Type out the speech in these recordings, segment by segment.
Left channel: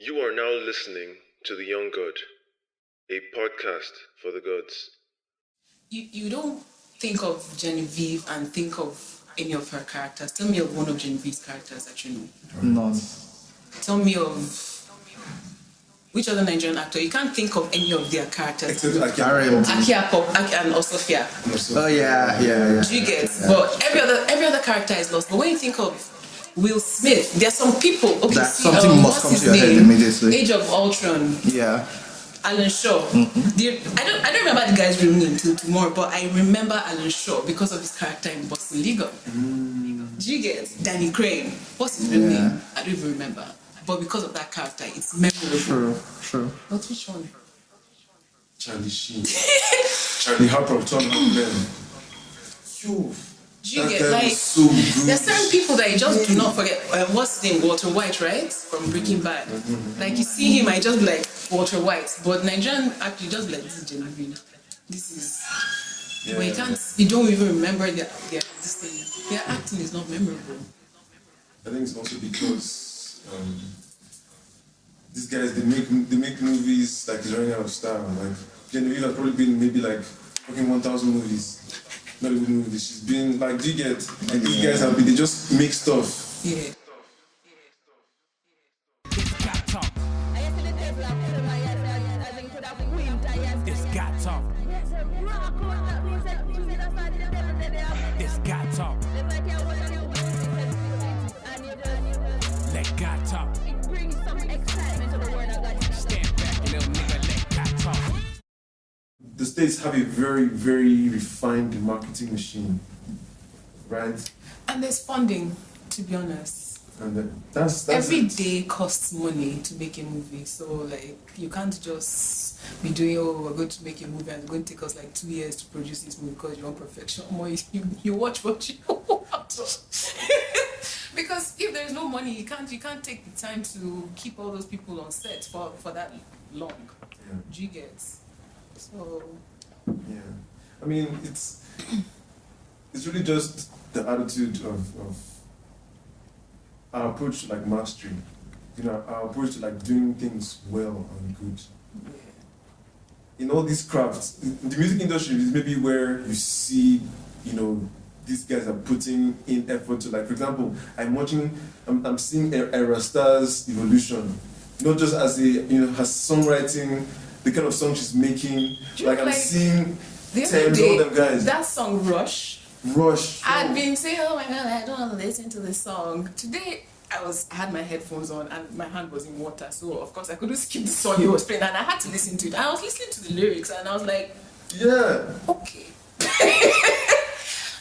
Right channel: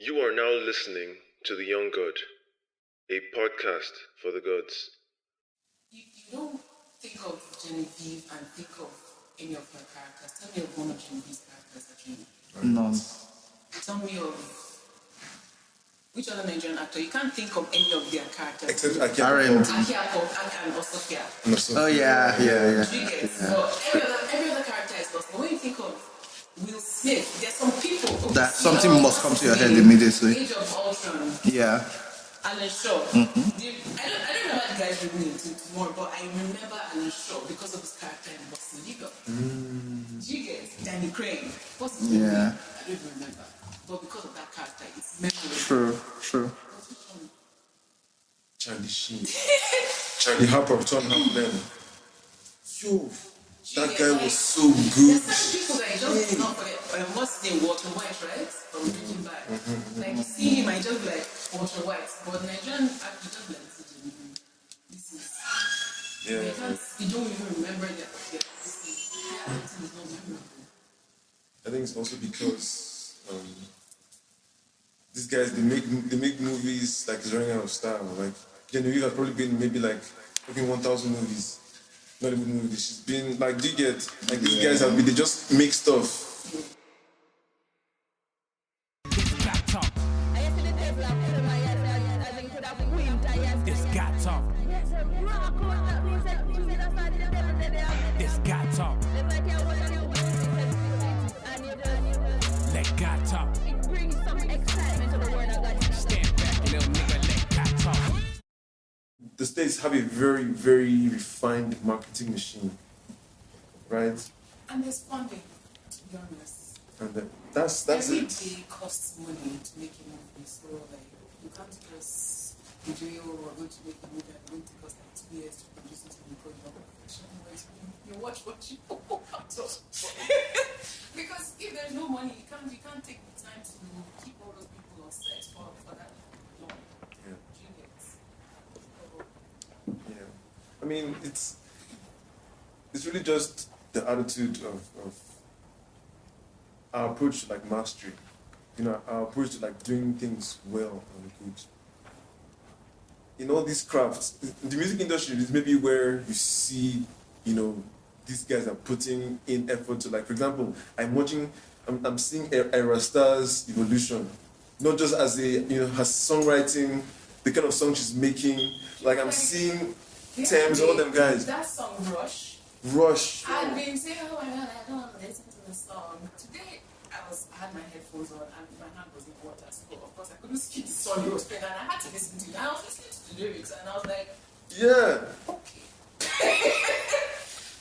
You are now listening to The Young God, a podcast for the gods. You don't think of Genevieve and think of any of her characters. Tell me of one of Genevieve's characters that you know. None. Tell me of which other Nigerian actor. You can't think of any of their characters. RM. Aki and Osofia. Oh yeah. Do you get? Yeah. But every other character is lost. But when you think of Will Smith, there are some people. Okay, That something must what's come his to your head name? immediately. Age of Ultron. Yeah. Alan Shaw. I don't remember the guy's real name till tomorrow, but I remember Alan Shaw because of his character in Boston Legal. Do you get Danny Crane? What's his real name? I don't even remember. But because of that character, it's memorable. True. But which one? Charlie Sheen. Charlie Harper, Tom Holland. Phew. Do you That get guy like was so good. there's certain people that you just do not forget. What's his name? Walter White, right? From Breaking Bad. Like you see him, I just be like Walter White. But Nigerian actually just like this is Genevieve. This is but you don't even remember their this thing. Their acting is not memorable. I think it's also because these guys they make movies like they're running out of style. Like Genevieve has probably been maybe like fucking 1,000 movies. Not even movies. She's been like, do you get? Like these guys have been, they just make stuff. Yeah. This got talk. This got talk. This got talk. Let God talk. Stand back, you little nigga. Let God talk. The States have a very, very refined marketing machine, right? And there's funding, to be honest. And that's Every it. day costs money to make a movie, so like you can't just be doing we're going to make a movie and it's going to take us like 2 years to produce this movie because you want perfection. More you watch what you want. Because if there's no money, you can't take the time to keep all those people on set for that long. Yeah. Do you get? So Yeah, I mean it's really just the attitude of our approach to like mastery, our approach to like doing things well and good. In all these crafts, the music industry is maybe where you see, these guys are putting in effort to like, for example, I'm seeing Era Star's evolution, not just as her songwriting. The kind of song she's making, like I'm seeing the other Thames, day, all them guys. that song Rush. I'd been saying, oh my god, I don't want to listen to this song. Today, I had my headphones on and my hand was in water, so of course I couldn't skip the song he was playing, and I had to listen to it. I was listening to the lyrics and I was like, yeah, okay.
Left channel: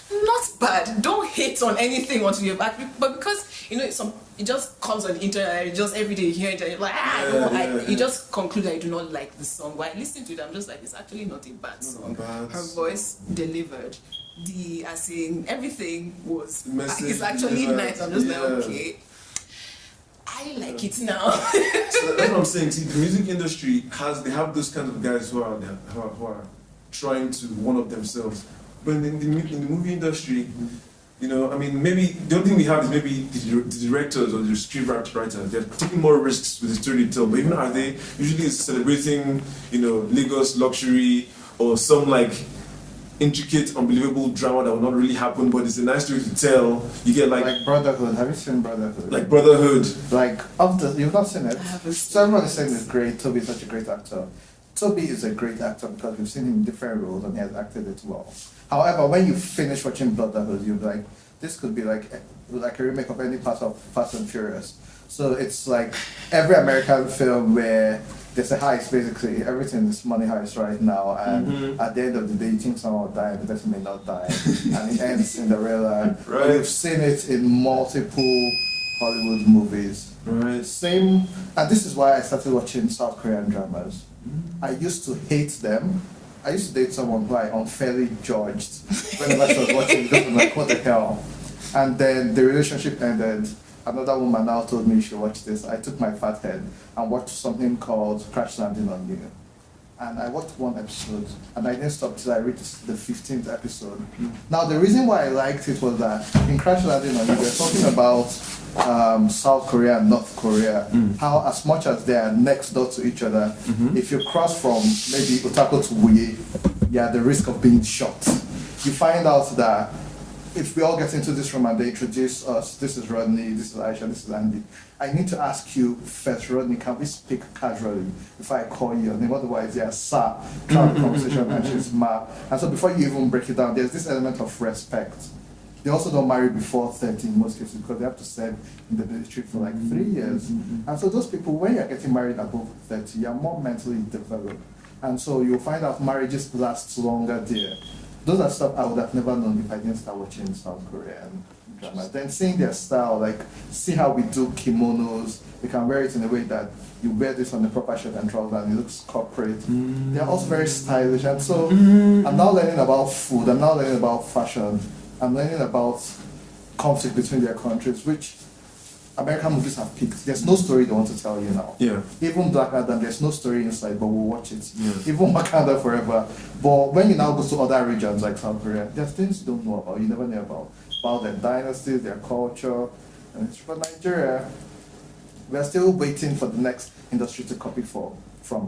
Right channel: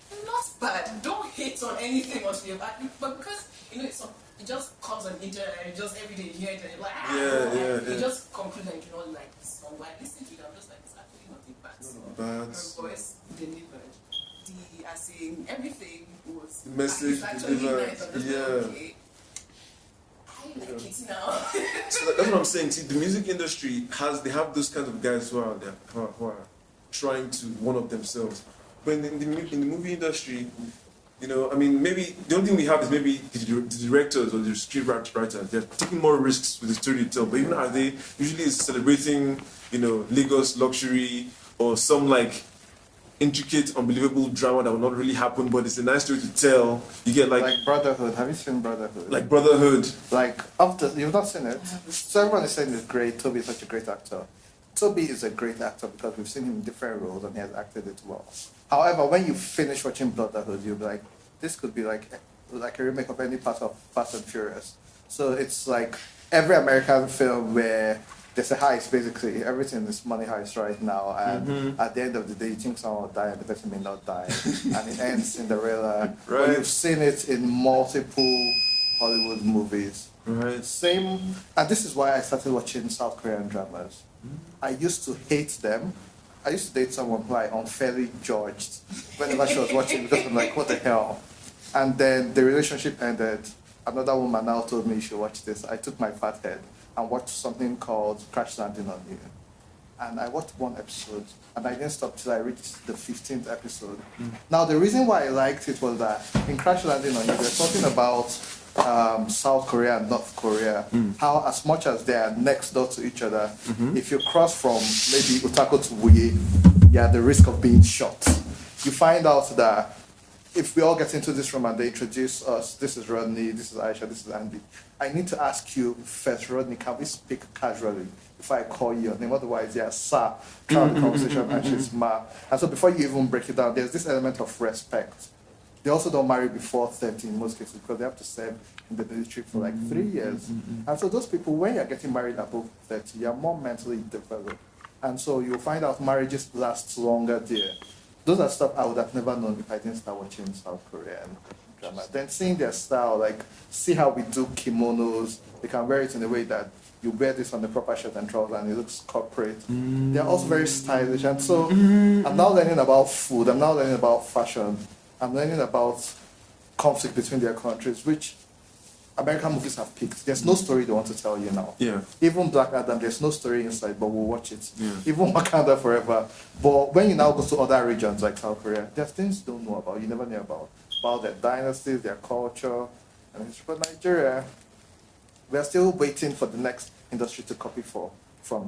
Not bad. Don't hate on anything until you're back. But because it just comes on the internet, just every day you hear it and you're like, you just conclude that you do not like the song. While I listen to it, I'm just like, it's actually not a bad song. Her voice delivered. As in everything was it's actually delivered. nice. I'm just like, okay. I like it now. So that's what I'm saying. See, the music industry they have those kind of guys who are trying to one up themselves. But in the movie industry, maybe the only thing we have is maybe the directors or the script writers. They're taking more risks with the story to tell. But even are they usually celebrating, Lagos luxury or some like intricate, unbelievable drama that will not really happen, but it's a nice story to tell. You get like Brotherhood. Have you seen Brotherhood? Like Brotherhood. You've not seen it? I haven't. So everyone is saying it's great. Toby is such a great actor. Toby is a great actor because we've seen him in different roles and he has acted it well. However, when you finish watching Brotherhood, you'll be like, this could be like a remake of any part of Fast and Furious. So it's like every American film where there's a heist, basically. Everything is money heist right now, and at the end of the day, you think someone will die and the person may not die. And it ends Cinderella. Right. But you've seen it in multiple Hollywood movies. Right. Same, and this is why I started watching South Korean dramas. I used to hate them. I used to date someone who I unfairly judged whenever she was watching because I'm like, what the hell? And then the relationship ended. Another woman now told me you should watch this. I took my fat head and watched something called Crash Landing on You. and I watched one episode, and I didn't stop till I reached the 15th episode. Now, the reason why I liked it was that in Crash Landing on You, they're talking about South Korea and North Korea, how as much as they are next door to each other, if you cross from maybe Utako to Wuye, you have the risk of being shot. You find out that if we all get into this room and they introduce us, this is Rodney, this is Aisha, this is Andy, I need to ask you first, Rodney, can we speak casually if I call you your name? Otherwise, yeah, sir, throughout the conversation, and she's ma. And so before you even break it down, there's this element of respect. They also don't marry before 30 in most cases because they have to serve in the military for like 3 years. And so those people, when you're getting married above 30, you're more mentally developed. And so you'll find out marriages last longer there. Those are stuff I would have never known if I didn't start watching South Korean drama. Then seeing their style, like see how we do kimonos, they can wear it in a way that you wear this on the proper shirt and trousers and it looks corporate. They're also very stylish. And so I'm now learning about food, I'm now learning about fashion, I'm learning about conflict between their countries, which American movies have picked. There's no story they want to tell you now. Yeah. Even Black Adam, there's no story inside, but we'll watch it. Yeah. Even Wakanda Forever. But when you now go to other regions like South Korea, there's things you don't know about, you never knew about their dynasties, their culture. And it's for Nigeria, we're still waiting for the next industry to copy from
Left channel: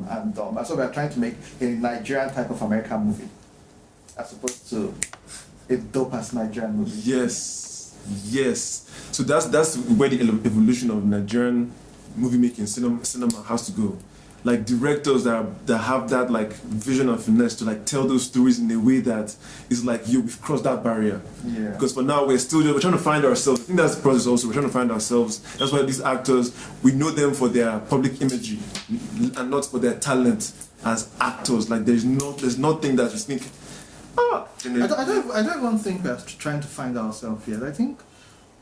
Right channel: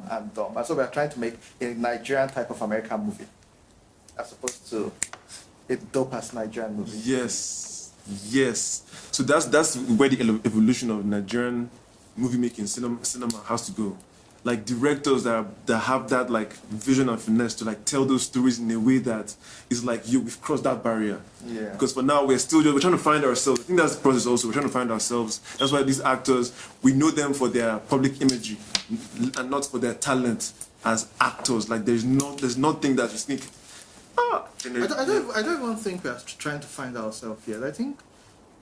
Andom. And so we're trying to make a Nigerian type of American movie, as opposed to a dope-ass Nigerian movie. Yes. So that's where the evolution of Nigerian movie making cinema has to go. Like directors that have that like vision of finesse to like tell those stories in a way that is like we've crossed that barrier. Yeah. Because for now we're trying to find ourselves. I think that's the process also. We're trying to find ourselves. That's why these actors, we know them for their public imagery and not for their talent as actors. Like there's nothing that we think. I don't even think we're trying to find ourselves yet. I think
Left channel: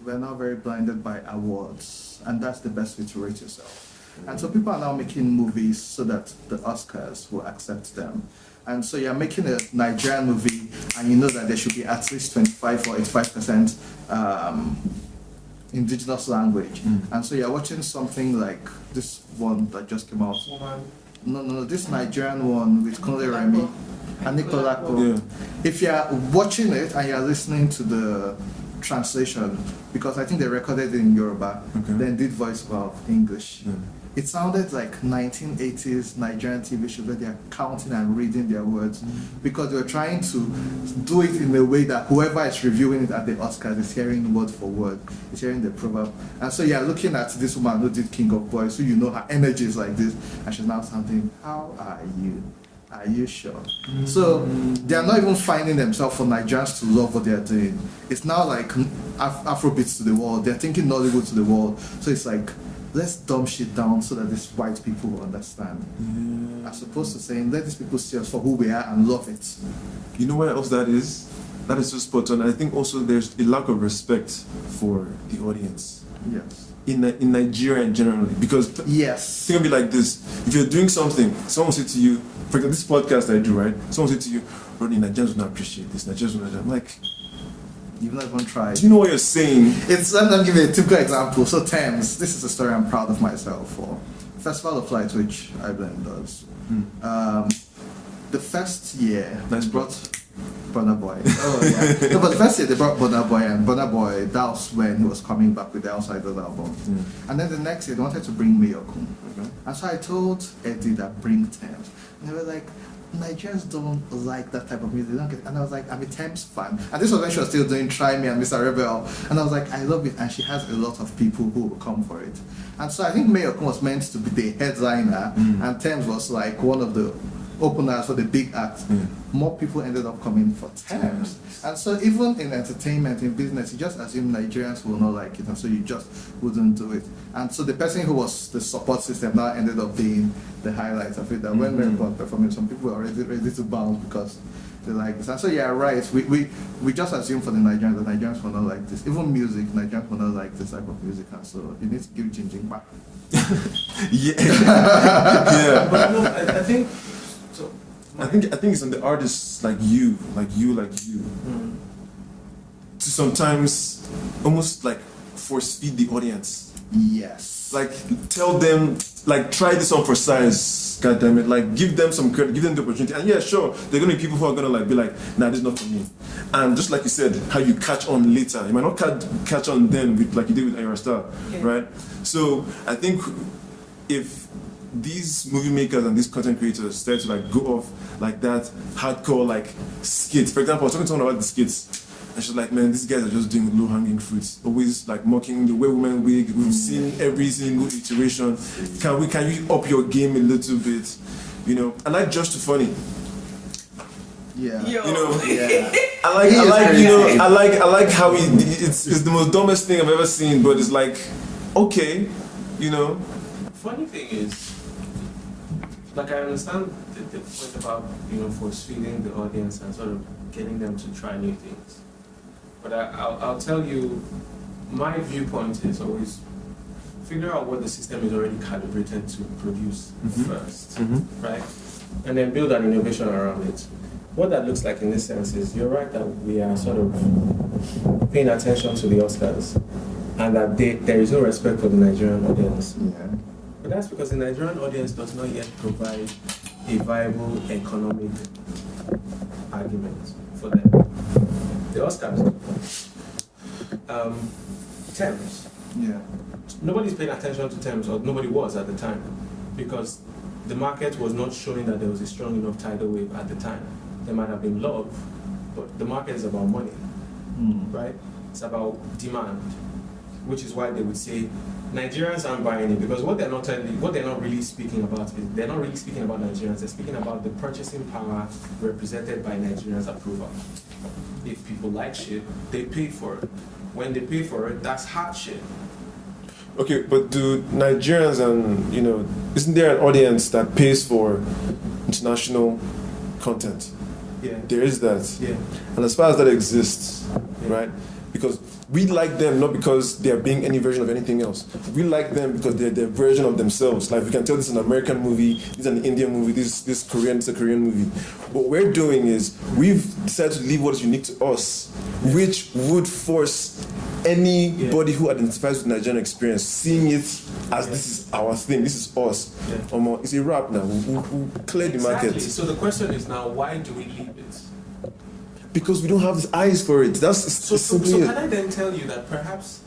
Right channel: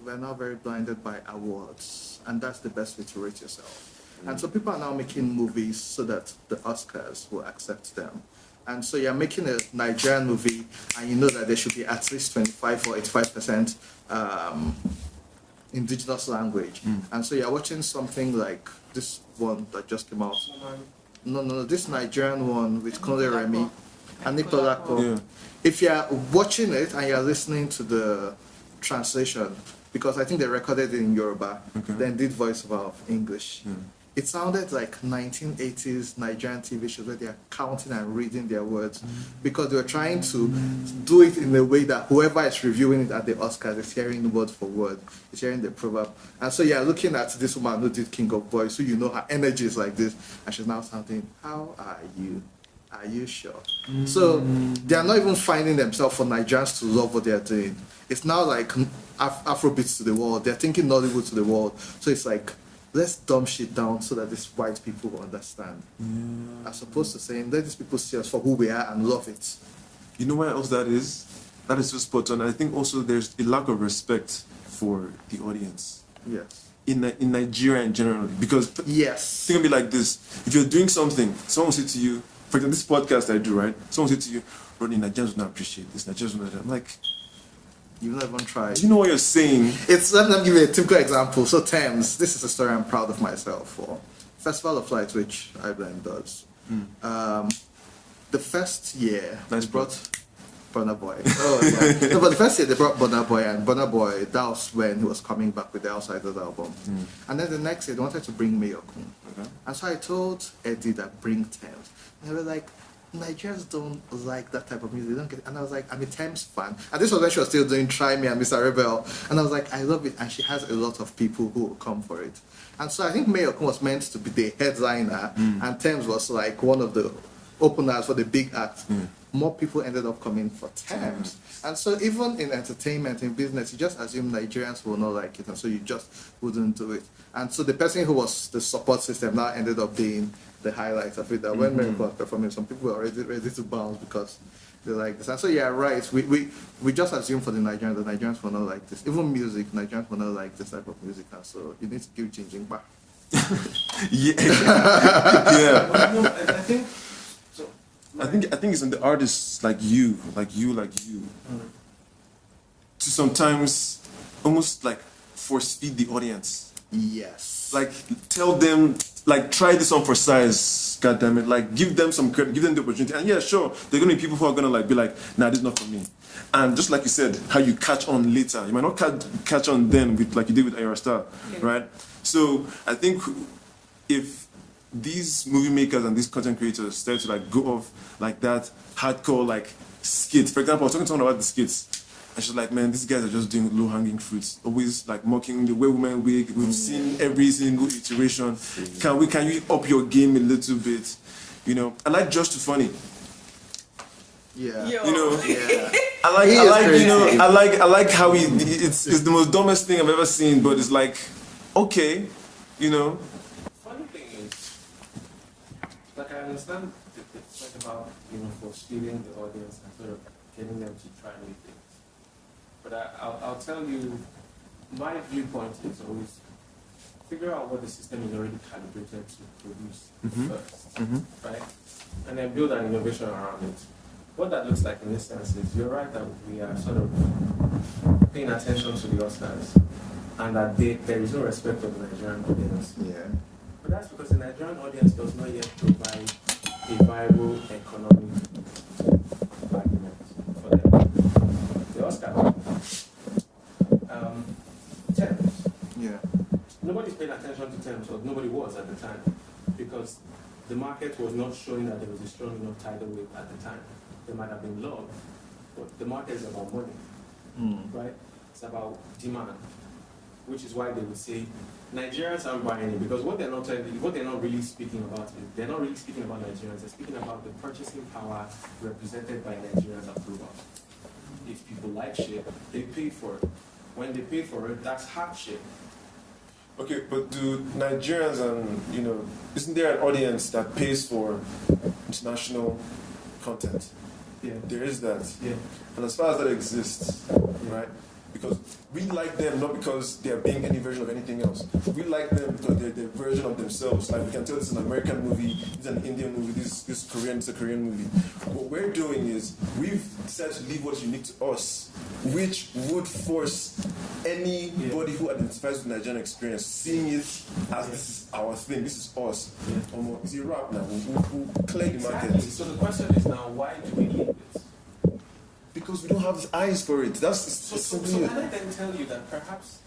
we're now very blinded by awards, and that's the best way to rate yourself. And so people are now making movies so that the Oscars will accept them. And so you're making a Nigerian movie, and you know that there should be at least 25 or 85% indigenous language. And so you're watching something like this one that just came out. No, this Nigerian one with Kunle Remi and Nicolako. Yeah. If you're watching it and you're listening to the translation, because I think they recorded it in Yoruba, then did voiceover of English. Yeah. It sounded like 1980s Nigerian TV shows where they are counting and reading their words, because they were trying to do it in a way that whoever is reviewing it at the Oscars is hearing word for word, is hearing the proverb. And so you're looking at this woman who did King of Boys, so you know her energy is like this, and she's now sounding, how are you? Are you sure? So they are not even finding themselves for Nigerians to love what they are doing. It's now like Afrobeats to the world. They're thinking Nollywood to the world. So it's like, let's dumb shit down so that these white people will understand. As opposed to saying, let these people see us for who we are and love it. You know what else that is? That is so spot on. I think also there's a lack of respect for the audience. Yes. In Nigeria in general, because yes, think of it like this: if you're doing something, someone will say to you, for example, this podcast I do, right? Someone will say to you, "Rodney, Nigerians will not appreciate this. Nigerians will not." I'm like, you've not even tried. You know what you're saying? Let me give you a typical example. So Thames, this is a story I'm proud of myself for. Festival of Lights, which iBlend does. The first year they brought Burna Boy. Oh yeah. No, but the first year they brought Burna Boy, and Burna Boy, that was when he was coming back with the Outsiders album. And then the next year they wanted to bring Mayokun. And so I told Eddie that bring Thames. And they were like, Nigerians don't like that type of music. They don't get it. And I was like, I'm a Thames fan. And this was when she was still doing Try Me and Mr. Rebel. And I was like, I love it. And she has a lot of people who will come for it. And so I think Mayokun was meant to be the headliner, and Thames was like one of the openers for the big act. More people ended up coming for Thames. And so even in entertainment, in business, you just assume Nigerians will not like it, and so you just wouldn't do it. And so the person who was the support system now ended up being the highlight of it. That when Mayokun was performing, some people were already ready to bounce because they like this. And so yeah, right, we just assume for the Nigerians will not like this. Even music, Nigerians will not like this type of music, and so you need to give Jinjing back. Yeah. But no, I think so. I think it's on the artists like you, to sometimes almost like force feed the audience Yes. Like, tell them, like, try this on for size, goddammit. Like, give them some credit, give them the opportunity. And yeah, sure, there are gonna be people who are gonna like be like, nah, this is not for me. And just like you said, how you catch on later. You might not catch on them with, like you did with Aisha, right? So I think if these movie makers and these content creators start to like go off like that hardcore like skits. For example, I was talking to someone about the skits. And she's like, man, these guys are just doing low-hanging fruits. Always like mocking the way women wig. We've seen every single iteration. Can you up your game a little bit? You know, I like Just Too Funny. Yeah. You know, Yeah. I like how it's the most dumbest thing I've ever seen, but it's like, okay, you know. Funny thing is, like I understand the point about, you know, force feeding the audience and sort of getting them to try new things. But I'll tell you, my viewpoint is always figure out what the system is already calibrated to produce first, right? And then build an innovation around it. What that looks like in this sense is, you're right that we are sort of paying attention to the Oscars and that there is no respect for the Nigerian audience. Yeah. But that's because the Nigerian audience does not yet provide a viable economic argument for them. The Oscars. Thames. Yeah. Nobody's paying attention to Thames, or nobody was at the time, because the market was not showing that there was a strong enough tidal wave at the time. There might have been love, but the market is about money, right? It's about demand, which is why they would say Nigerians aren't buying it, because what they're not really speaking about is they're not really speaking about Nigerians. They're speaking about the purchasing power represented by Nigerians' approval. If people like shit, they pay for it. When they pay for it, that's hard shit. Okay, but do Nigerians and, you know, isn't there an audience that pays for international content? Yeah. There is that. Yeah. And as far as that exists, right? Because we like them not because they're being any version of anything else. We like them because they're their version of themselves. Like, we can tell this is an American movie, this is an Indian movie, this is Korean, it's a Korean movie. What we're doing is we've decided to leave what is unique to us, which would force anybody who identifies with the Nigerian experience, seeing it as this is our thing, this is us. It's a wrap now. We clear the market. So the question is now, why do we leave it? Because we don't have the eyes for it. So can I then tell you that perhaps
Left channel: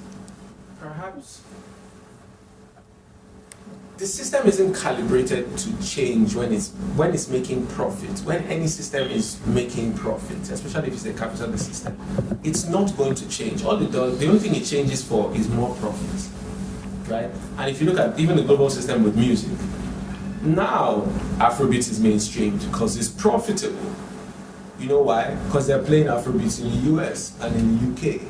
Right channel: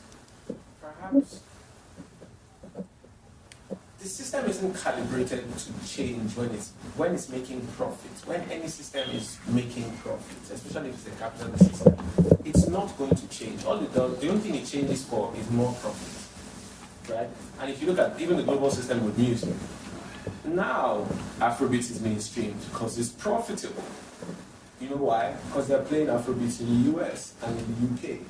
the system isn't calibrated to change when it's making profit. When any system is making profit, especially if it's a capitalist system, it's not going to change. All it does, the only thing it changes for is more profit, right? And if you look at even the global system with music, now Afrobeat is mainstreamed because it's profitable. You know why? Because they're playing Afrobeats in the US and in the UK.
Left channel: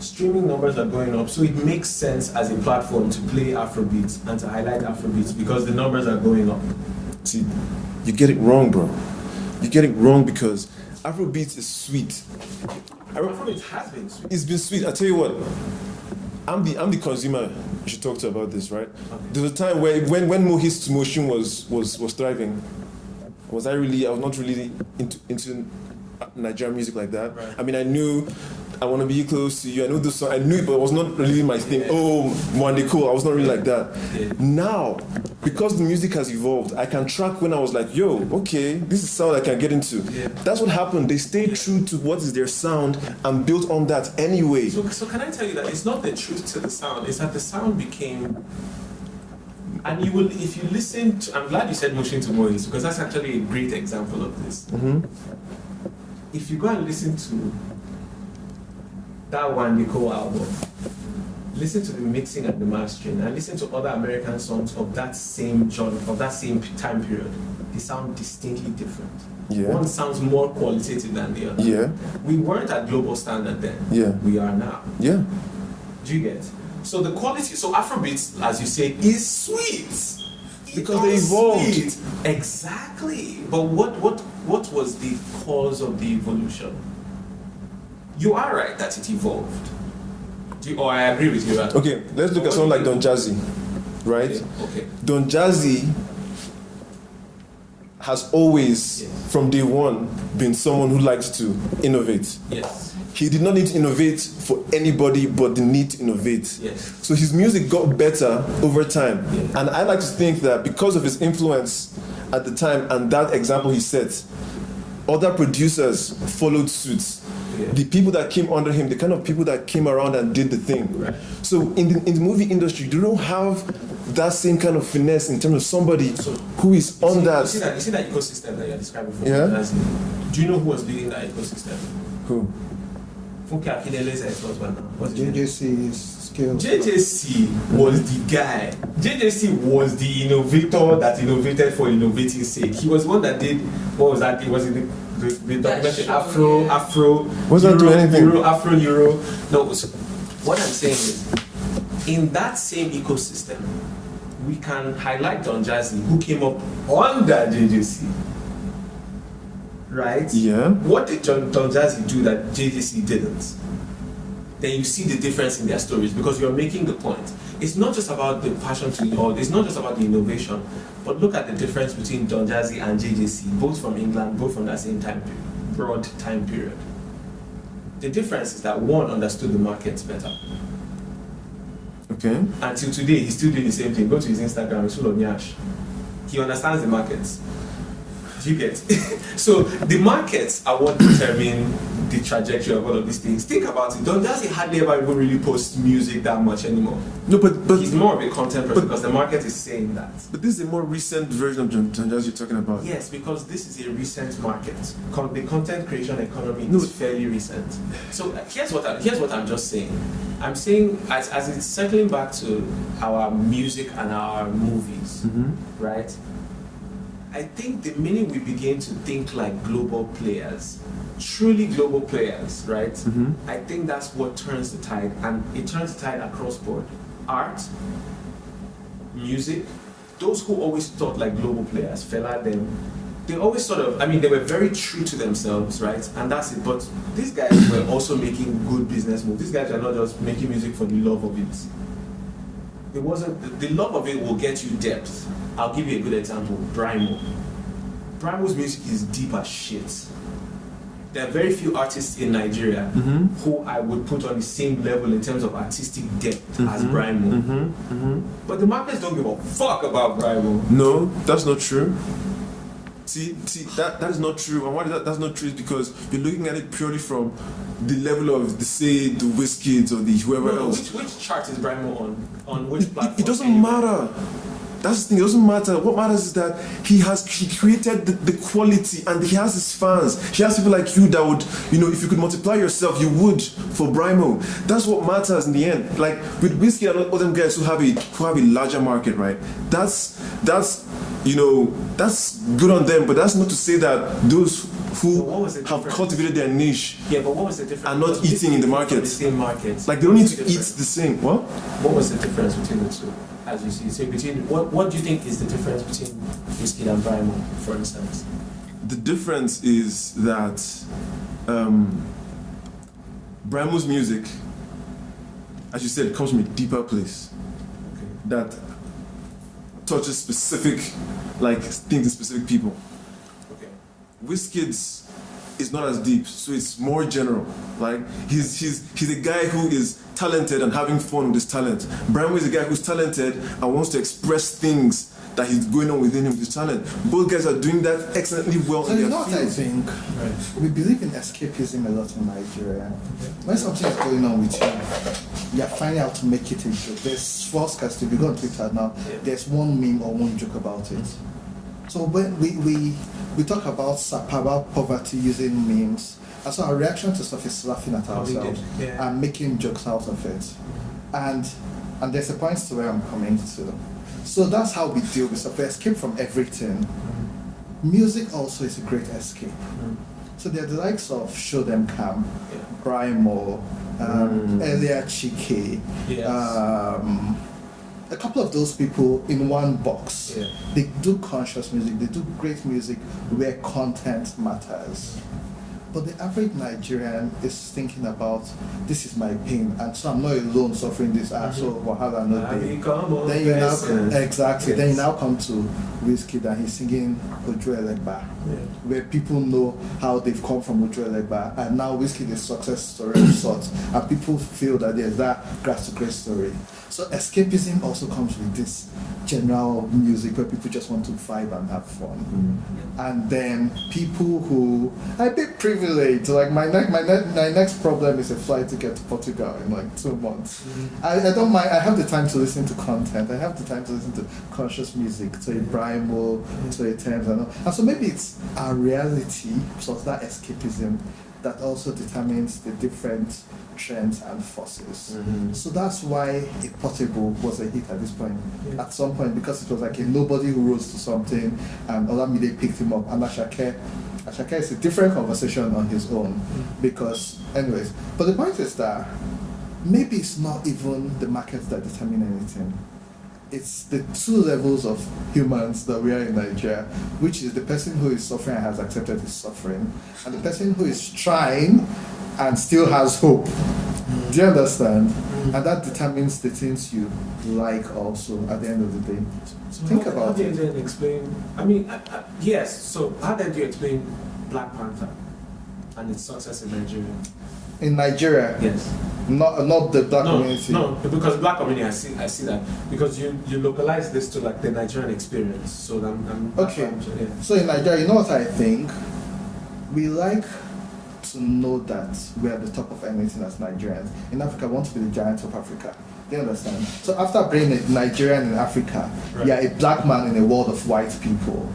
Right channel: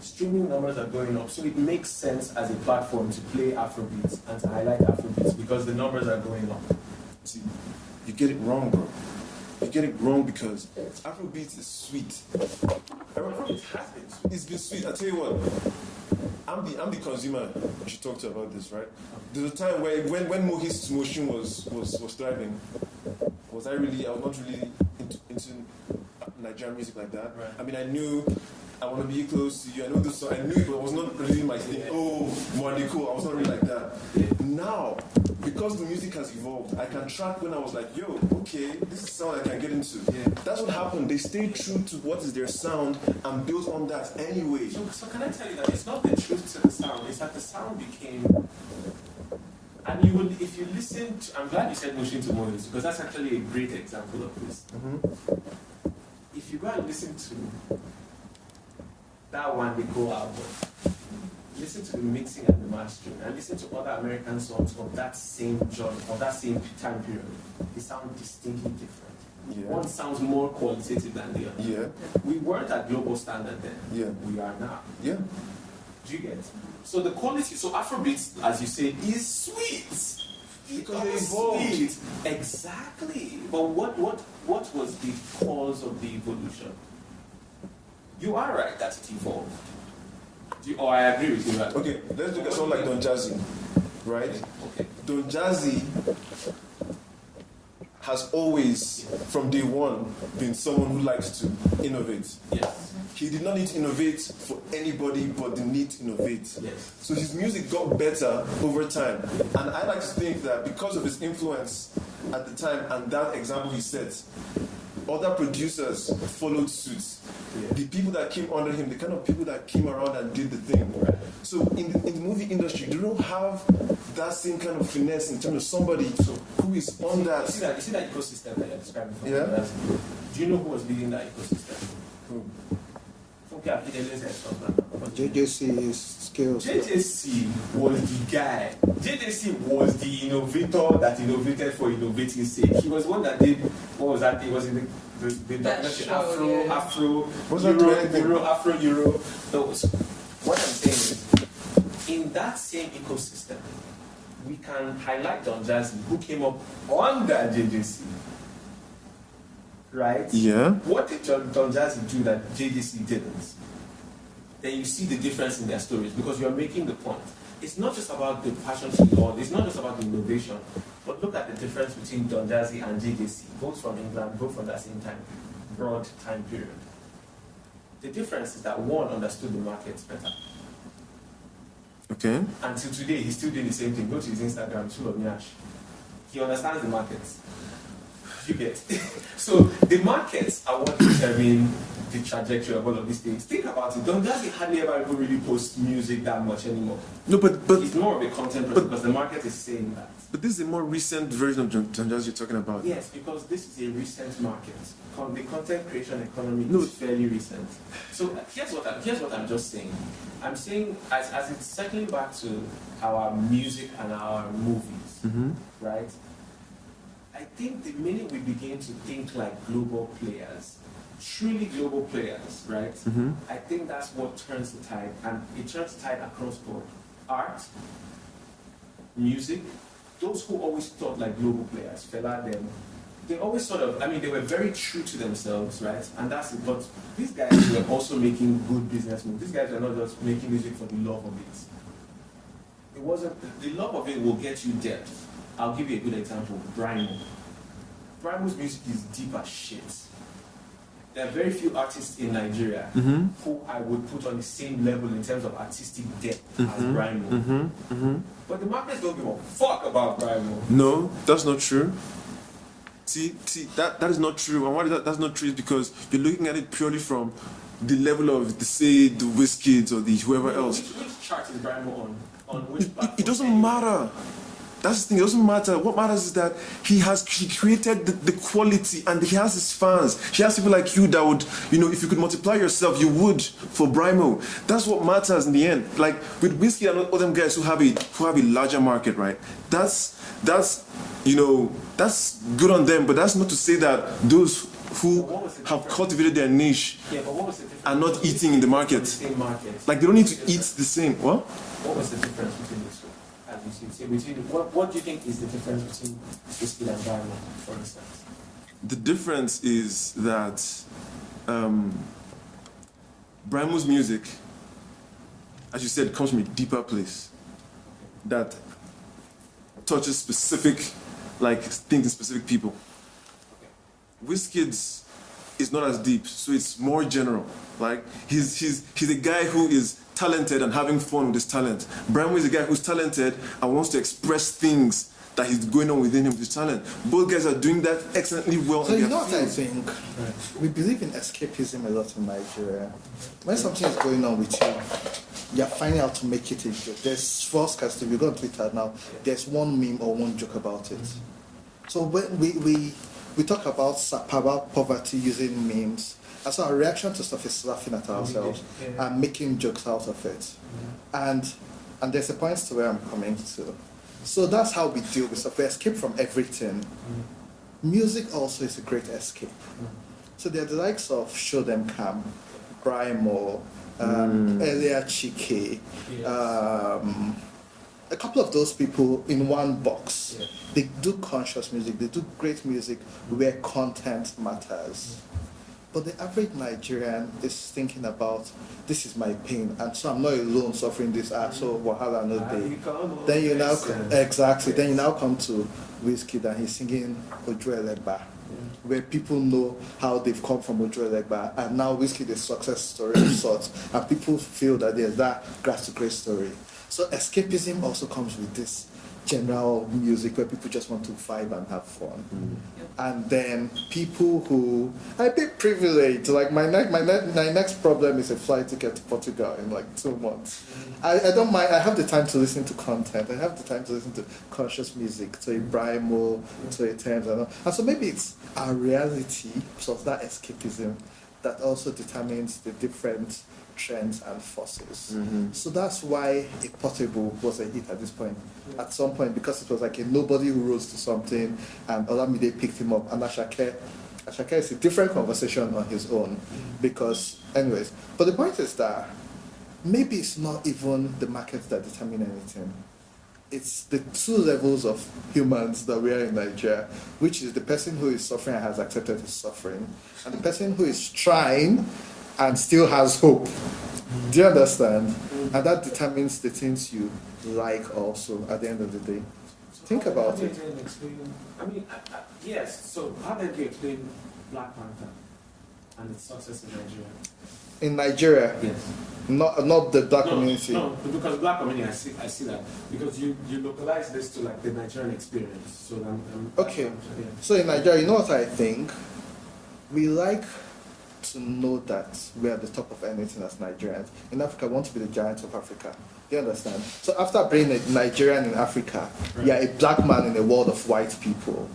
Streaming numbers are going up, so it makes sense as a platform to play Afrobeats and to highlight Afrobeats because the numbers are going up. See, you get it wrong, bro. You get it wrong because Afrobeats is sweet. Afrobeats has been sweet. It's been sweet. I tell you what, I'm the consumer. I should talk to about this, right? There was a time where when Mohis Motion was thriving. I was not really into Nigerian music like that. Right. I mean, I knew I Want to Be Close to You. I knew this song. I knew it, but it was not really my thing. Oh, Mwande Cool. I was not really like that. Yeah. Now, because the music has evolved, I can track when I was like, yo, okay, this is sound I can get into. Yeah. That's what happened. They stayed true to what is their sound and built on that anyway. So can I tell you that it's not the truth to the sound, it's that the sound became... And you will, if you listen to, I'm glad you said Motion to Moise, because that's actually a great example of this. If you go and listen to that one Nicole album, listen to the mixing and the mastering, and listen to other American songs of that same genre, of that same time period, they sound distinctly different. Yeah. One sounds more qualitative than the other. Yeah. We weren't at global standard then. Yeah. We are now. Yeah. Do you get? So the quality, so Afrobeats, as you say, is sweet. Because they evolved. Sweet. Exactly. But what was the cause of the evolution? You are right that it evolved. I agree with you, right? Okay, let's look at someone like Don Jazzy, right? Okay. Don Jazzy has always, from day one, been someone who likes to innovate. Yes. He did not need to innovate for anybody but the need to innovate. Yes. So his music got better over time. Yeah. And I like to think that because of his influence at the time and that example he set, other producers followed suit. Yeah. The people that came under him, the kind of people that came around and did the thing. Right. So in the movie industry, they don't have that same kind of finesse in terms of somebody who is on that. You see that ecosystem that you're describing for Yeah. Do you know who was leading that ecosystem? Who? Funke Akindele's ex-husband. What's his name? JJC's skills. JJC was the guy. JJC was the innovator that innovated for innovating's sake. He was the one that did, what was that? It was in the documentary show, Afro, Was that doing anything? Euro. No, what I'm saying is, in that same ecosystem, we can highlight Don Jazzy, who came up under JJC. Right? Yeah. What did Don Jazzy do that JJC didn't? Then you see the difference in their stories because you're making the point. It's not just about the passion to or it's not just about the innovation, but look at the difference between Don Jazzy and JJC, both from England, both from that same time period, broad time period. The difference is that one understood the markets better. Okay. Until today, he's still doing the same thing. Go to his Instagram, it's full of nyash. He understands the markets. Do you get? So the markets are what determine the trajectory of all of these things. Think about it. Don Jazzy hardly ever even really posts music that much anymore. No, but He's more of a content person because the market is saying that. But this is a more recent version of Don Jazzy you're talking about. Yes, because this is a recent market. The content creation economy is fairly recent. So here's what I'm just saying. I'm saying as it's circling back to our music and our movies, right? I think the minute we begin to think like global players, truly global players, right? I think that's what turns the tide, and it turns the tide across board. Art, music, those who always thought like global players, Fela, them, they always sort of, they were very true to themselves, right? And that's it. But these guys were also making good business moves. These guys are not just making music for the love of it. It wasn't, the love of it will get you depth. I'll give you a good example, Brymo. Brymo's music is deep as shit. There are very few artists in Nigeria who I would put on the same level in terms of artistic depth as Brymo. But the markets don't give a fuck about Brymo. No, that's not true. See, that is not true. And why that's not true is because you're looking at it purely from the level of the Wizkids or the whoever else. Which chart is Brymo on which platform? It doesn't matter. That's the thing, it doesn't matter. What matters is that he created the quality and he has his fans. He has people like you that would, if you could multiply yourself, you would for Brymo. That's what matters in the end. Like with Wizkid and all them guys who have a larger market, right? That's good on them, but that's not to say that those who have cultivated their niche but what was the difference? are not eating in the market. The same market. Like they don't need to eat the same. What was the difference between the two? As you see, so what do you think is the difference between Wizkid and Brymo, for instance? The difference is that Brymo's music, as you said, comes from a deeper place that touches specific things in specific people. Okay. Wizkid's is not as deep, so it's more general. Like he's a guy who is talented and having fun with his talent. Brymo is a guy who's talented and wants to express things that he's going on within him with his talent. Both guys are doing that excellently well. So you know what I think? Right. We believe in escapism a lot in Nigeria. When something is going on with you, you're finding out to make it a joke. There's false cast. If you go on Twitter now, there's one meme or one joke about it. So when we talk about poverty using memes, and so our reaction to stuff is laughing at ourselves and making jokes out of it. And there's a point to where I'm coming to. So that's how we deal with stuff. We escape from everything. Music also is a great escape. So there are the likes of Show Them Camp, Brymo, earlier Chike, a couple of those people in one box. They do conscious music, they do great music where content matters. But the average Nigerian is thinking about, this is my pain, and so I'm not alone suffering this. So wahala no day. Then you now exactly. Yes. Then you now come to Wizkid and he's singing Ojo Elegba, where people know how they've come from Ojo Elegba, and now Wizkid is a success story of sorts, and people feel that there's that grass to grace story. So escapism also comes with this general music where people just want to vibe and have fun. And then people who are a bit privileged, like my next problem is a flight ticket to Portugal in like 2 months. I don't mind. I have the time to listen to content. I have the time to listen to conscious music, to Ibrahimo, to Eterns, and so maybe it's our reality, so that escapism, that also determines the different trends and forces. So that's why A Portable was a hit at this point. At some point, because it was like a nobody who rose to something, and Olamide picked him up, and Ashake is a different conversation on his own. Because, anyways, but the point is that maybe it's not even the markets that determine anything. It's the two levels of humans that we are in Nigeria, which is the person who is suffering and has accepted his suffering, and the person who is trying and still has hope. Do you understand? And that determines the things you like also at the end of the day. So Think about it. How do you then explain, yes, so how then do you explain Black Panther and its success in Nigeria? In Nigeria? Yes. Not the black community? No, because black community, I see that. Because you localize this to like the Nigerian experience. So okay. So in Nigeria, you know what I think? We like to know that we are the top of anything as Nigerians. In Africa, we want to be the giants of Africa. Do you understand? So after being a Nigerian in Africa, you're a black man in a world of white people.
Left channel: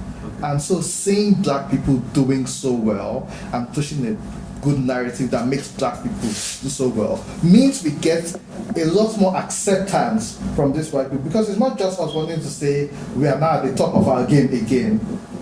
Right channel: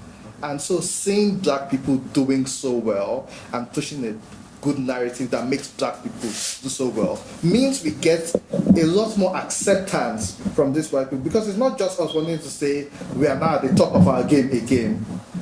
And so seeing black people doing so well and pushing a good narrative that makes black people do so well means we get a lot more acceptance from these white people, because it's not just us wanting to say we are now at the top of our game again.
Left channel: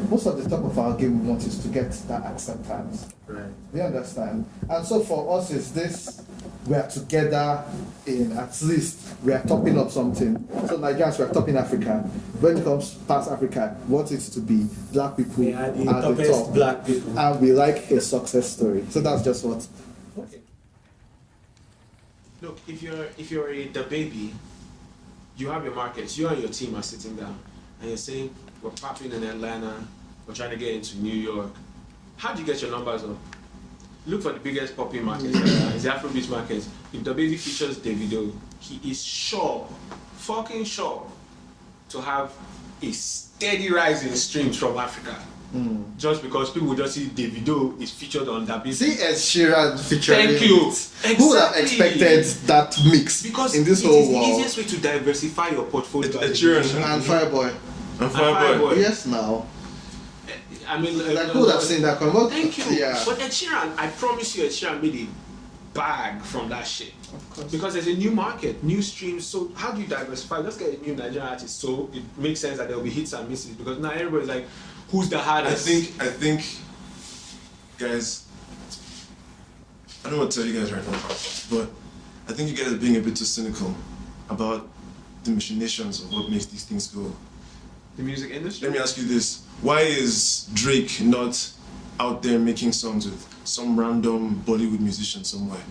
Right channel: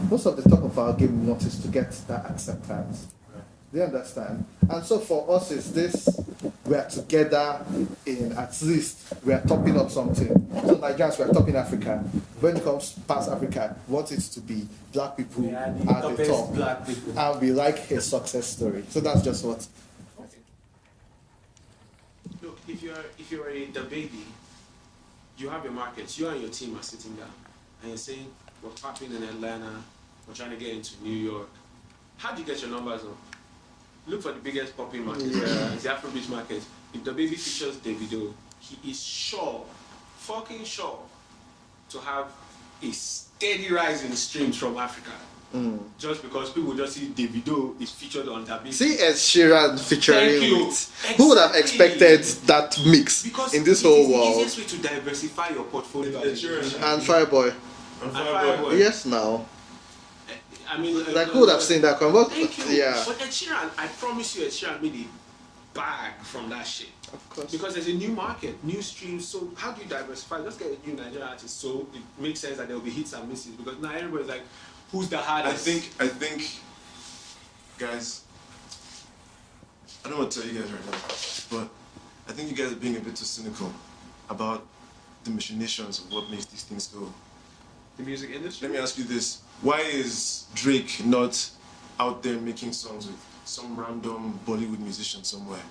Most of the top of our game we want is to get that acceptance. Right. Do you understand? And so for us is this, we are together in, at least we are topping up something. So Nigerians, we are topping Africa. When it comes past Africa, we want it to be black people at the top. Black people. And we like a success story. So that's just what. Okay. Look, if you're the baby, you have your markets. You and your team are sitting down and you're saying, we're popping in Atlanta, we're trying to get into New York. How do you get your numbers up? Look for the biggest popping market right now. It's the Afrobeat market. If the baby features Davido, he is sure, fucking sure, to have a steady rise in streams from Africa. Just because people will just see Davido is featured on that baby. See Ed Sheeran featuring. Thank you. Exactly. Who would have expected that mix because in this whole world? Because it is the easiest way to diversify your portfolio. Ed Sheeran and Fireboy. And Fireboy. Yes, now. I mean, like who would have seen that come? Thank you. Yeah. But Ed Sheeran, I promise you, Ed Sheeran made a bag from that shit. Because there's a new market, new streams. So how do you diversify? Let's get a new Nigerian artist. So it makes sense that there will be hits and misses. Because now everybody's like, who's the hardest? I think, guys, I don't want to tell you guys right now, but I think you guys are being a bit too cynical about the machinations of what makes these things go. The music industry? Let me ask you this. Why is Drake not out there making songs with some random Bollywood musician somewhere?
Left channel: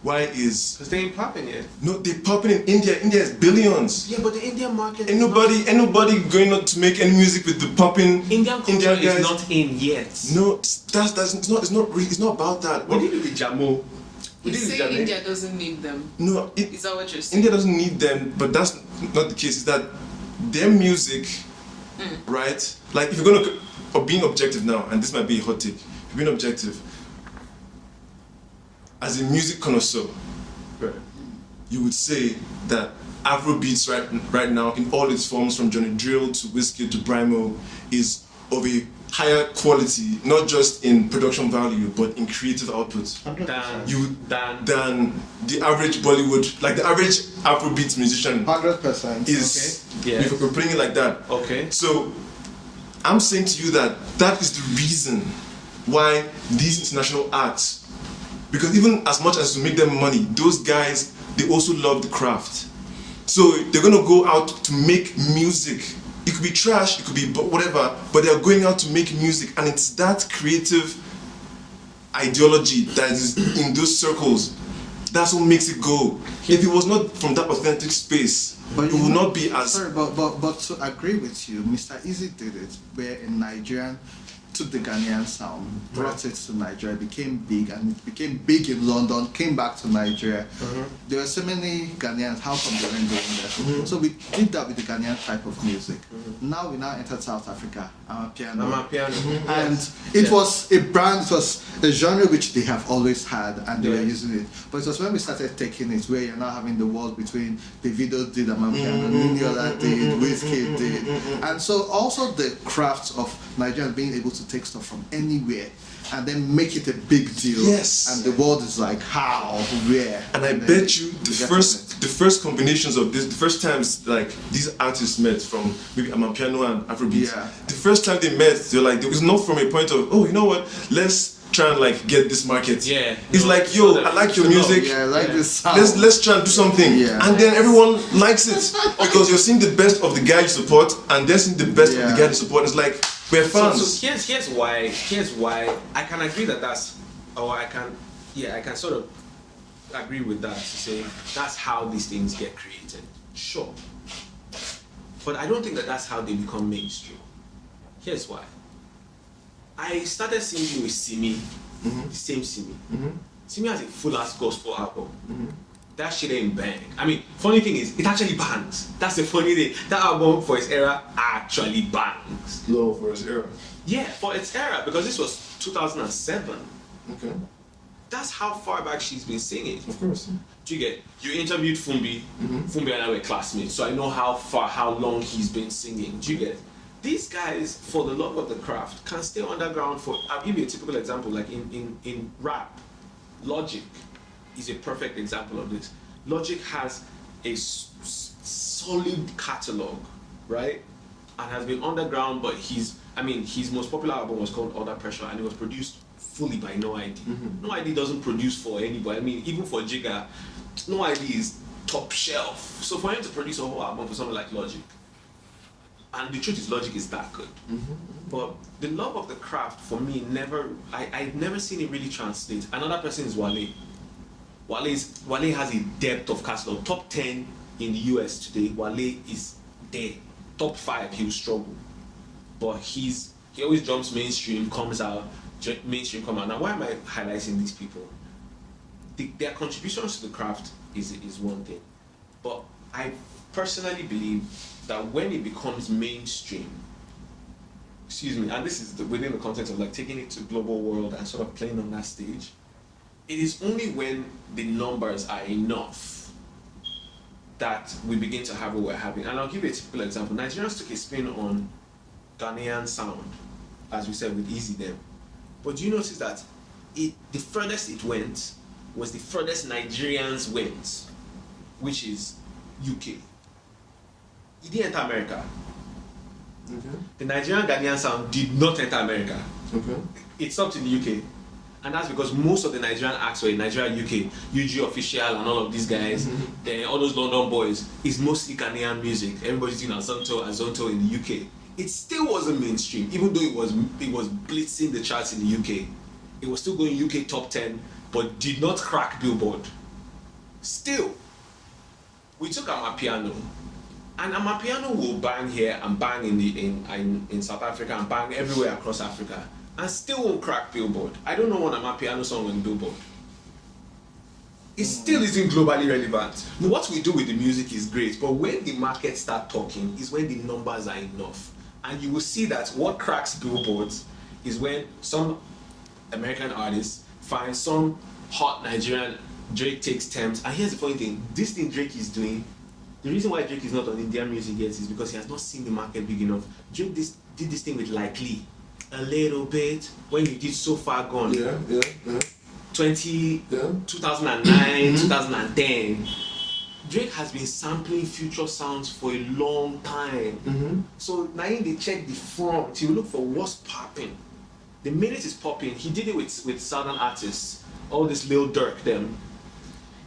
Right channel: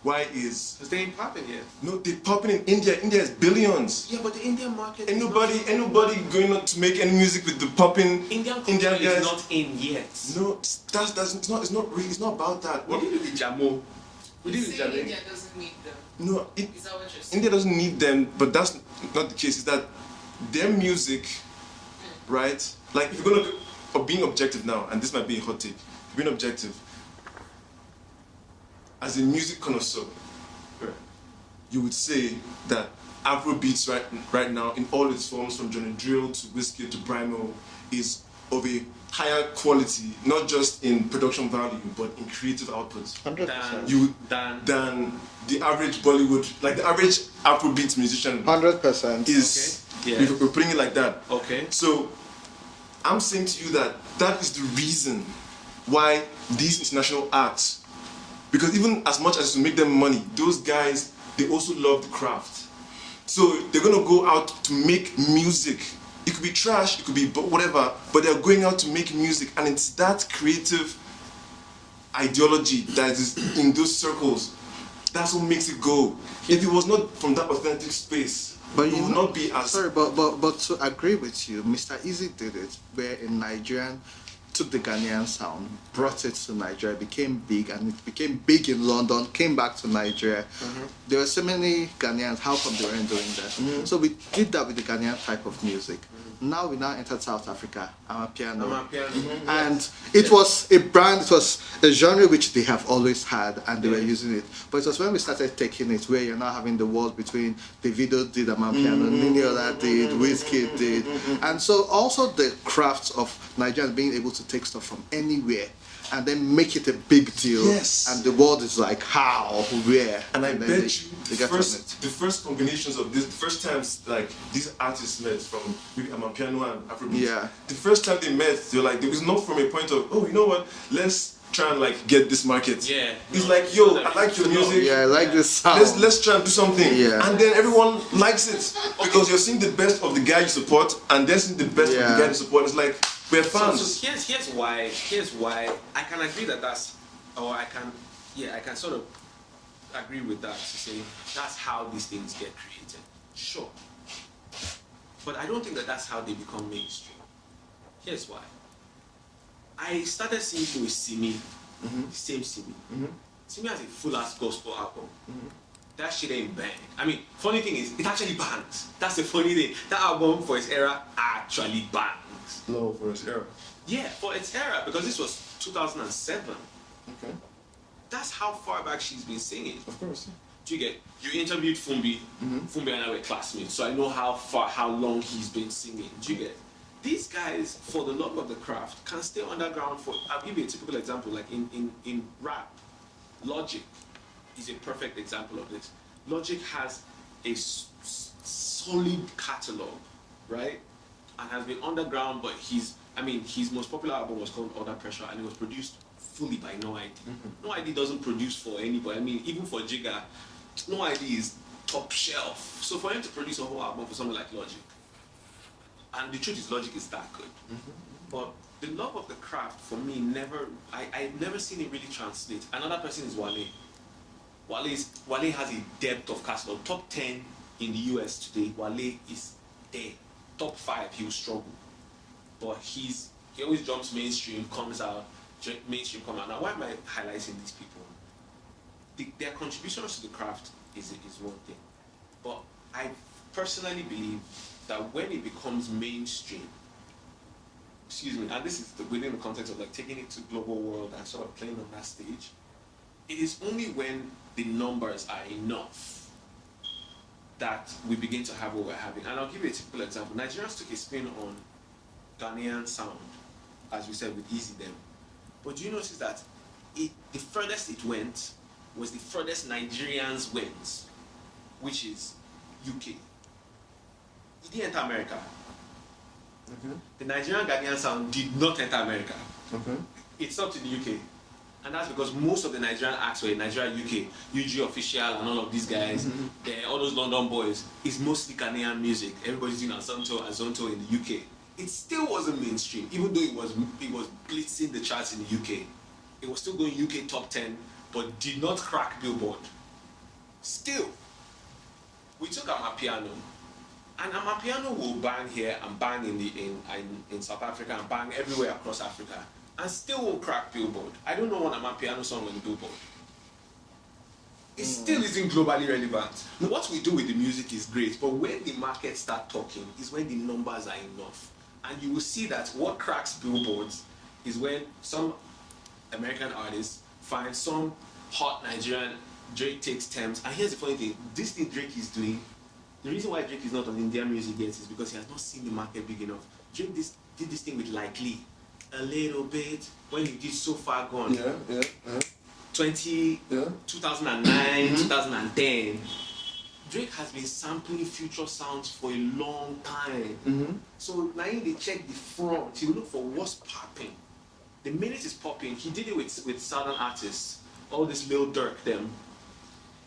Why is... Because they ain't popping yet. No, they're popping in India. India is billions. Yeah, but the Indian market Ain't nobody going on to make any music with the popping Indian culture guys. is not in yet. No, it's not about that. We did it with Jamo. You say India doesn't need them. No, Is that what you're saying? India doesn't need them, but that's not the case. It's that their music, right? Like if you're gonna look or being objective now, and this might be a hot take, if you're being objective, as a music connoisseur, you would say that Afrobeats right now, in all its forms, from Johnny Drill to Wizkid to Brymo, is of a higher quality, not just in production value, but in creative output than the average Bollywood, like the average Afrobeats musician 100% is. Okay. Yeah. If we're putting it like that. Okay. So I'm saying to you that is the reason why these international acts, because even as much as to make them money, those guys, they also love the craft. So they're gonna go out to make music. It could be trash, it could be whatever, but they're going out to make music, and it's that creative ideology that is in those circles. That's what makes it go. If it was not from that authentic space, But it would not be as. Sorry, but to agree with you, Mr. Easy did it, where in Nigerian took the Ghanaian sound, brought it to Nigeria, became big, and it became big in London, came back to Nigeria. There were so many Ghanaians, how come they weren't doing that? So we did that with the Ghanaian type of music. Now we entered South Africa, Amatpiano. And it was a brand, it was a genre which they have always had, and they were using it. But it was when we started taking it, where you're now having the world between Davido did Amatpiano, Nidiola did, Wizkid did. And so also the crafts of Nigeria being able to take stuff from anywhere and then make it a big deal. Yes. And the world is like, how, where? And I bet you the first combinations of this, the first times like these artists met from maybe Amapiano and Afrobeat, the first time they met, they're like, it was not from a point of, oh, you know what, let's try and like get this market. It's like, yo, I like your music. I like this sound. Let's try and do something. And then everyone likes it. Because you're seeing the best of the guy you support and then seeing the best of the guy you support. It's like, we're fans. So here's why I can agree that that's, or I can sort of agree with that, to say that's how these things get created. Sure. But I don't think that that's how they become mainstream. Here's why. I started singing with Simi, the same Simi. Simi has a full-ass gospel album. That shit ain't bang. I mean, funny thing is, it actually bangs. That's the funny thing. That album for its era actually bangs. Low for its era. Yeah, for its era, because this was 2007. Okay. That's how far back she's been singing. Of course. Do you get? You interviewed Fumbi. Fumbi and I were classmates, so I know how long he's been singing. Do you get? These guys, for the love of the craft, can stay underground for. I'll give you a typical example, like in rap, Logic is a perfect example of this. Logic has a solid catalog, right? And has been underground, but his most popular album was called Under Pressure, and it was produced fully by No ID. No ID doesn't produce for anybody. I mean, even for Jigga, No ID is top shelf. So for him to produce a whole album for someone like Logic, and the truth is, Logic is that good. But the love of the craft, for me, I've never seen it really translate. Another person is Wale. Wale has a depth of catalog. Top 10 in the US today, Wale is there. Top 5, he'll struggle. But he always jumps mainstream, comes out, mainstream come out. Now, why am I highlighting these people? Their contributions to the craft is one thing. But I personally believe that when it becomes mainstream, and this is within the context of like taking it to global world and sort of playing on that stage, it is only when the numbers are enough that we begin to have what we're having. And I'll give you a typical example. Nigerians took a spin on Ghanaian sound, as we said with Easy Them. But do you notice that the furthest it went was the furthest Nigerians went, which is UK. It didn't enter America. The Nigerian Ghanaian sound did not enter America. It stopped in the UK. And that's because most of the Nigerian acts were in Nigeria, UK, UG Official and all of these guys, all those London boys, is mostly Ghanaian music. Everybody's doing Azonto in the UK. It still wasn't mainstream, even though it was blitzing the charts in the UK. It was still going UK top 10, but did not crack Billboard. Still, we took Amapiano, and Amapiano will bang here and bang in South Africa and bang everywhere across Africa, and still won't crack Billboard. I don't know one Amapiano song on the Billboard. It still isn't globally relevant. What we do with the music is great, but when the market start talking is when the numbers are enough. And you will see that what cracks billboards is when some American artists find some hot Nigerian, Drake takes Thames. And here's the funny thing, this thing Drake is doing, the reason why Drake is not on Indian music yet is because he has not seen the market big enough. Drake did this thing with Likely a little bit when you did So Far Gone. 2009, 2010. Drake has been sampling future sounds for a long time. So now they check the front, he will look for what's popping. The minute it's popping, he did it with southern artists, all this Lil Durk them.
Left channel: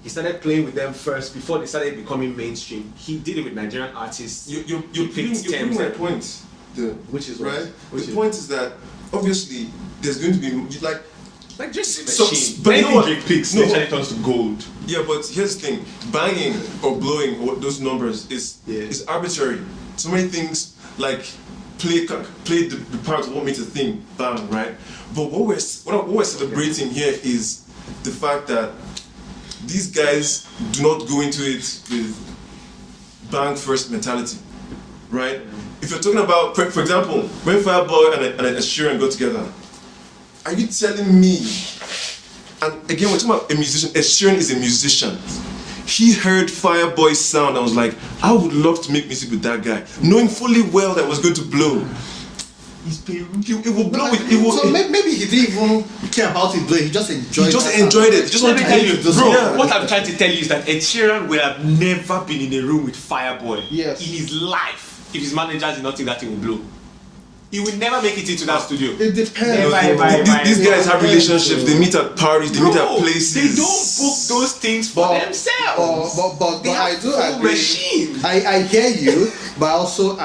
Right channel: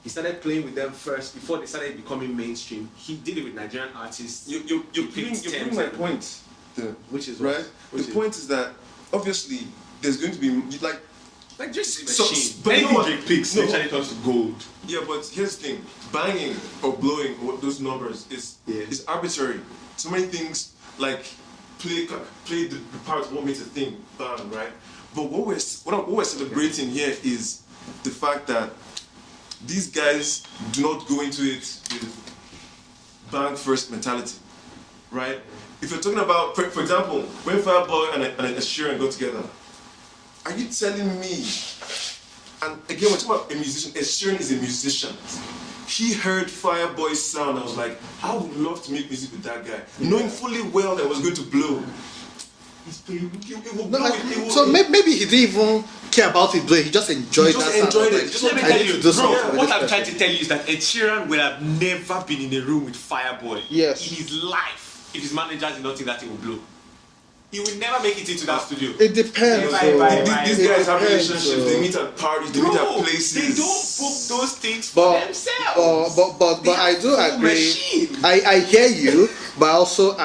He started playing with them first before they started becoming mainstream. He did it with Nigerian artists. You're proving my point. Which is right. The point is that obviously there's going to be like Like Drake's a So- machine. but you know Anything what? Drake picks No. eventually turns to gold. Yeah, but here's the thing: banging or blowing those numbers is arbitrary. So many things like play the part want me to think bang, right? But what we're celebrating here is the fact that these guys do not go into it with bang first mentality, right? If you're talking about, for example, when Fireboy and Ed Sheeran got together, are you telling me? And again, we're talking about a musician. Ed Sheeran is a musician. He heard Fireboy's sound and was like, I would love to make music with that guy, knowing fully well that it was going to blow. It will blow. It will. So maybe he didn't even care about it, but he just enjoyed it. He just enjoyed it. He just Let wanted me to tell make you, it. bro, Yeah. what I'm trying to tell you is that Ed Sheeran would have never been in a room with Fireboy Yes. in his life if his managers did not think that he would blow. He would never make it into that studio. It depends. These guys have relationships. They meet at parties. They meet at Bro, places. they don't book those things for themselves. But They I have do full agree. machine. I hear you, but also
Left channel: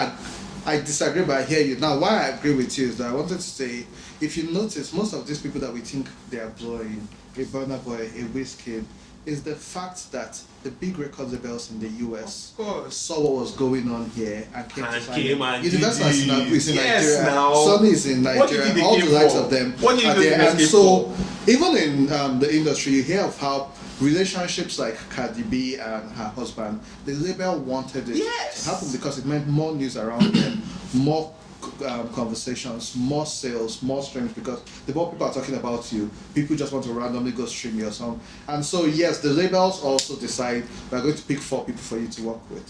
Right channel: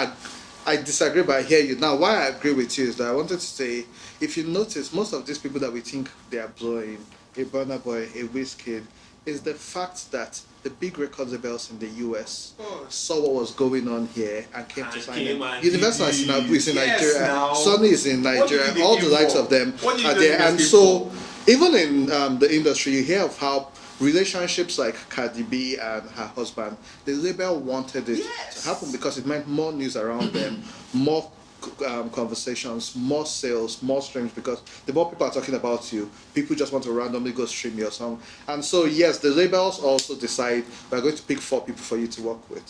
I disagree, but I hear you. Now, why I agree with you is that I wanted to say, if you notice, most of these people that we think they are blowing, a Burna Boy, a Wizkid, is the fact that the big record labels in the US saw what was going on here and Came and Universal did is in it. Nigeria, Yes, now. Sony is in Nigeria. What do you think they all came the likes for? of them What do you are think there. they And came so, for? even in the industry, you hear of how relationships like Cardi B and her husband, the label wanted it Yes. to happen because it meant more news around them, more conversations, more sales, more strength, because the more people are talking about you, people just want to randomly go stream your song. And so yes, the labels also decide we're going to pick 4 people for you to work with.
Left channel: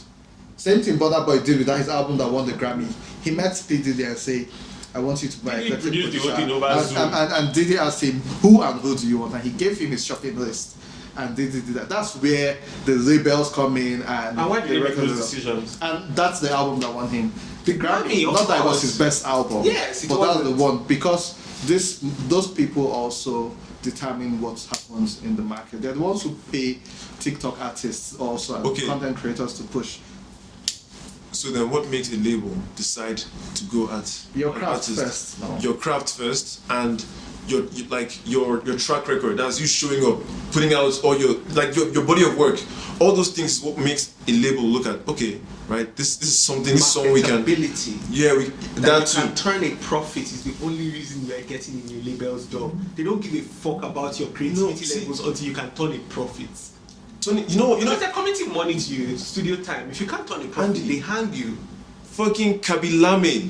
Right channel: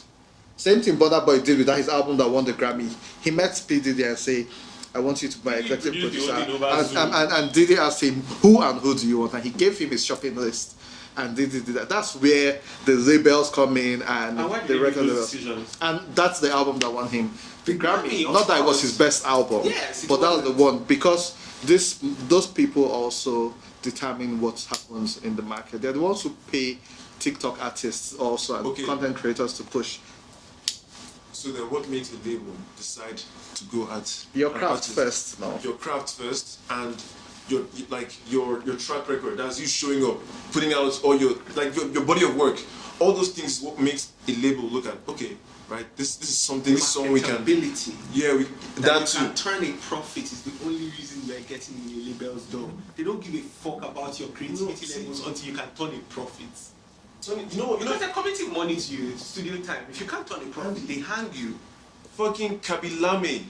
Same thing Burna Boy did with his album that won the Grammy. He met P. Diddy and say, I want you to buy Diddy a produced the whole thing over and, Zoom. and Diddy asked him, who and who do you want? And he gave him his shopping list. And Diddy did that. That's where the labels come in. And why did they make those record- decisions? And that's the album that won him the Grammy, of Not that it course. was his best album. Yes, it but wasn't. that's the one because those people also determine what happens in the market. They're the ones who pay TikTok artists also and Okay. content creators to push. So then, what makes a label decide to go at Your an craft artist? first. No. Your craft first, and your track record. That's you showing up, putting out all your body of work. All those things is what makes a label look at. Okay, right. This is something. This is something we can. Marketability. Yeah, that you too. can turn a profit is the only reason you are getting in your label's door. They don't give a fuck about your creativity see- levels until you can turn a profit. Tony, you know, Because they're committing money to you, studio time. If you can't turn a profit, Andy. they hang you. fucking Kabilame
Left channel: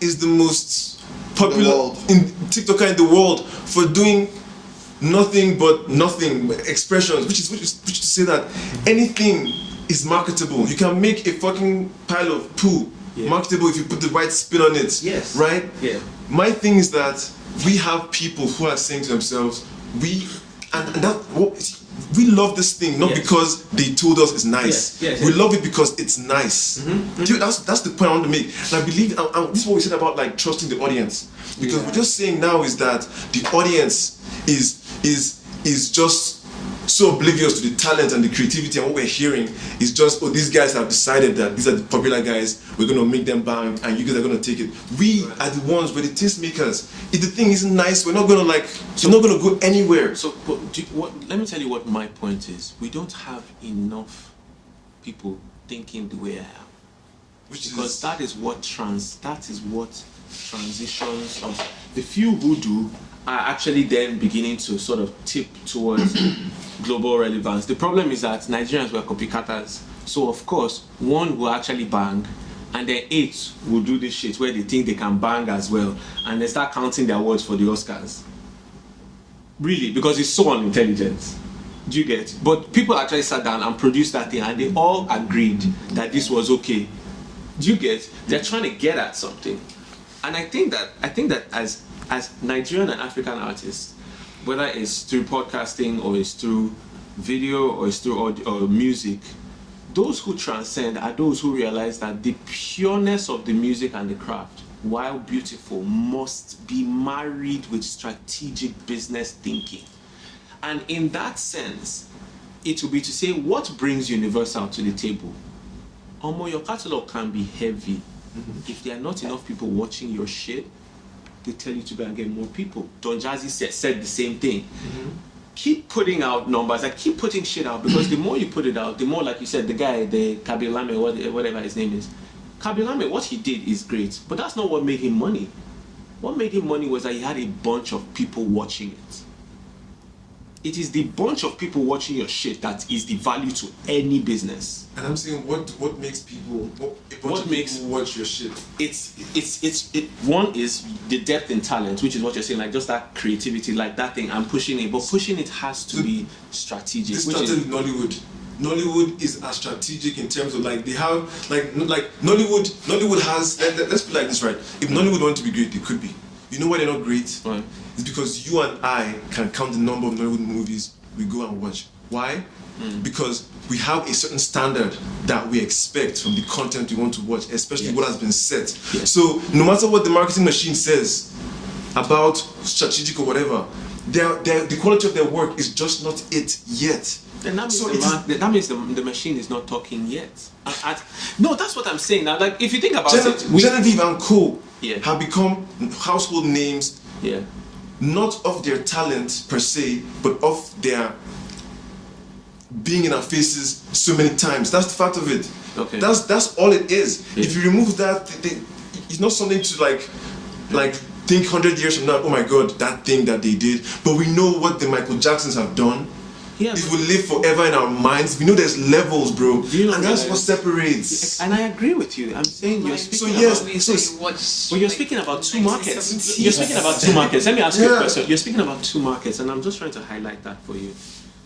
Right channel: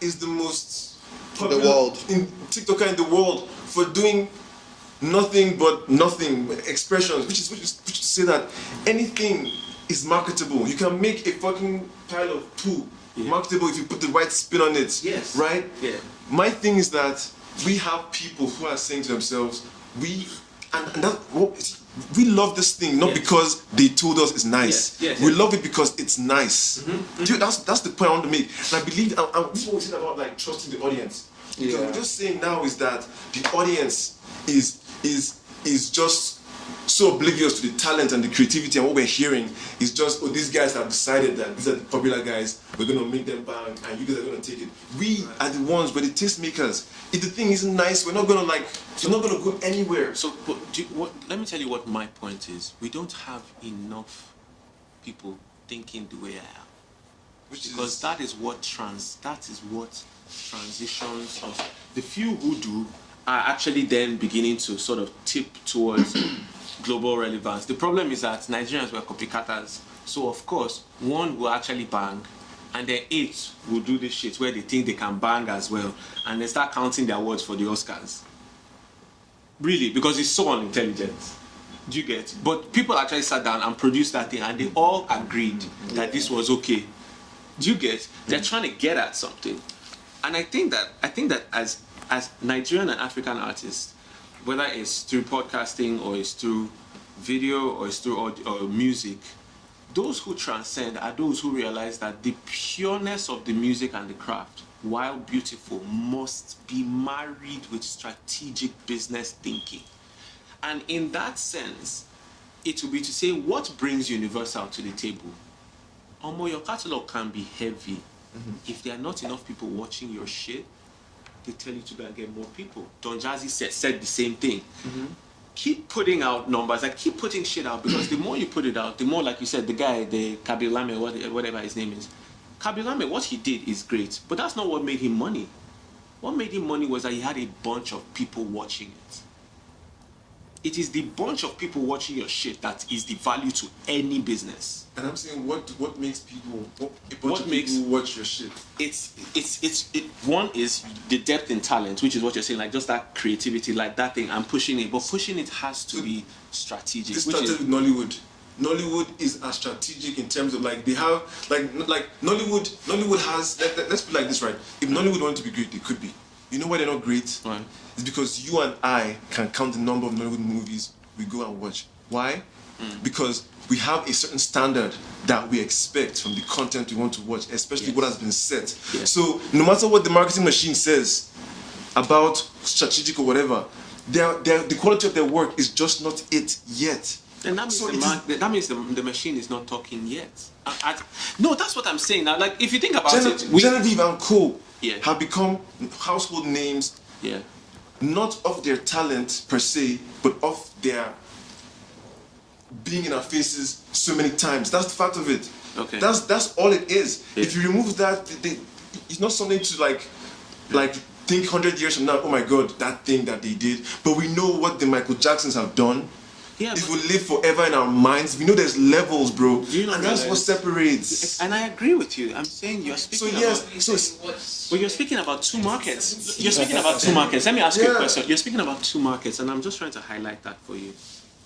is the most popular world. TikToker in the world for doing nothing but nothing expressions, which is to say that anything is marketable. You can make a fucking pile of poo marketable if you put the right spin on it. Yes. Right? Yeah. My thing is that we have people who are saying to themselves, we love this thing not Yes. because they told us it's nice. Yes, We yes. love it because it's nice. Dude, that's the point I want to make. And I believe and this is what we said about like trusting the audience. Because we're just saying now is that the audience is just so oblivious to the talent and the creativity, and what we're hearing is just, oh, these guys have decided that these are the popular guys, we're going to make them bang, and you guys are going to take it. We are the ones, we're the tastemakers. If the thing isn't nice, we're not going to we're not going to go anywhere. So, but let me tell you what my point is. We don't have enough people thinking the way I am, because that is what transitions of the few who do are actually then beginning to sort of tip towards global relevance. The problem is that Nigerians were copycatters. So of course, one will actually bang, and then 8 will do this shit where they think they can bang as well, and they start counting their words for the Oscars. Really, because it's so unintelligent. Do you get? But people actually sat down and produced that thing, and they all agreed that this was okay. Do you get? They're trying to get at something, and I think that as Nigerian and African artists, whether it's through podcasting or it's through video or it's through audio or music, those who transcend are those who realize that the pureness of the music and the craft, while beautiful, must be married with strategic business thinking. And in that sense, it will be to say, what brings Universal to the table? Your catalog can be heavy. If there are not enough people watching your shit, they tell you to go and get more people. Don Jazzy said the same thing. Keep putting out numbers, like keep putting shit out, because the more you put it out, the more, like you said, the guy, the Kabilame, whatever his name is, Kabilame, what he did is great, but that's not what made him money. What made him money was that he had a bunch of people watching it. It is the bunch of people watching your shit that is the value to any business. And I'm saying, what makes people people watch your shit? One is the depth in talent, which is what you're saying, like just that creativity, like that thing. I'm pushing it, but pushing it has to be strategic. This started with Nollywood. Nollywood is as strategic in terms of like they have like Nollywood has let's put it like this, right? If Nollywood want to be great, they could be. You know why they're not great? Right. It's because you and I can count the number of Nollywood movies we go and watch. Why? Because we have a certain standard that we expect from the content we want to watch, especially what has been set. Yes. So no matter what the marketing machine says about strategic or whatever, the quality of their work is just not it yet. And that means, So that means the machine is not talking yet. No, that's what I'm saying now. Like, if you think about it, Genevieve and Co. Yeah. have become household names, yeah, not of their talent per se, but of their being in our faces so many times. That's the fact of it. Okay. That's all it is. Yeah. If you remove that, it's not something to like think 100 years from now, oh my God, that thing that they did. But we know what the Michael Jacksons have done. yeah. It will live forever in our minds. We know there's levels, bro. Do you not and that's realize- what separates. And I agree with you. I'm saying you're speaking yes, about. so Well, you're speaking about two markets. You're speaking about two markets. Let me ask you a question. You're speaking about two markets, and I'm just trying to highlight that for you.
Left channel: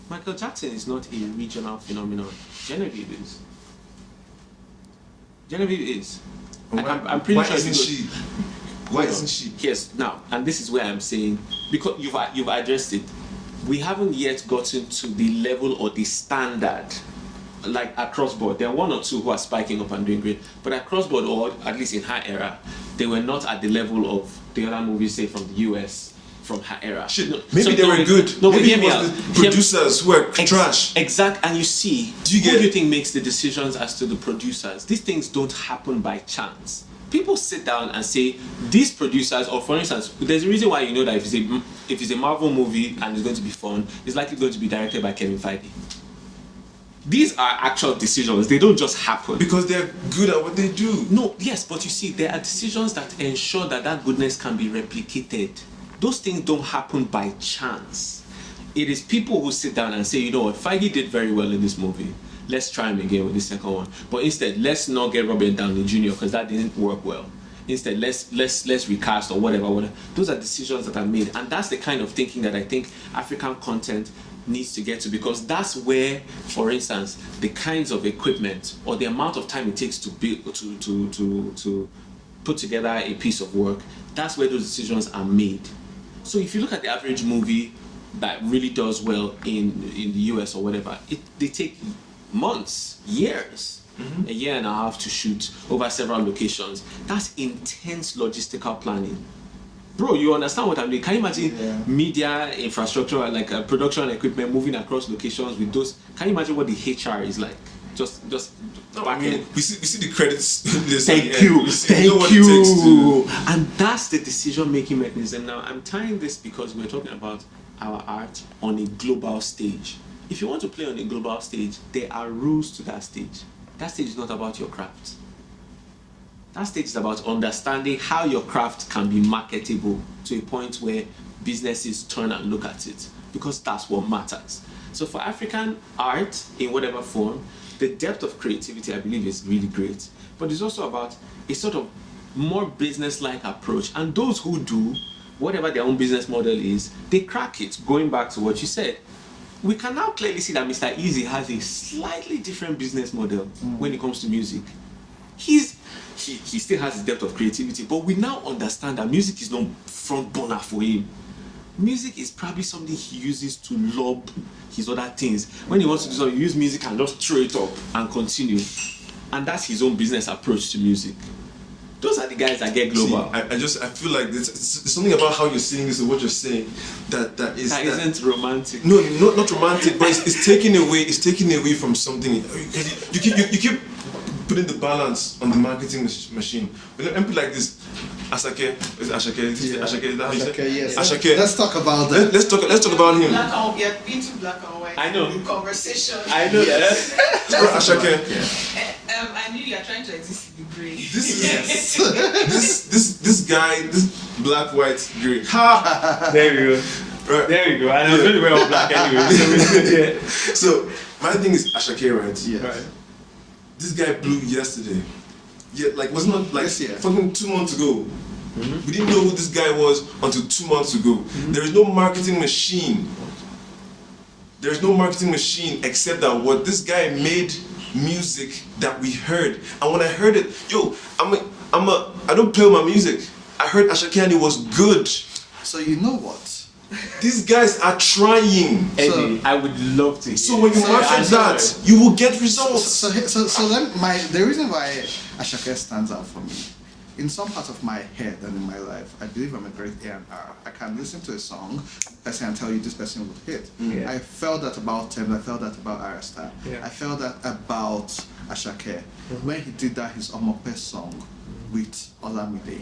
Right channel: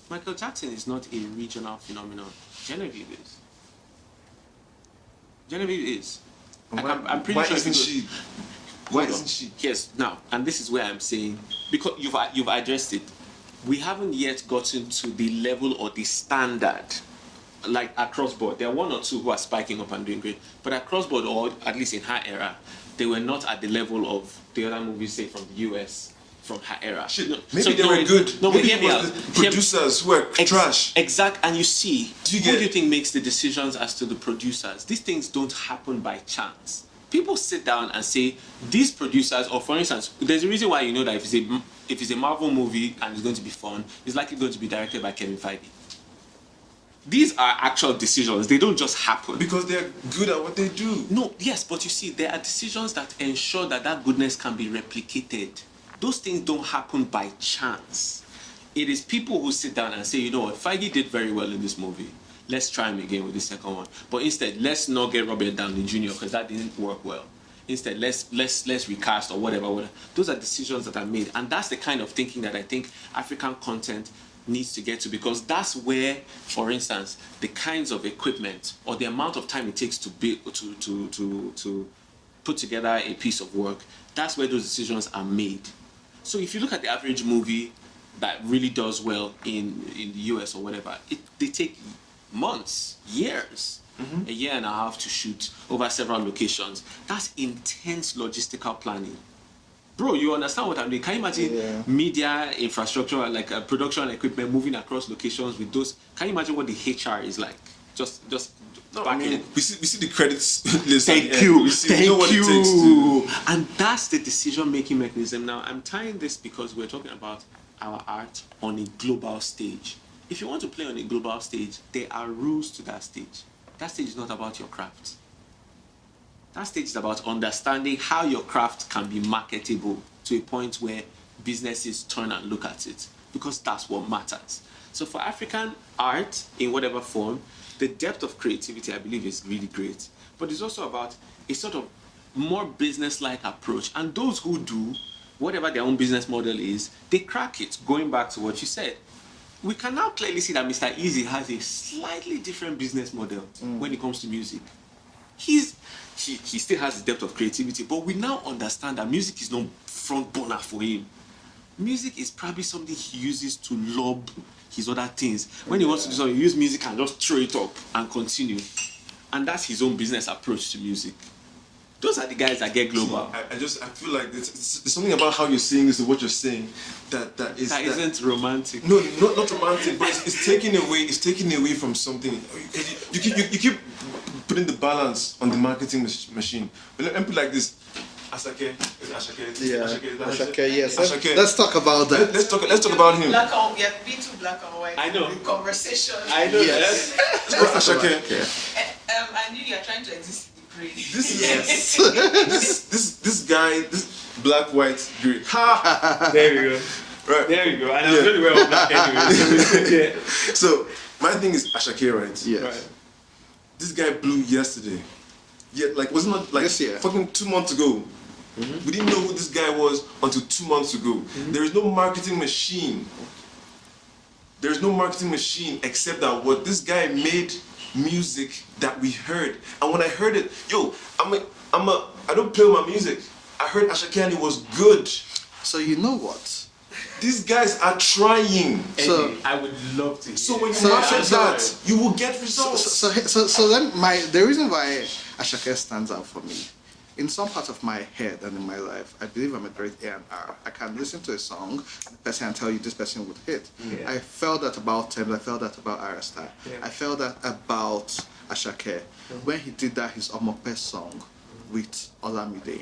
Michael Jackson is not a regional phenomenon. Genevieve is. Genevieve is. I'm pretty why sure. isn't she? Why Hold on. isn't she? Yes. Now, and this is where I'm saying, because you've addressed it. We haven't yet gotten to the level or the standard, like across board. There are one or two who are spiking up and doing great, but across board, or at least in her era, they were not at the level of the other movies, say from the US, from her era. Shit, No, maybe so they were good. No, but maybe hear it me was out. the producers who were trash. Exact, and you see, Do you who get- do you think makes the decisions as to the producers? These things don't happen by chance. People sit down and say, these producers, or for instance, there's a reason why you know that if it's a Marvel movie and it's going to be fun, it's likely going to be directed by Kevin Feige. These are actual decisions. They don't just happen. Because they're good at what they do. No, yes, but you see, there are decisions that ensure that that goodness can be replicated. Those things don't happen by chance. It is people who sit down and say, you know what, Feige did very well in this movie. Let's try him again with the second one. But instead, let's not get Robert Downey Jr. because that didn't work well. Instead, let's recast or whatever. Those are decisions that are made, and that's the kind of thinking that I think African content needs to get to, because that's where, for instance, the kinds of equipment or the amount of time it takes to build to put together a piece of work, that's where those decisions are made. So if you look at the average movie that really does well in the US or whatever, they take months, years, a year and a half to shoot over several locations. That's intense logistical planning. Bro, you understand what I'm doing? Can you imagine media infrastructure, like production equipment moving across locations with those? Can you imagine what the HR is like? Just No, back I mean, in. we see the credits list. Thank you. We know Thank what it takes you. And that's the decision-making mechanism. Now, I'm tying this because we're talking about our art on a global stage. If you want to play on a global stage, there are rules to that stage. That stage is not about your craft. That stage is about understanding how your craft can be marketable to a point where businesses turn and look at it, because that's what matters. So for African art, in whatever form, the depth of creativity, I believe, is really great. But it's also about a sort of more business-like approach. And those who do, whatever their own business model is, they crack it. Going back to what you said, we can now clearly see that Mr. Easy has a slightly different business model when it comes to music. He still has his depth of creativity, but we now understand that music is not front burner for him. Music is probably something he uses to lob his other things. When he wants to do something, he uses music and just throw it up and continue. And that's his own business approach to music. Those are the guys that get global. See, I feel like there's something about how you're saying this and what you're saying that isn't romantic. No, not romantic, but it's taking away from something. You keep putting the balance on the marketing machine. But let me put it like this: Asake. Is it Ashake? Is it Ashake? Is that how you say? Okay, yes. Ashake. Let's talk about that. Let's talk about him. Black and yeah, been to black and white. I know. Conversation. I know that. Let's go Ashake. I knew you're trying to exist in the grey. This guy, this black, white, grey. Ha! There we go. Right. There we go. And I'm really well black anyway. So we could, yeah. So my thing is Ashake, right? Yes. Right. This guy blew yesterday. Yeah, like wasn't it like Yes, yeah. fucking 2 months ago. We didn't know who this guy was until 2 months ago. There is no marketing machine. There is no marketing machine except that what this guy made music that we heard. And when I heard it, I don't play my music. I heard Ashake and it was good. So you know what? These guys are trying. Eddie, I would love to. So when you market that, you will get results. So then the reason why Ashake stands out for me, in some parts of my head and in my life, I believe I'm a great A&R. I can listen to a song, person and tell you this person would hit. Yeah. I felt that about Tem, I felt that about Arasta. Yeah. I felt that about Ashake. When he did that, his Omeokachie song with Olamide.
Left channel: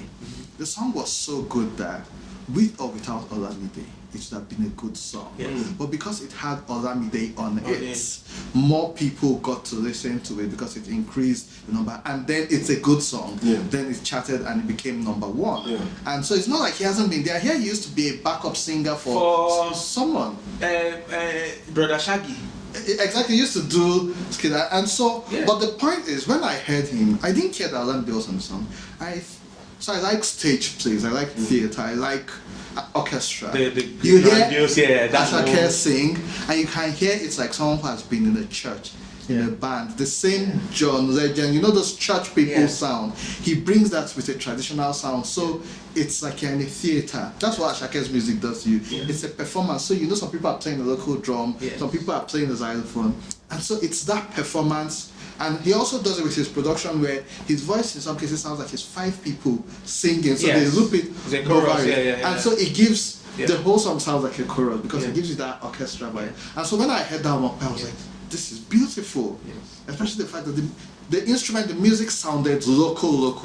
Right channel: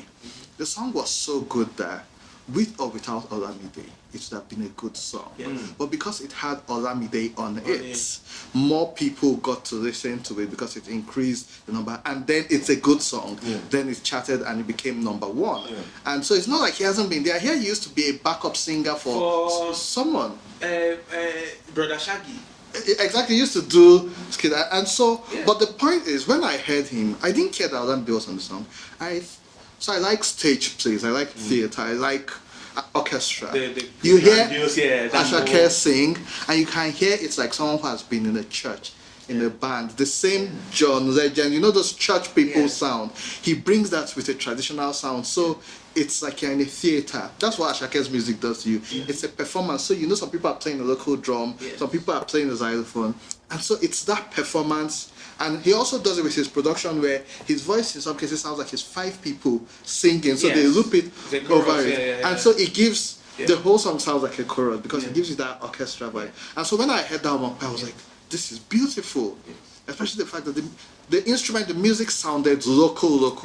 The song was so good that with or without Olamide, it should have been a good song. Yes. But because it had Olamide on On it, it. more people got to listen to it because it increased the number. And then it's a good song. Yeah. Then it charted and it became number one. Yeah. And so it's not like he hasn't been there. Here he used to be a backup singer For- someone. Brother Shaggy. Exactly, he used to do skiller. And so, Yeah. but the point is, when I heard him, I didn't care that Olamide was on the song. So I like stage plays, I like theatre, I like orchestra. The You grandiose, yeah, that's Ashake more. sing, and you can hear it's like someone who has been in a church, in a band. The same John Legend, you know those church people sound. He brings that with a traditional sound, so it's like you're in a theatre. That's what Ashake's music does to you. It's a performance. So you know some people are playing a local drum, some people are playing a xylophone, and so it's that performance. And he also does it with his production where his voice in some cases sounds like it's 5 people singing. So they loop it. The chorus, over. yeah. And so it gives Yeah. the whole song sounds like a chorus because Yeah. it gives you that orchestra vibe. Yeah. And so when I heard that one, I was Yeah. like, this is beautiful. Yes. Especially the fact that the instrument, the music sounded local,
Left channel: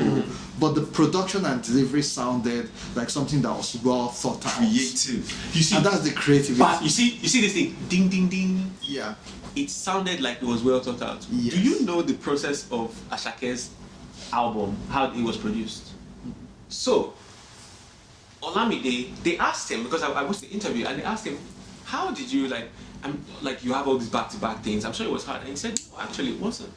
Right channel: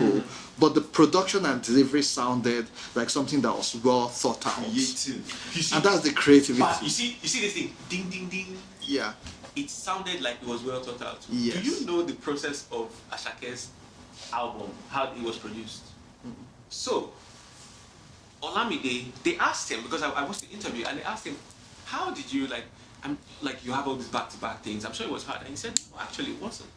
but the production and delivery sounded like something that was well thought out. Creative. You see, And that's the creativity. but you see this thing, ding ding ding. Yeah. It sounded like it was well thought out. Yes. Do you know the process of Ashake's album, how it was produced? So, Olamide, they asked him, because I watched the interview, and they asked him, how did you, you have all these back-to-back things, I'm sure it was hard. And he said, no, actually it wasn't.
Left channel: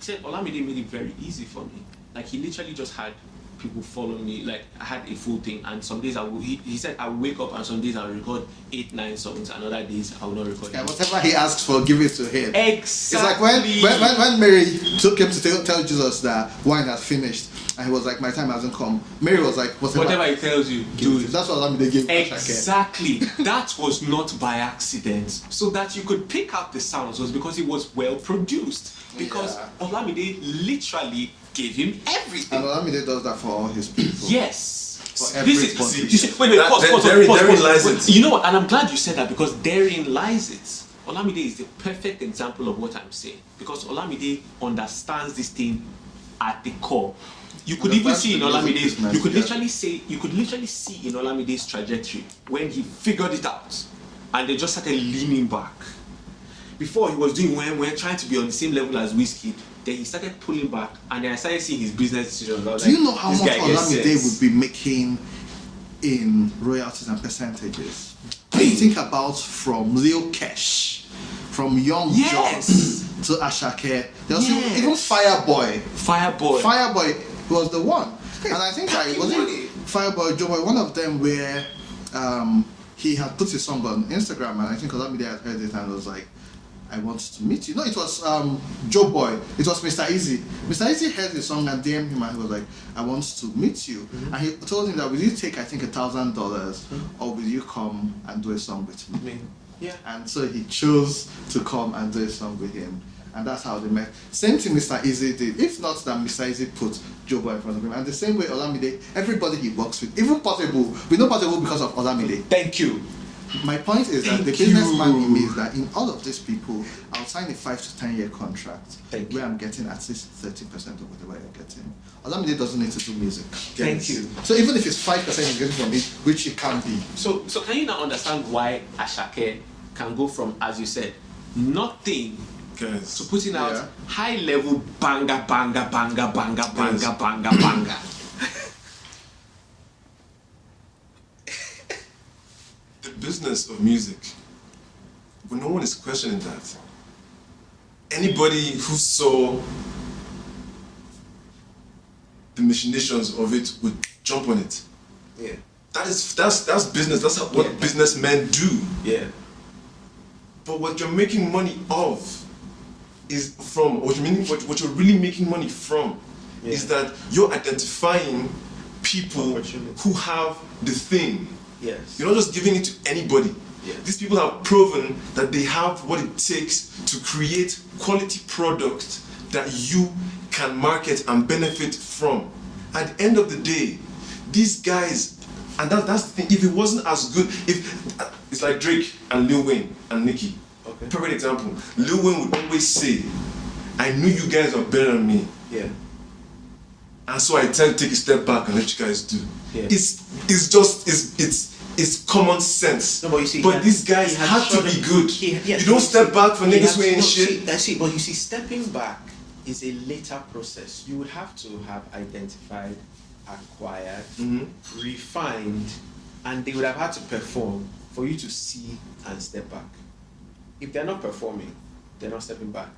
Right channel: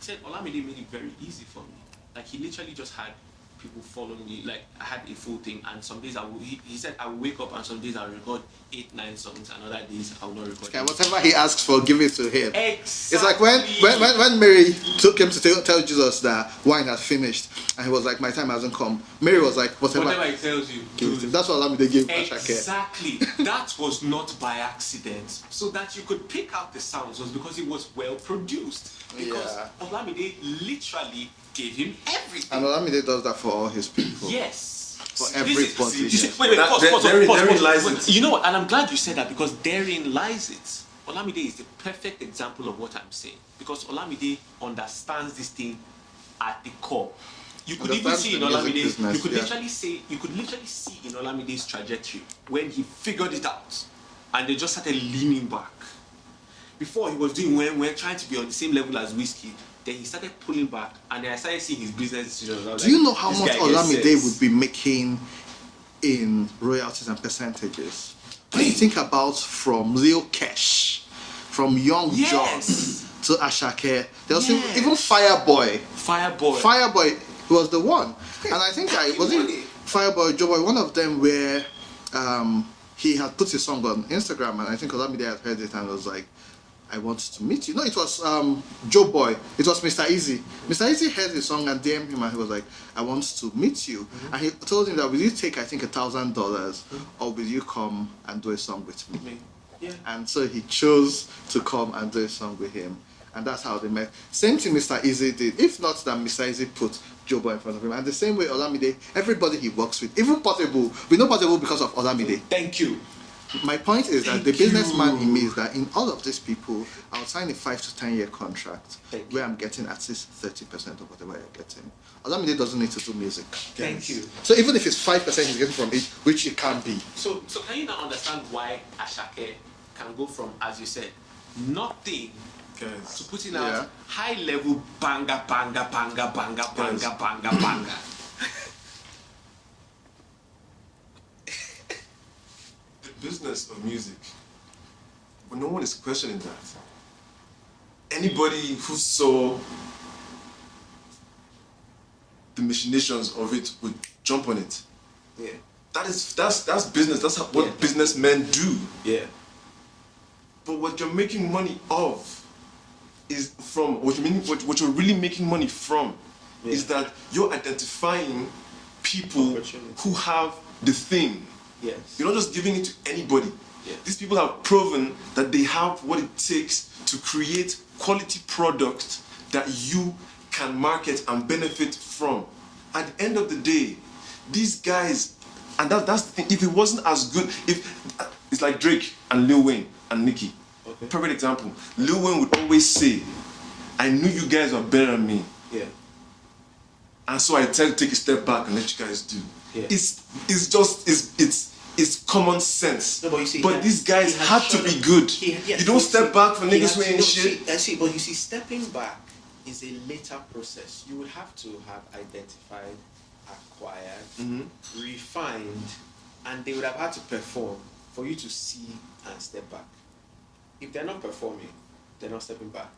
He said, Olamide made it very easy for me. Like, he literally just had people follow me. Like, I had a full thing, and some days he said I will wake up and some days I'll record 8-9 songs, and other days I will not record Yeah, any. whatever he asks for, give it to him. Exactly. It's like when Mary took him to tell Jesus that wine had finished, and he was like, my time hasn't come. Mary was like, Whatever he tells you, do it. That's what Olamide gave Exactly. That was not by accident. So that you could pick up the sounds was because it was well produced. Because Olamide literally gave him everything. And Olamide does that for all his people. Yes. For This everybody. is. You see, wait, pause. Therein lies Wait, it. you know what? And I'm glad you said that because therein lies it. Olamide is the perfect example of what I'm saying. Because Olamide understands this thing at the core. You could even see in Olamide's, you could literally see in Olamide's trajectory when he figured it out and they just started leaning back. Before he was doing when we're trying to be on the same level as Wizkid, then he started pulling back and then I started seeing his business decisions. I was Do you know like, how this much guy gets Olamide sense. will be making in royalties and percentages? Think about from Lil Kesh, from Young Yes. John to Ashake. There was Yes. even Fireboy. Fireboy. Fireboy was the one. And I think Taki it was Money. Fireboy, Joeboy, one of them where he had put his song on Instagram, and I think Olamide had heard it and was like, I want to meet you. No, it was Joe Boy. It was Mr. Easy. Mr. Easy heard the song and DM'd him and he was like, I want to meet you. And he told him that, will you take, I think, $1,000 or will you come and do a song with me? Yeah. And so he chose to come and do a song with him. And that's how they met. Same thing Mr. Easy did. If not that Mr. Easy put Joe Boy in front of him. And the same way Olamide, everybody he works with, even Portable, we know Portable because of Olamide. Thank you. My point is that Thank the businessman you. in me is that in all of these people, I'll sign a 5 to 10 year contract Thank where you. I'm getting at least 30% of whatever I'm getting. Olamide doesn't need to do music. Thank you. So even if it's 5% he's getting from me, which it can be. So can you now understand why Ashake can go from, as you said, nothing Guys, to putting out Yeah. high level banger, banger, banger, banger, banger, Yes. banger, banger. the business of music, but no one is questioning that. Anybody who saw the machinations of it would jump on it. Yeah. That's business. That's what Yeah. businessmen do. Yeah. But what you're making money of is from what you're really making money from is Yeah. that you're identifying people Opportunity. who have the thing. Yes. You're not just giving it to anybody. Yeah. These people have proven that they have what it takes to create quality product that you can market and benefit from. At the end of the day, these guys, and that's the thing, if it wasn't as good, it's like Drake and Lil Wayne and Nicki. Okay. Perfect example. Lil Wayne would always say, I knew you guys are better than me. Yeah. And so I tend to take a step back and let you guys do. Yeah. It's common sense. No, but you see, these guys he had to shown be them- good. yes, You don't step back for he niggas has- who ain't no, shit. See, I see, but you see, stepping back is a later process. You would have to have identified, acquired, refined, and they would have had to perform for you to see and step back. If they're not performing, they're not stepping back.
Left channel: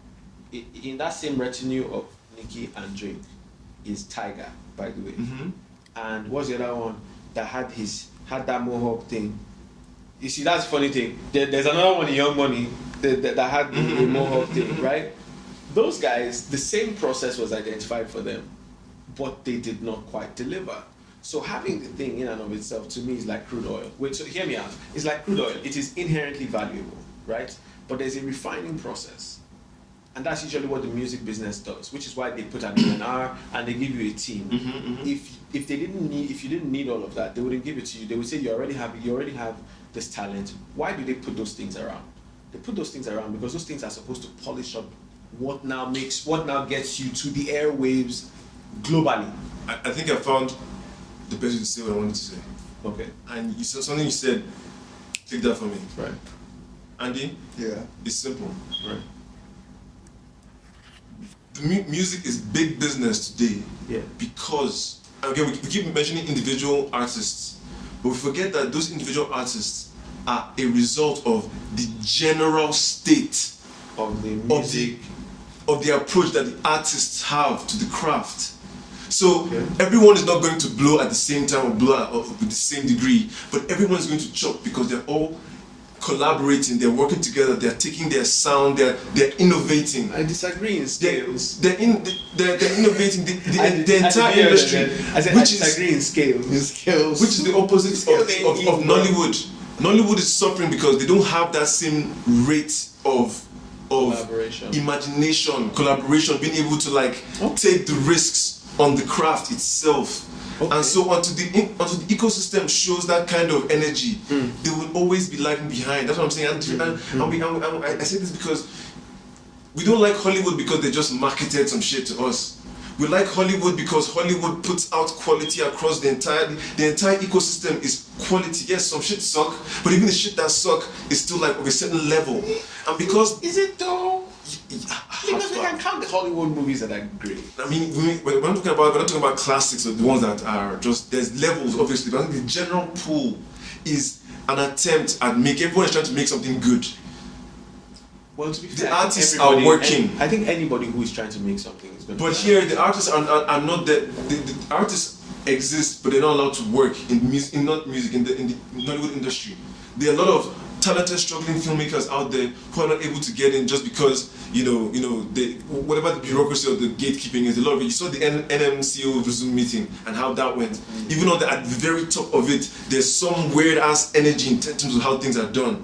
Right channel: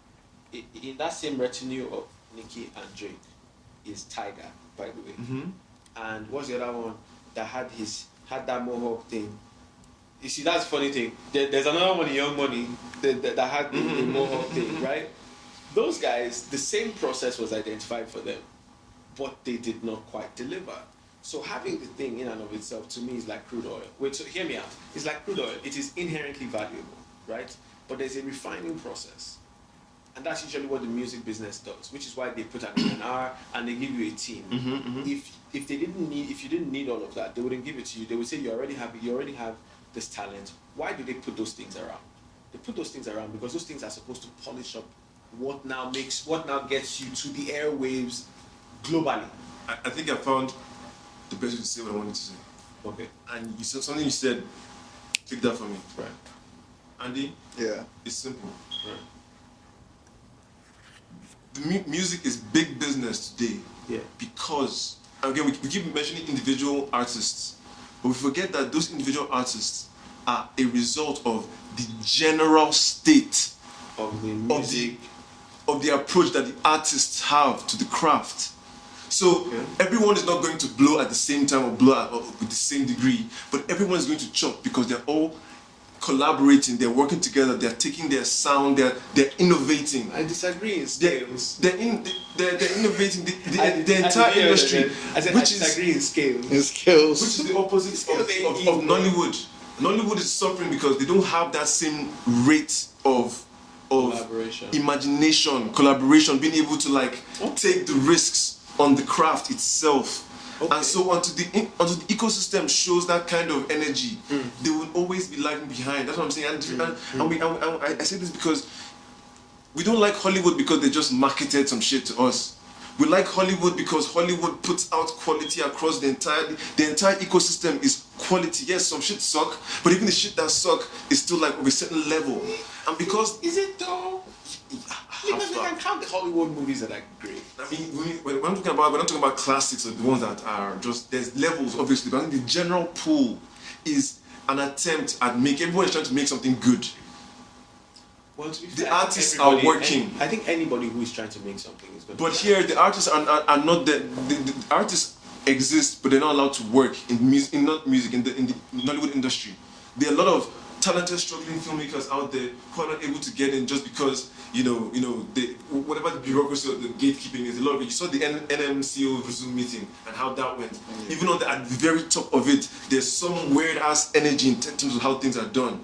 In that same retinue of Nicki and Drake is Tiger, by the way. And what's the other one that had that mohawk thing? You see, that's the funny thing. There's another one in Young Money that had the mohawk thing, right? Those guys, the same process was identified for them, but they did not quite deliver. So having the thing in and of itself, to me, is like crude oil. Wait, so hear me out. It's like crude oil. It is inherently valuable, right? But there's a refining process. And that's usually what the music business does, which is why they put an A&R and they give you a team. If you didn't need all of that, they wouldn't give it to you. They would say you already have this talent. Why do they put those things around? They put those things around because those things are supposed to polish up what now gets you to the airwaves globally. I think I found the best way to say what I wanted to say. Okay. And you said something you said, take that from me. Right. Andy, Yeah. it's simple. Right. The music is big business today. Yeah. Because, again, we keep mentioning individual artists, but we forget that those individual artists are a result of the general state Of the music. of the approach that the artists have to the craft. So Okay. everyone is not going to blow at the same time or blow with the same degree, but everyone is going to chop because they're all collaborating, they're working together, they're taking their sound, they're innovating. I disagree in scales. They're innovating the entire industry, I disagree in scales. which is the opposite of Nollywood. Nollywood is suffering because they don't have that same rate of Collaboration. imagination, collaboration, being able to take the risks on the craft itself. Okay. And so until the ecosystem shows that kind of energy, they will always be lagging behind. That's what I'm saying. I say this because we don't like Hollywood because they just marketed some shit to us. We like Hollywood because Hollywood puts out quality across the entire ecosystem is quality. Yes, some shit suck, but even the shit that suck is still like of a certain level. And because Is it though? Because we can count the Hollywood movies that are great. I mean, we're not talking about classics or the ones that are just, there's levels obviously, but I think the general pool is an attempt at everyone is trying to make something good. Well, to be The fair, artists are working. I think anybody who is trying to make something is going to. But here, the artists are not the artists exist, but they're not allowed to work in the Nollywood industry. There are a lot of talented, struggling filmmakers out there who are not able to get in just because whatever the bureaucracy or the gatekeeping is. A lot of it. You saw the NMCO Zoom meeting and how that went. Even though at the very top of it, there's some weird ass energy in terms of how things are done.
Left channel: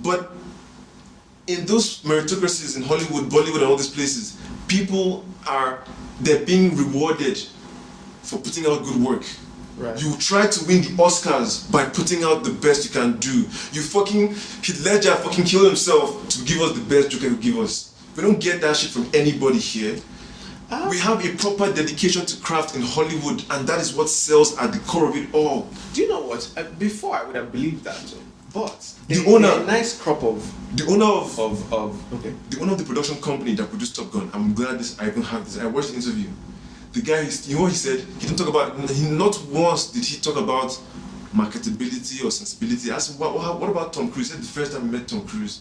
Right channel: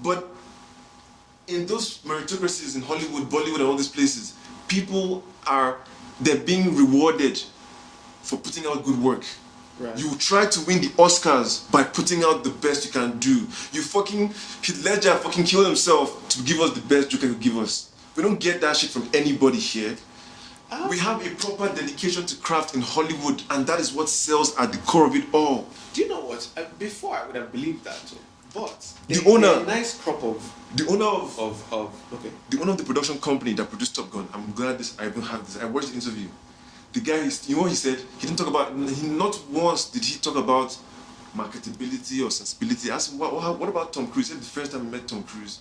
But in those meritocracies in Hollywood, Bollywood, and all these places, they're being rewarded for putting out good work. Right. You try to win the Oscars by putting out the best you can do. You fucking Heath Ledger fucking killed himself to give us the best Joker could give us. We don't get that shit from anybody here. We have a proper dedication to craft in Hollywood, and that is what sells at the core of it all. Do you know what? Before I would have believed that, too. But The owner- they're a nice crop of The owner of okay. the owner of the production company that produced Top Gun, I'm glad I even have this. I watched the interview. The guy, you know what he said? He didn't talk about. Not once did he talk about marketability or sensibility. I asked him, what about Tom Cruise? He said the first time he met Tom Cruise,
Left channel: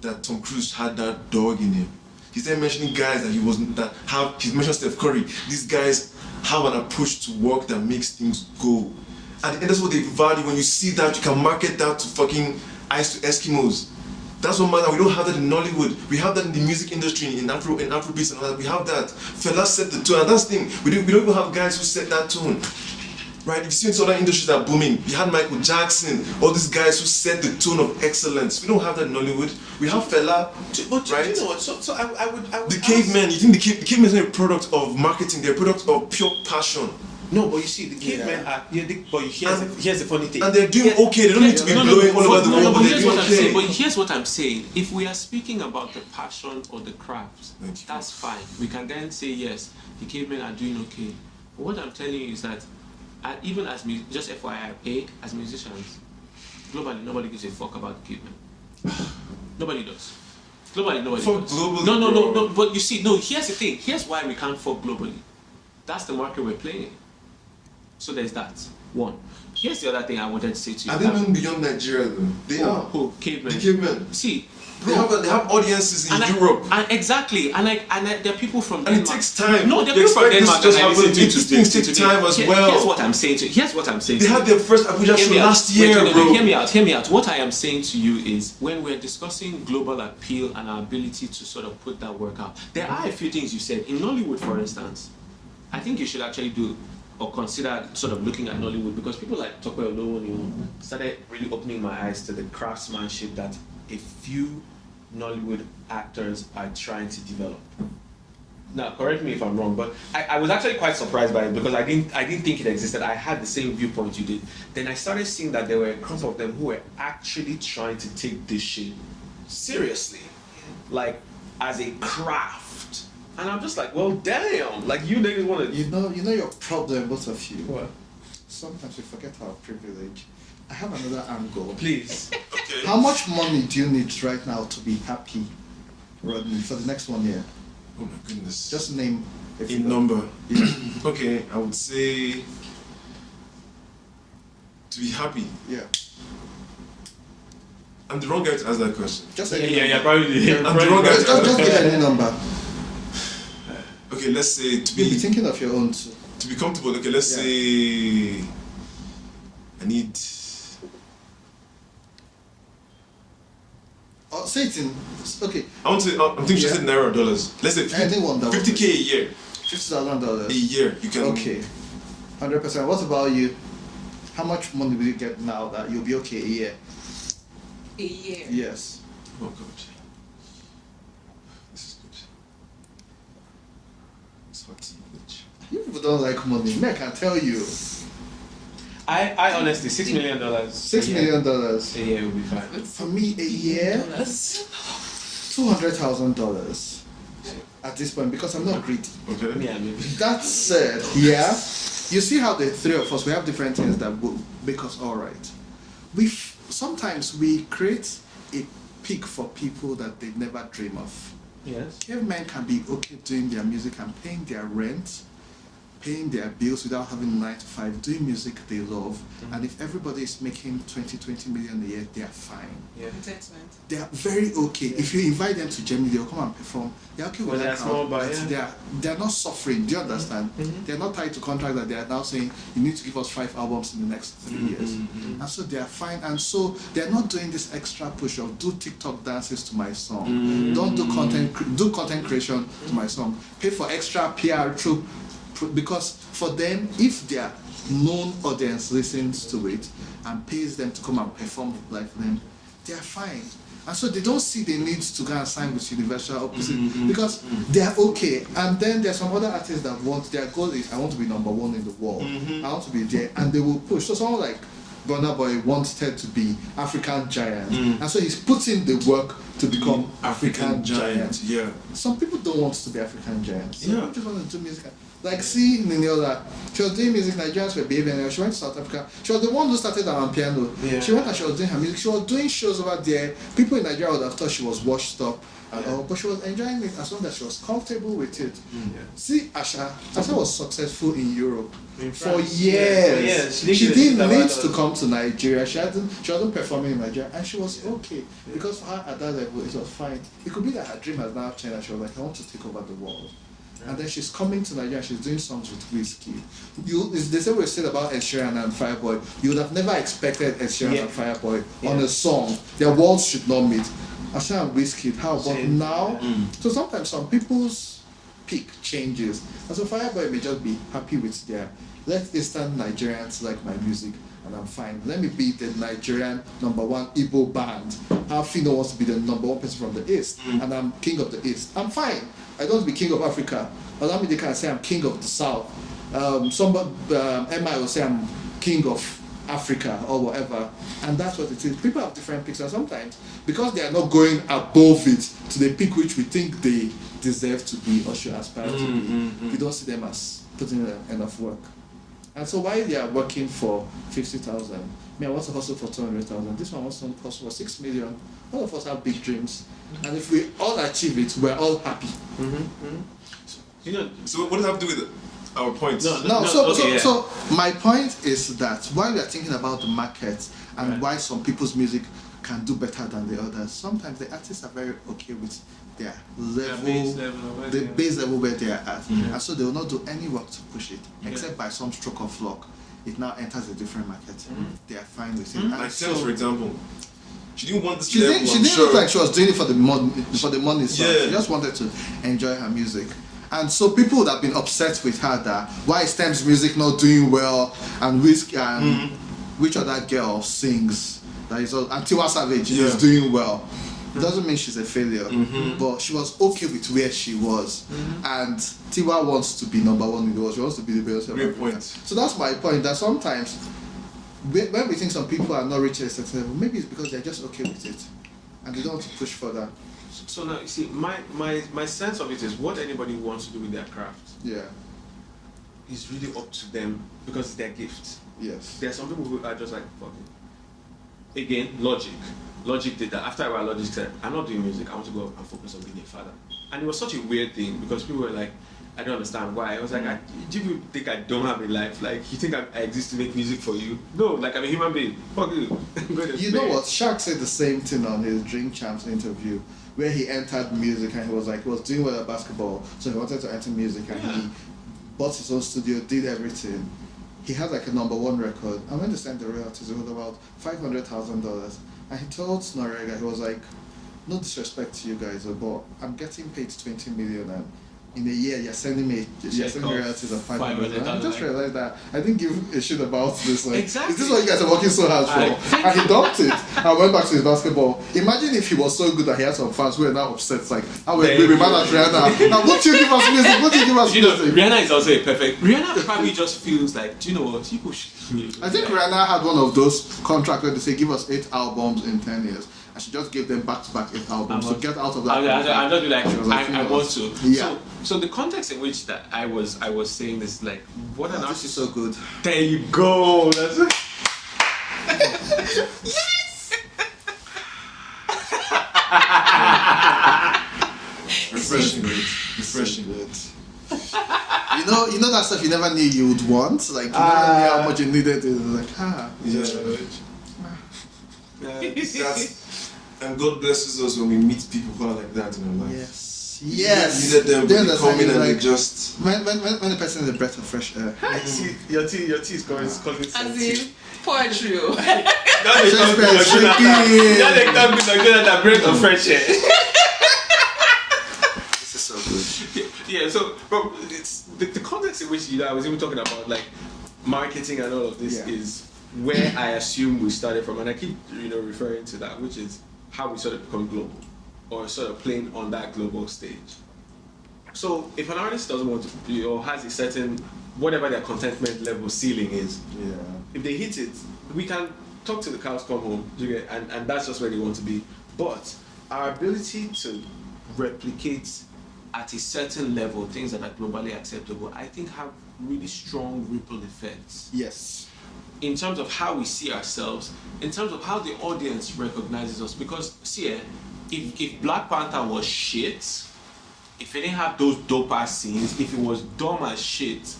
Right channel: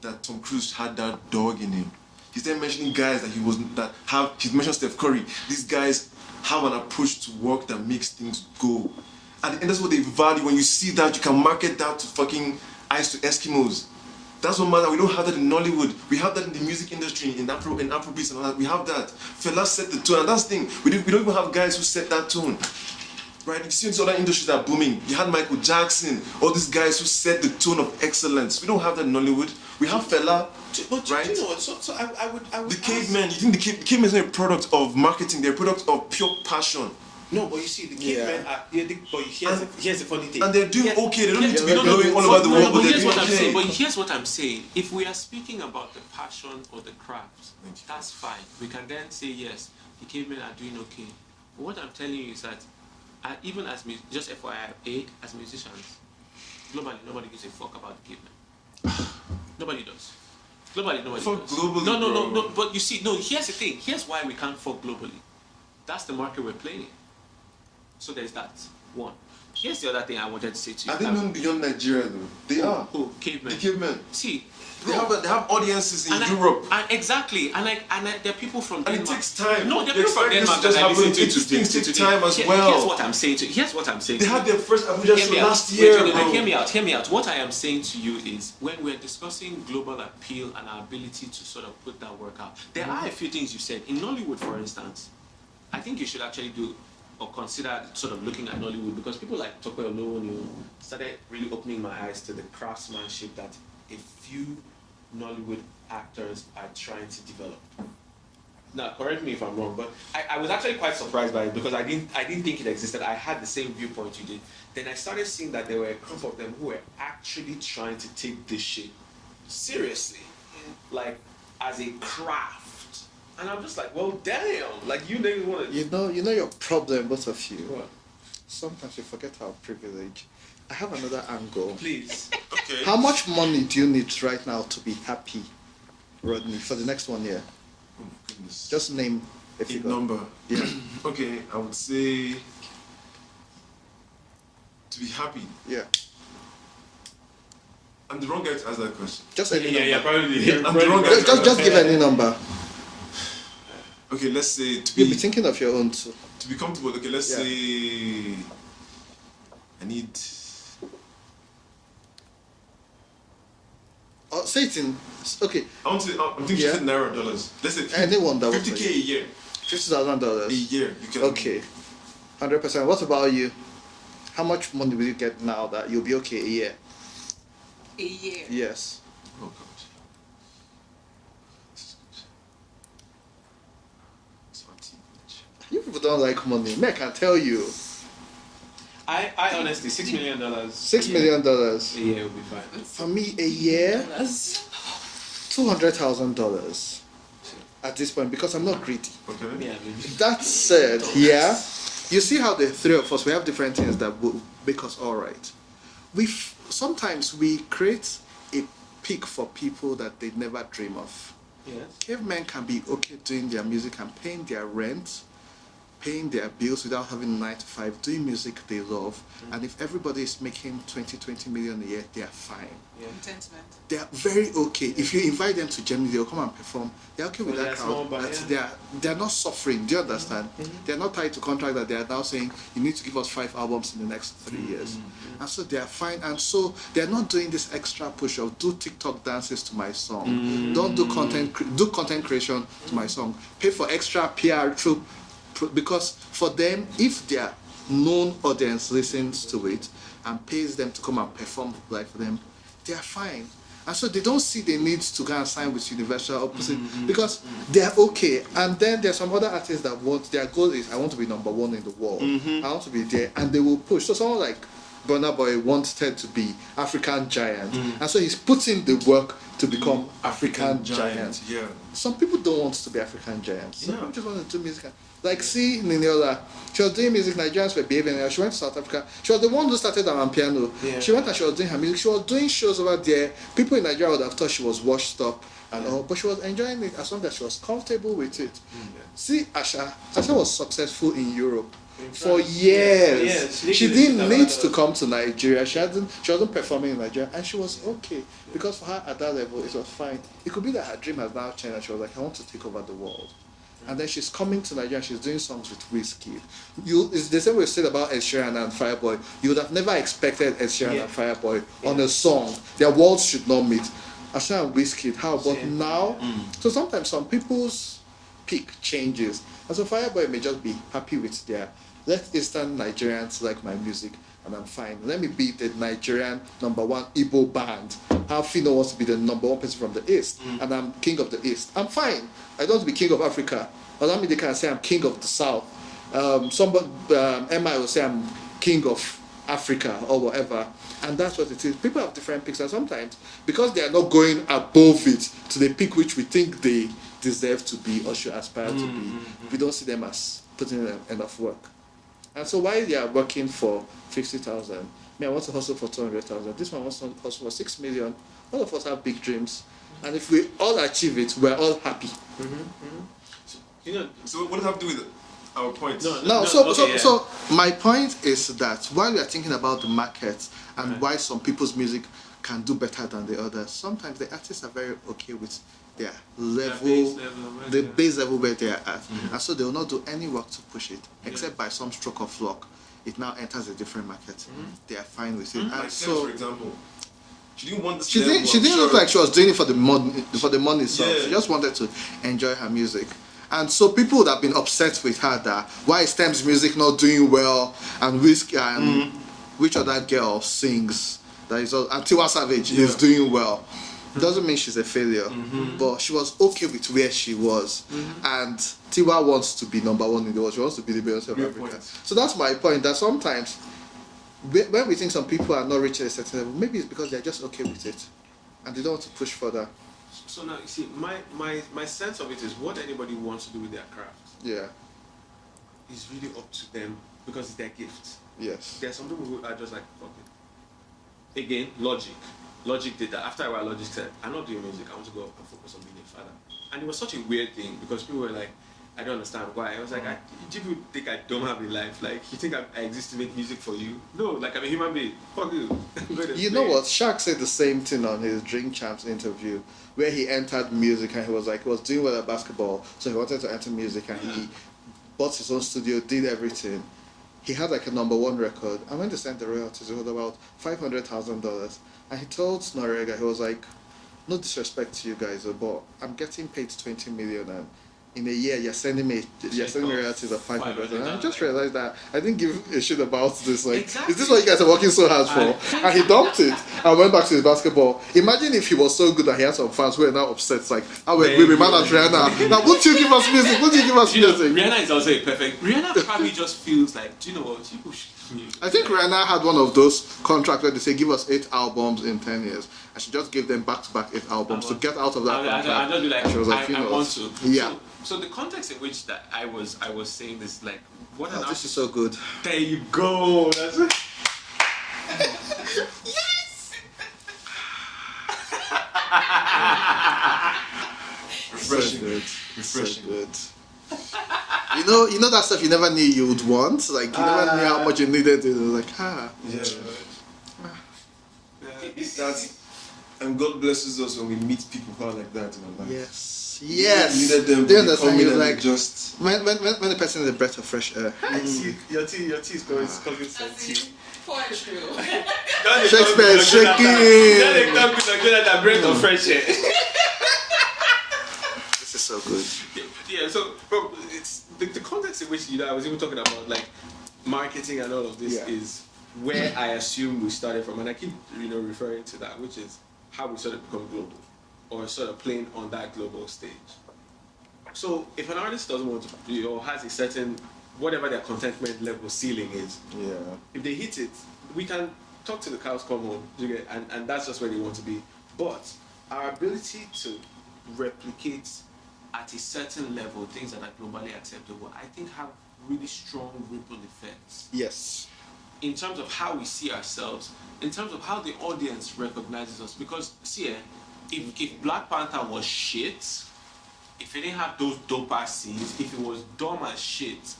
that Tom Cruise had that dog in him. He started mentioning guys that he mentioned Steph Curry. These guys have an approach to work that makes things go. And that's what they value. When you see that, you can market that to fucking ice to Eskimos. That's what matters. We don't have that in Nollywood. We have that in the music industry, in Afrobeats and all that. We have that. Fela set the tone. And that's the thing. We don't even have guys who set that tone. Right? You've seen other industries that are booming. You had Michael Jackson, all these guys who set the tone of excellence. We don't have that in Nollywood. We have Fela, But right? do you know what? So I would The cavemen, you think the cavemen is not a product of marketing, they're a product of pure passion. No, but you see, the cavemen are. Yeah, but here's the funny thing. And they're doing okay, they don't need to be blowing all over the world, but they're doing okay. But here's what I'm saying. If we are speaking about the passion or the craft, that's fine. We can then say, yes, the cavemen are doing okay. But what I'm telling you is that, even as just FYI, as musicians, globally, nobody gives a fuck about the cavemen. Nobody does. Globally, nobody Fuck does. globally, No. But you see, here's the thing. Here's why we can't fuck globally. That's the market we're playing in. So there's that. One. Here's the other thing I wanted to say to you. I didn't even beyond Nigeria though. They are. Who? Cavemen. The cavemen. See, They have audiences in and Europe. Exactly. And there are people from And Denmark. it takes time. No, there are You people from expect Denmark this that to I happen. listen to Things take time as well. Here's what I'm saying to you. They had their first Abuja show last year, Wait, bro. Hear me out. What I am saying to you is, when we're discussing global appeal and our ability to sort of put that work out, there are a few things you said. In Nollywood, for instance, I think you should actually do or consider sort of looking at Nollywood, because people like Tope Olowoni started really opening my eyes to the craftsmanship that a few Nollywood actors are trying to develop. Now, correct me if I'm wrong, but I was actually quite surprised by it, because I didn't think it existed. I had the same viewpoint you did. Then I started seeing that there were a crop of them who were actually trying to take this shit seriously, like as a craft. And I'm just like, well, damn! Like, you niggas want to. You know your problem, both of you. What? Sometimes you forget our privilege. I have another angle. Please. Okay. How much money do you need right now to be happy, Rodney, for the next 1 year? Oh my goodness. Just name a number. Okay, I would say to be happy. Yeah. I'm the wrong guy to ask that question. Just probably. I'm the wrong guy to ask Just that pick question. any number. Okay, let's say to You'll be be thinking of your own too. to be comfortable. Okay, let's say I need. Oh, say it in. Okay. I'm thinking you said naira or dollars. Let's say Anyone that 50K a year. $50,000. A year, you can. Okay. 100%. What about you? How much money will you get now that you'll be okay a year? A year. Yes. Oh god. This is good. It's hot. You people don't like money. Man, I can tell you. I honestly, $6 million. $6 million. A year would be fine. For me, a year, $200,000 at this point, because I'm not greedy. Okay. Yeah, maybe. That said, yeah, you see how the three of us, we have different things that will make us all right. Sometimes we create a peak for people that they never dream of. Yes. Cavemen can be okay doing their music and paying their rent, paying their bills without having a 9 to 5, doing music they love, and if everybody is making 20 million a year, they are fine. Yeah. Contentment. They are very okay. Yeah. If you invite them to Germany, they'll come and perform. They're okay Well, with they are that small, crowd. but yeah. They're not suffering. Do you understand? Mhm. They're not tied to contract that they are now saying you need to give us 5 albums in the next 3 years. And so they are fine. And so they're not doing this extra push of do TikTok dances to my song. Don't do content creation to my song. Pay for extra PR because for them, if their known audience listens to it and pays them to come and perform it like them, they are fine. And so they don't see the need to kind of sign with Universal because they're okay. And then there's some other artists that want, their goal is, I want to be number one in the world. I want to be there. And they will push. So someone like Burna Boy wanted to be African giant. And so he's putting the work to become African giant. Yeah. Some people don't want to be African giants. Yeah. Some people want to do music. Like, see Niniola, she was doing music, Nigerians were behaving, she went to South Africa. She was the one who started her on piano. Yeah. She went and she was doing her music. She was doing shows over there. People in Nigeria would have thought she was washed up. But she was enjoying it as long as she was comfortable with it. See, Aisha was successful in Europe for years. She didn't need to come to Nigeria. She wasn't performing in Nigeria, and she was okay because for her at that level it was fine. It could be that her dream had now changed. And she was like, I want to take over the world. And then she's coming to Nigeria, she's doing songs with Whiskey. It's the same way we said about Ed Sheeran and Fireboy. You would have never expected Ed Sheeran and Fireboy on a song. Their worlds should not meet. Ed Sheeran and Whiskey, how about now? So sometimes some people's peak changes. And so Fireboy may just be happy with their, let Eastern Nigerians like my music, and I'm fine. Let me be the Nigerian #1 Igbo band. How Fino wants to be the #1 person from the East, and I'm king of the East. I'm fine. I don't want to be king of Africa. Olamide can say I'm king of the South. Emma will say I'm king of Africa or whatever. And that's what it is. People have different picks, and sometimes because they are not going above it, so they pick which we think they deserve to be or should aspire to be. You don't see them as putting in enough work. And so while they are working for 50,000, I want to hustle for 200,000. This one wants to hustle for 6 million. All of us have big dreams. And if we all achieve it, we're all happy. You know, so what does that have to do with our points? So my point is that while we are thinking about the market and why some people's music can do better than the others, sometimes the artists are very okay with their level, the base level where they are at. And so they will not do any work to push it, except by some stroke of luck. It now enters a different market. They are fine with it. Like Thames, for example. She didn't want this She level, didn't I'm sure. look like she was doing it for the money. So she just wanted to enjoy her music. And so people would have been upset with her that why is Thames' music not doing well, and Whiskey and which other girl sings that is all, and Tiwa Savage is doing well. It doesn't mean she's a failure, but she was okay with where she was. And Tiwa wants to be #1 in the world. She wants to be the best. Real point. So that's my point, that sometimes when we think some people are not reaching a certain level, maybe it's because they're just okay with it and they don't want to push further. So now, you see, my sense of it is what anybody wants to do with their craft is really up to them because it's their gift. Yes. There are some people who are just like, fuck it. Again, Logic. Logic did that. After a while, Logic said, I'm not doing music, I want to go and focus on being a father. And it was such a weird thing because people were like, I don't understand why. I was like, do you think I don't have a life? Like, you think I exist to make music for you? No, like, I'm a human being. Fuck you. You know what? Shaq said the same thing on his Drink Champs interview, where he entered music and he was like, he was doing well at basketball, so he wanted to enter music and he bought his own studio, did everything. He had like a #1 record, and when they sent the royalties, it was about $500,000. And he told Norega, he was like, no disrespect to you guys, but I'm getting paid 20 million and in a year you're sending me royalties of 500. I just realized that I didn't give a shit about this. Like, exactly. This is what you guys are working so hard for. And he dumped it. I went back to his basketball. Imagine if he was so good that he had some fans who were now upset. It's like, how will we balance Rihanna? Like, what do you give us music? What do you give us music? Rihanna is also a perfect. Rihanna probably just feels like, do you know what? People should. I think Rihanna had one of those contracts where they say, give us 8 albums in 10 years. I should just give them back-to-back 8 albums to get out of that. I'll just be like, I want to. Yeah. So the context in which that I was saying this, like, what an artist is so good. There you go. That's it. Yes. Refreshing, good. You know that stuff you never knew you would want? Like, you never knew how much you needed it. Like, That's, and God blesses us when we meet people who are like that in our life. Yes. We needed them, but they come in and they just... When the person is a breath of fresh air. See, your tea is causing sense. As in poetry. Don't they talk to Jonathan, breath of fresh air. This is so good. Yeah, so but it's the context in which I was even talking about like marketing and all of this is where I assume we started from, and I keep referring to that, which is how we sort of become global, or sort of playing on that global stage. So if an artist doesn't want to be, or has a certain, whatever their contentment level ceiling is, if they hit it, we can talk to the cows come home, and that's just where they want to be. But our ability to replicate at a certain level things that are globally acceptable, I think have really strong ripple effects. Yes. In terms of how we see ourselves, in terms of how the audience recognizes us. Because, see, if Black Panther was shit, if it didn't have those dope ass scenes, if it was dumb as shit,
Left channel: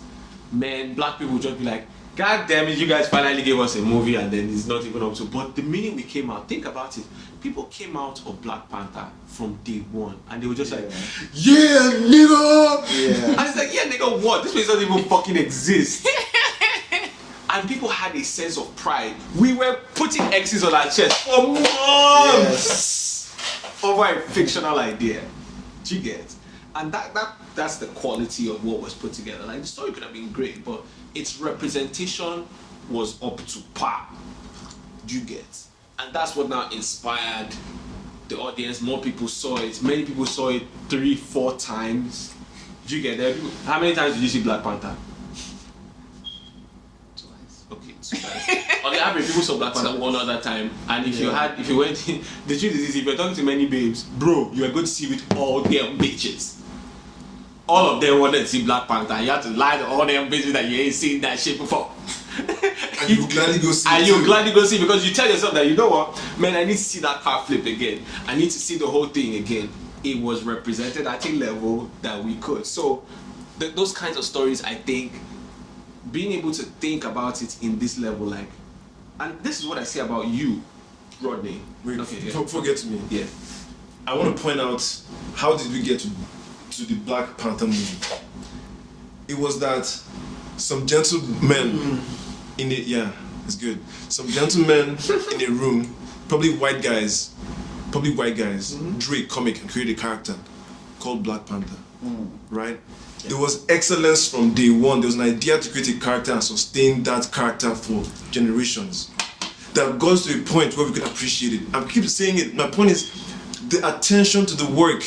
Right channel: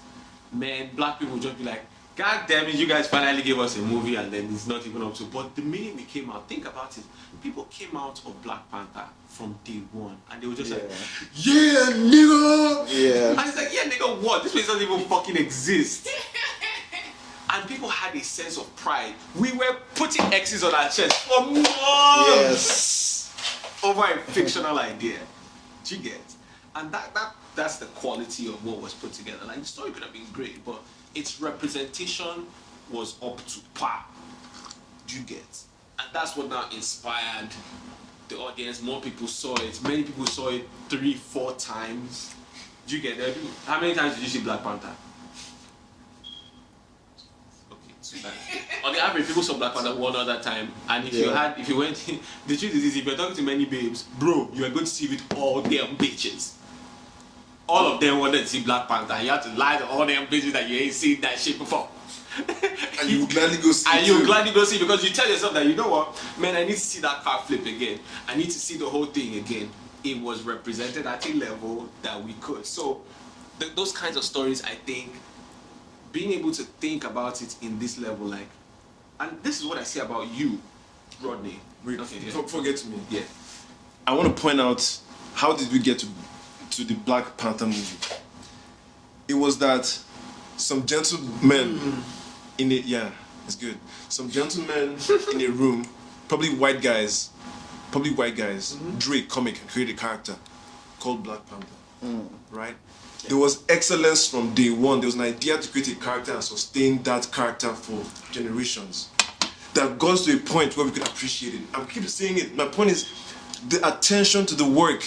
man, black people would just be like, God damn it, you guys finally gave us a movie and then it's not even up to. But the minute we came out, think about it, people came out of Black Panther from day one and they were just like, yeah, nigga! Yeah. And it's like, yeah, nigga, what? This place doesn't even fucking exist. And people had a sense of pride. We were putting X's on our chest for months over a fictional idea. Do you get? And that's the quality of what was put together. Like, the story could have been great, but its representation was up to par. Do you get? And that's what now inspired the audience. More people saw it. Many people saw it 3-4 times. Do you get there? How many times did you see Black Panther? Okay, 2 times. On the average, people saw Black Panther one other time. And if you went, the truth is, if you're talking to many babes, bro, you are going to see with all them bitches. All of them wanted to see Black Panther. You have to lie to all them bitches that you ain't seen that shit before. And you gladly go see and you gladly go see, because you tell yourself that, you know what, man, I need to see that car flip again. I need to see the whole thing again. It was represented at a level that we could. So those kinds of stories, I think, being able to think about it in this level, like, and this is what I say about you, Rodney. Wait, okay, forget to me. Yeah. I want to point out, how did we get to the Black Panther movie? It was that some gentlemen in it, yeah, it's good. Some gentlemen in a room, probably white guys, drew a comic and created a character called Black Panther, right? Yeah. There was excellence from day one. There was an idea to create a character and sustain that character for generations. That got to a point where we could appreciate it. I keep saying it. My point is, the attention to the work,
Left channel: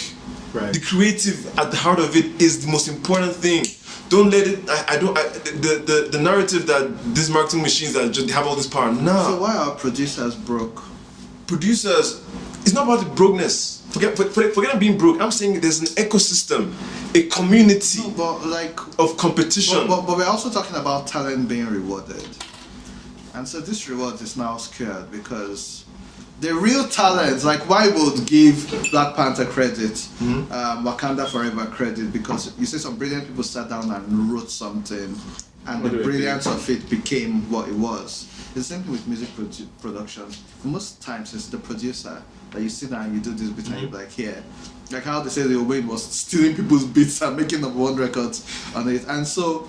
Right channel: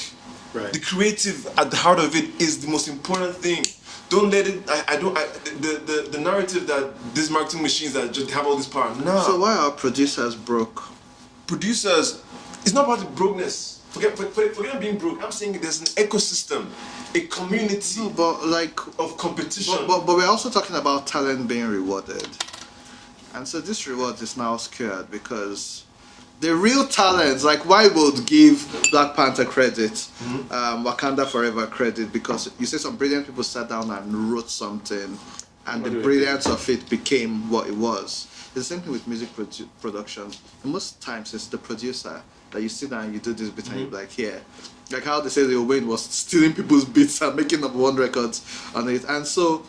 right. The creative at the heart of it is the most important thing. Don't let it. The narrative that these marketing machines that just have all this power. No. So why are producers broke? Producers, it's not about the brokenness. Forget being broke. I'm saying there's an ecosystem, a community of competition. But we're also talking about talent being rewarded, and so this reward is now skewed because the real talent, like, why would give Black Panther credit, Wakanda Forever credit, because you see some brilliant people sat down and wrote something, and the brilliance of it became what it was. The same thing with music production. Most times it's the producer that you sit down and you do this bit and like, yeah. Like how they say the Wade was stealing people's beats and making up one records on it. And so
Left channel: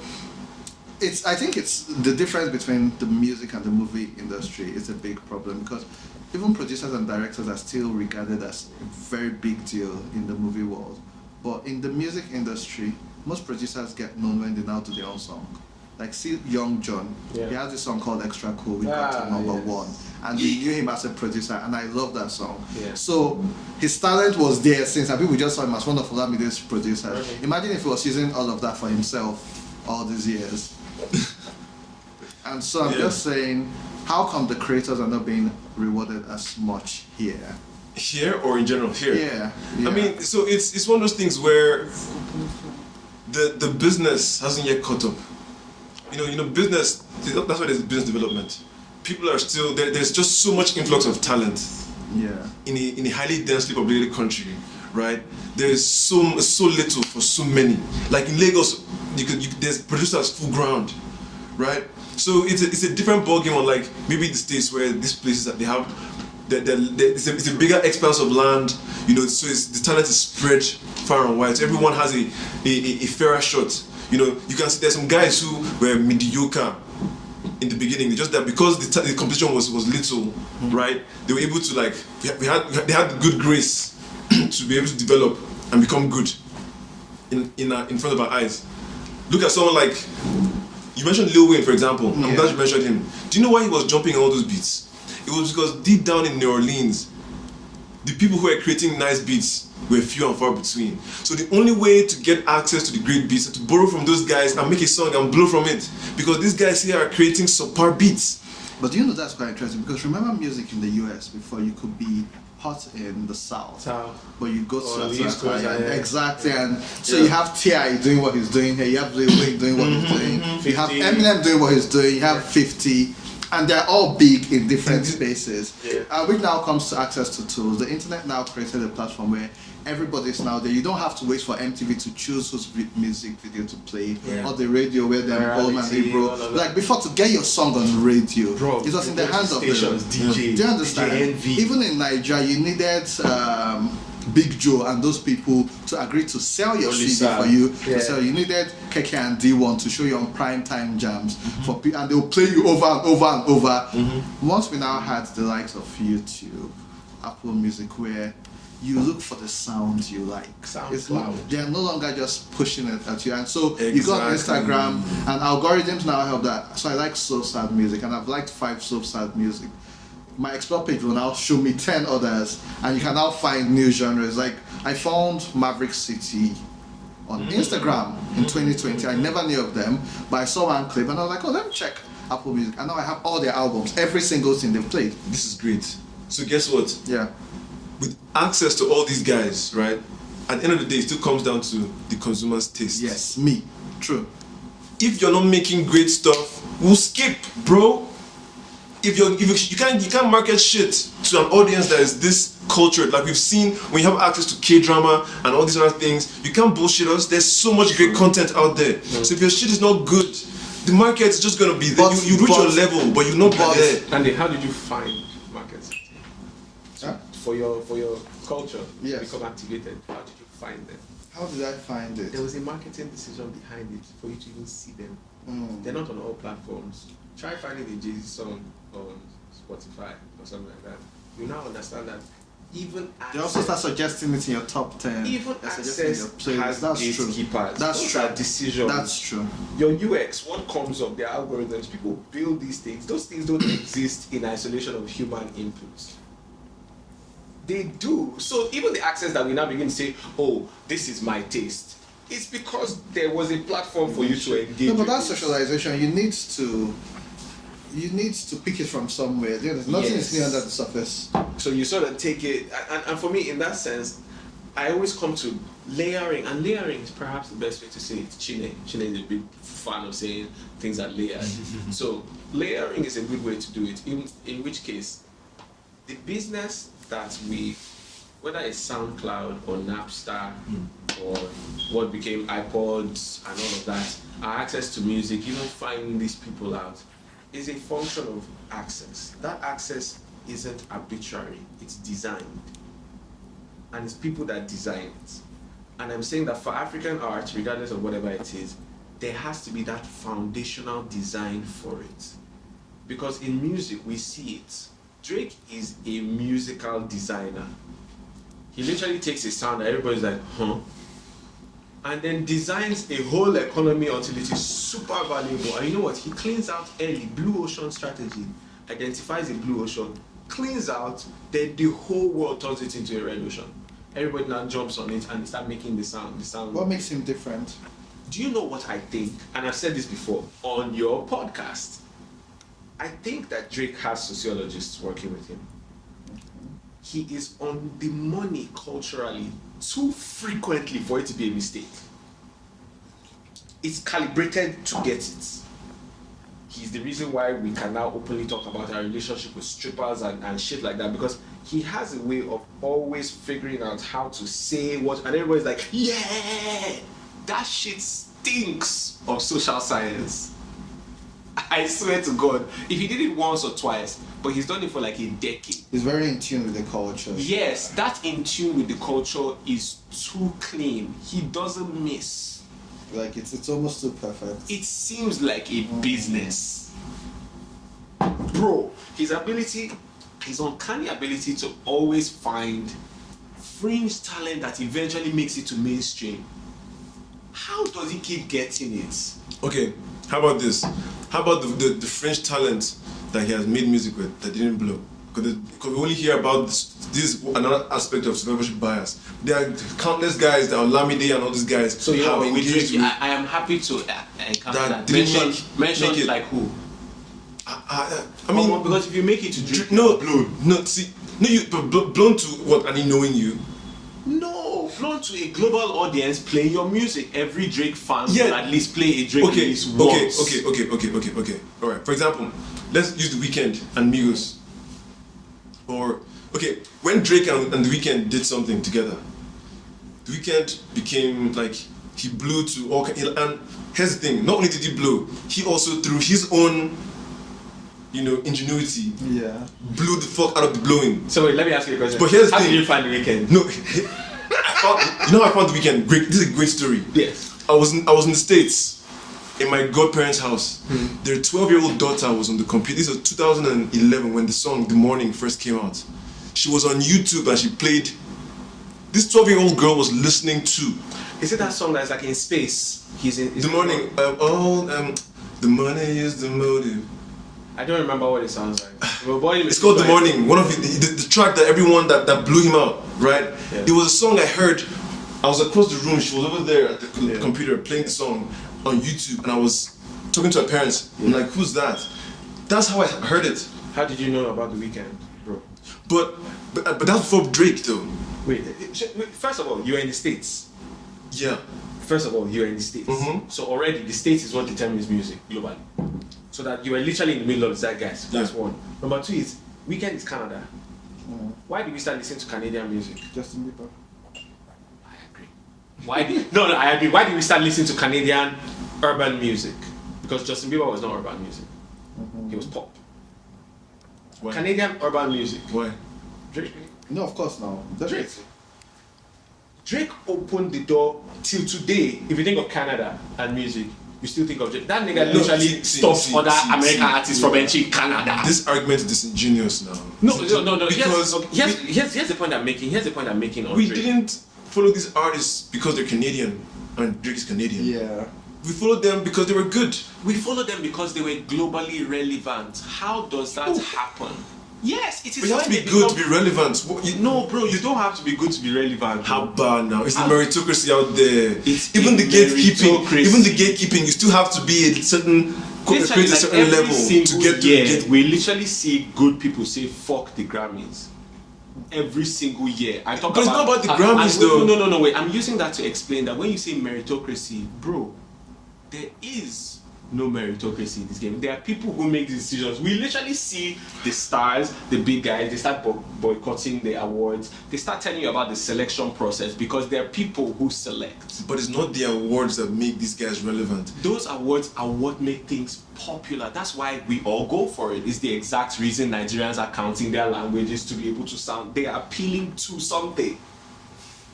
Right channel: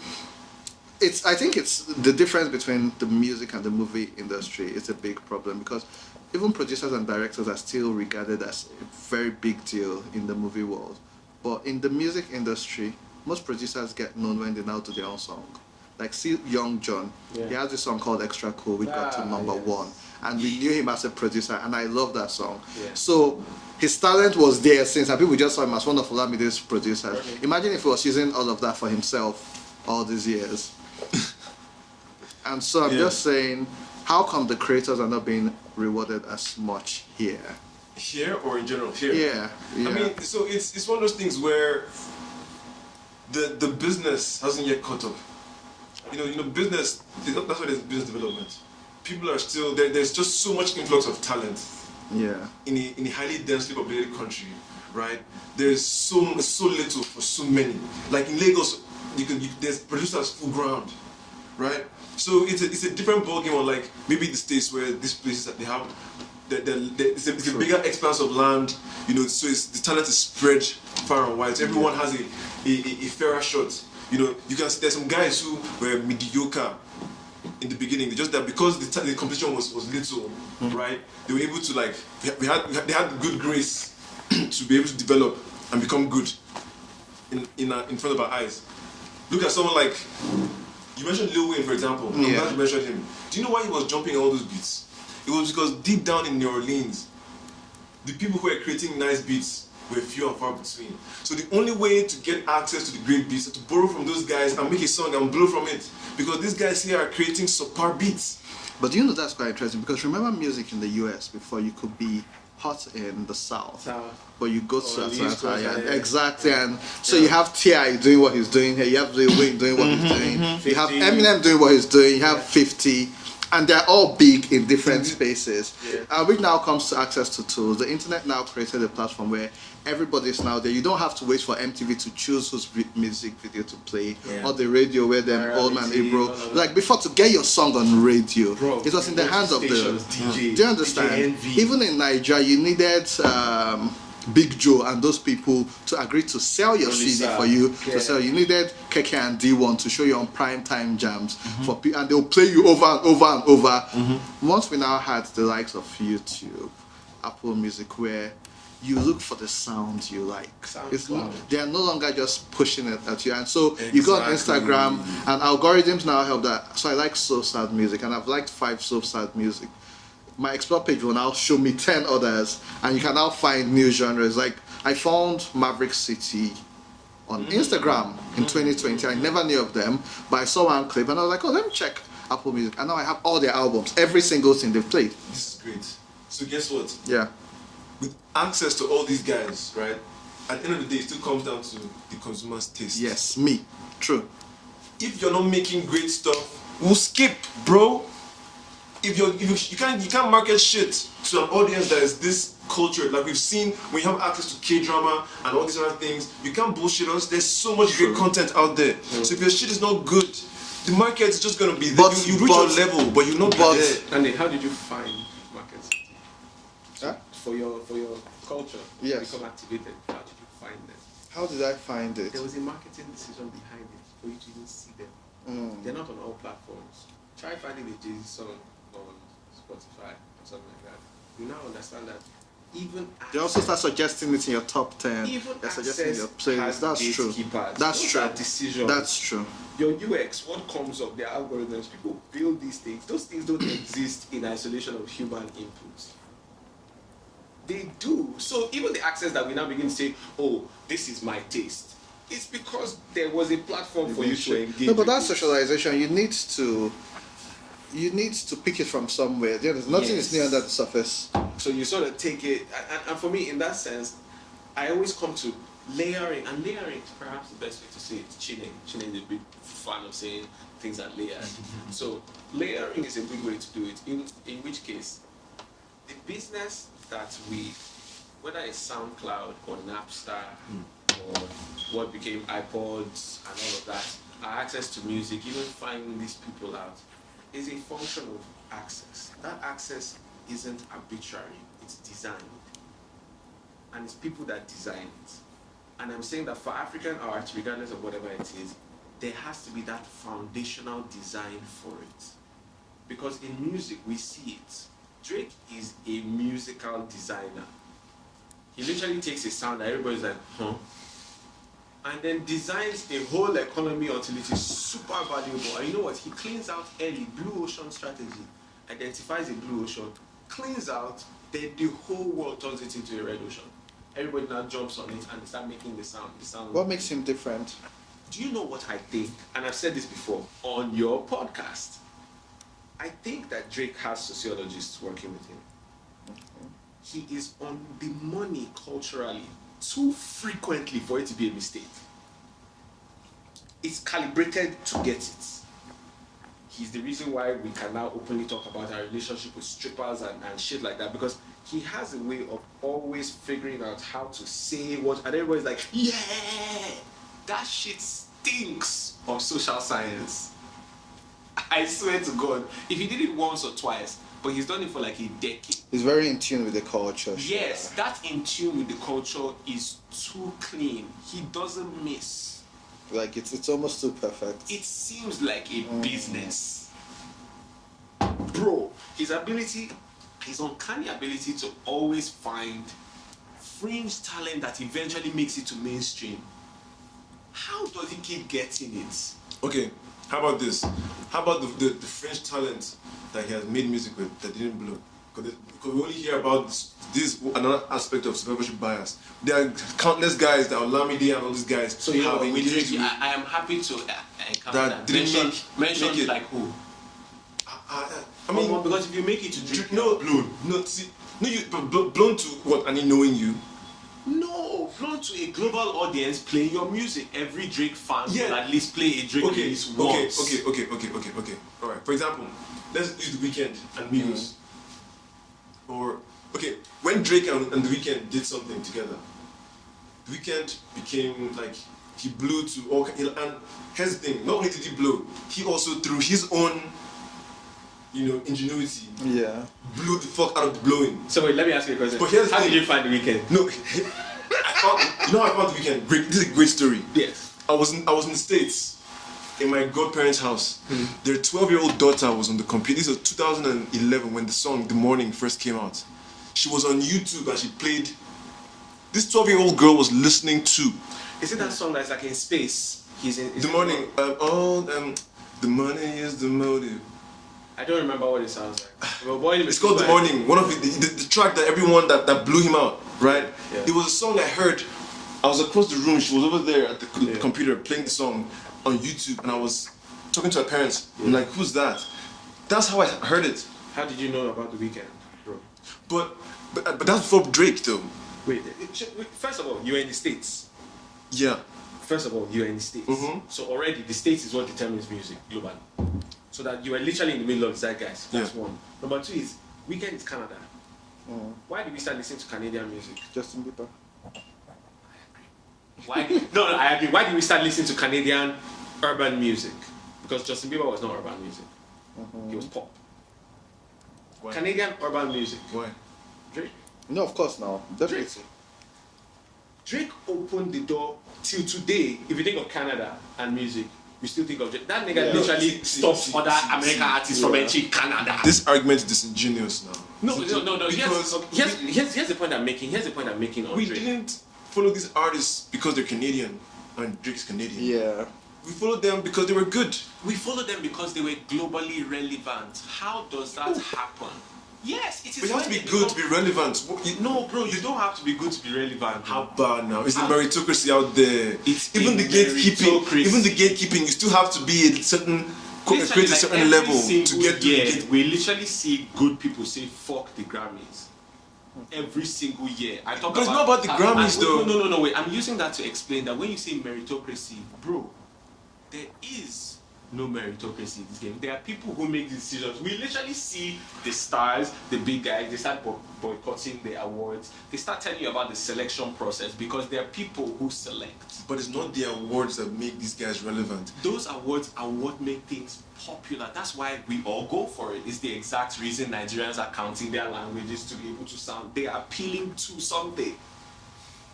I think it's the difference between the music and the movie industry is a big problem, because even producers and directors are still regarded as a very big deal in the movie world. But in the music industry, most producers get known when they now do their own song. Like, see Young John, he has this song called Extra Cool, we got to number 1. And we knew him as a producer, and I love that song. Yeah. So his talent was there since, and people just saw him as one of Olamide's producers. Right. Imagine if he was using all of that for himself all these years. And so I'm just saying, how come the creators are not being rewarded as much here? Here or in general? Here. Yeah. I mean, so it's one of those things where the business hasn't yet caught up. You know, business. That's why there's business development. People are still there. There's just so much influx of talent. Yeah. In a highly densely populated country, right? There's so little for so many. Like in Lagos, there's producers full ground, right? So it's a different ballgame on, like, maybe the States, where these places that they have, it's a bigger expanse of land, you know. So the talent is spread far and wide. So everyone has a fairer shot. You know, you can see there's some guys who were mediocre in the beginning, just that because the competition was little, right? They were able to, like, they had the good grace to be able to develop and become good in front of our eyes. Look at someone like, you mentioned Lil Wayne, for example. I'm glad you mentioned him. Do you know why he was jumping all those beats? It was because deep down in New Orleans, the people who are creating nice beats were few and far between. So the only way to get access to the great beats is to borrow from those guys and make a song and blow from it. Because these guys here are creating subpar beats. But you know that's quite interesting because remember music in the US before you could be hot in the South. But you go to the East Coast, exactly, and so you have T.I. doing what he's doing, you have Drake doing what he's doing, you have Eminem doing what he's doing, you have 50, and they're all big in different spaces. Which now comes to access to tools. The internet now created a platform where everybody's now there. You don't have to wait for MTV to choose whose music video to play, or the radio where they're like before to get your song on the radio. Bro, it was in the hands of stations, the DJ, Do you understand? DJ Envy. Even in Nigeria, you needed Big Joe and those people to agree to sell your CD for you. So you needed Keke and D1 to show you on prime time jams for people, and they'll play you over and over and over. Once we now had the likes of YouTube, Apple Music, where you look for the sounds you like. They are no longer just pushing it at you. And so you go on Instagram, and algorithms now have that. So I like so sad music, and I've liked 5 so sad music. My explore page will now show me 10 others, and you can now find new genres. Like I found Maverick City on Instagram in 2020. I never knew of them, but I saw one clip, and I was like, oh, let me check Apple Music. And now I have all their albums, every single thing they've played. This is great. So guess what? Yeah. With access to all these guys, right? At the end of the day, it still comes down to the consumer's taste. Yes, me. True. If you're not making great stuff, we'll skip, bro. If you can't market shit to an audience that is this cultured, like we've seen when you have access to K-drama and all these other things, you can't bullshit us. There's so much great content out there. So if your shit is not good, the market is just gonna be there. You reach your level, but you'll not be there. Andy, how did you find markets? For your culture to become activated, how did you find them? How did I find it? There was a marketing decision behind it for you to even see them. They're not on all platforms. Try finding a Jay-Z song on Spotify or something like that. You now understand that even they also start suggesting it in your top 10. Even access has gatekeepers. Those are decisions. That's true. Your UX, what comes up, their algorithms, people build these things. Those things don't exist in isolation of human inputs. They do. So even the access that we now begin to say, oh, this is my taste, it's because there was a platform for you to engage with. But that socialization, you need to pick it from somewhere. There's nothing is under the surface. So you sort of take it, and for me, in that sense, I always come to layering, and layering is perhaps the best way to say it. Chine is a big fan of saying things are layered. So layering is a good way to do it, in which case, the business that whether it's SoundCloud or Napster or what became iPods and all of that, our access to music, even finding these people out, is a function of access. That access isn't arbitrary, it's designed. And it's people that design it. And I'm saying that for African art, regardless of whatever it is, there has to be that foundational design for it. Because in music, we see it. Drake is a musical designer. He literally takes a sound that everybody's like, huh? And then designs a whole economy until it is super valuable. And you know what? He cleans out early, blue ocean strategy, identifies a blue ocean, cleans out, then the whole world turns it into a red ocean. Everybody now jumps on it and they start making the sound. What makes him different? Do you know what I think? And I've said this before on your podcast. I think that Drake has sociologists working with him. He is on the money culturally too frequently for it to be a mistake. It's calibrated to get it. He's the reason why we can now openly talk about our relationship with strippers and shit like that, because he has a way of always figuring out how to say what, and everybody's like, yeah, that shit stinks of social science. I swear to God, if he did it once or twice, but he's done it for like a decade. He's very in tune with the culture. Yes, that in tune with the culture is too clean. He doesn't miss. Like it's almost too perfect. It seems like a business. Bro, his uncanny ability to always find fringe talent that eventually makes it to mainstream. How does he keep getting it? Okay, how about this? How about the French talent that he has made music with that didn't blow? because we only hear about this another aspect of survivorship bias. There are countless guys that are Olamide and all these guys. So you know, have with engaged Drake, with- I am happy to encounter That that. didn't Mention make it. like who? I mean, because if you make it to Drake, no, blown. no, see, no, you but blown to what? And he knowing you. No, blown to a global audience playing your music. Every Drake fan Yeah. will at least play a Drake Okay, release okay, once. okay. All right. For example, let's use The Weeknd and Migos. Or okay, when Drake and The Weeknd did something together, The Weeknd became like he blew to all. And here's the thing: not only did he blow, he also through his own, ingenuity, blew the fuck out of the blowing. So wait, let me ask you a question. But here's the how thing. did you find The Weeknd? No, how I found The Weeknd. Great. This is a great story. Yes. I was in the States, in my godparents' house. Their 12-year-old daughter was on the computer. This was 2011 when the song "The Morning" first came out. She was on YouTube and she played. This 12-year-old girl was listening to. Is it that song that's like in space? He's in The Morning. The money is the motive. I don't remember what it sounds like. It's called The Morning. One of the track that everyone that blew him out, right? Yeah. It was a song I heard. I was across the room. She was over there at the computer playing the song on YouTube, and I was talking to her parents. I'm like, "Who's that?" That's how I heard it. How did you know about The Weeknd, bro? But that's before Drake, though. Wait, first of all, you're in the States. Yeah. First of all, you're in the States. So already the States is what determines music globally. So that you are literally in the middle of the zeitgeist. That's one. Number two is, Weeknd is Canada. Why did we start listening to Canadian music? Justin Bieber. I agree. I agree. Why did we start listening to Canadian urban music? Because Justin Bieber was not urban music. He was pop. Why? Canadian urban music. Why? Drake. No, of course not. Drake opened the door till today. If you think of Canada and music, you still think of Drake. That nigga literally stops other American artists from entering Canada. This argument is disingenuous now. No. Because Here's the point I'm making. Here's the point I'm making on we Drake. didn't follow these artists because they're Canadian and Drake is Canadian. Yeah. We followed them because they were good. We followed them because they were globally relevant. How does that happen? Yes, it is. But you have to when be they good to become- be relevant. No, bro, you don't have to be good to be relevant. How bad now? It's a meritocracy out there. It's even a the gatekeeping, meritocracy. you still have to be a certain Literally, create a like certain every level to single get to year, get. we literally see good people say fuck the Grammys. Every single year. I talk But it's not about the Grammys, and though. No, wait. I'm using that to explain that when you say meritocracy, bro, there is no meritocracy in this game. There are people who make these decisions. We literally see the stars, the big guys, they start boycotting the awards. They start telling you about the selection process because there are people who select. But it's not the awards that make these guys relevant. Those awards are what make things popular. That's why we all go for it. It's the exact reason Nigerians are counting their languages to be able to sound. They are appealing to something.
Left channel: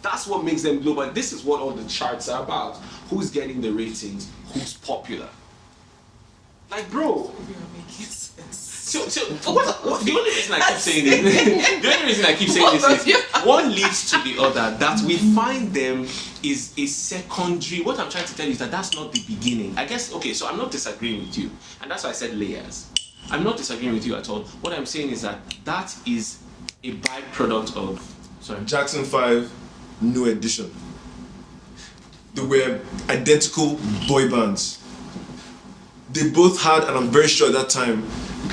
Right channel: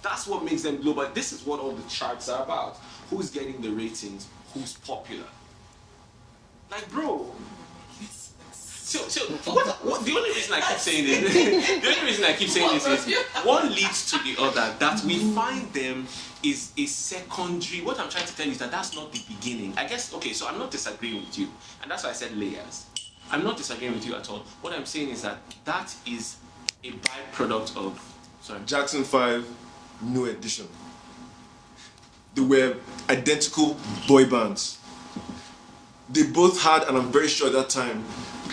That's what makes them global. This is what all the charts are about. Who's getting the ratings? Who's popular? Like, bro. So what, the only reason I keep saying this, is one leads to the other. That we find them is a secondary. What I'm trying to tell you is that that's not the beginning. I guess, okay, so I'm not disagreeing with you. And that's why I said layers. I'm not disagreeing with you at all. What I'm saying is that that is a byproduct of, Jackson 5, New Edition. They were identical boy bands. They both had, and I'm very sure at that time,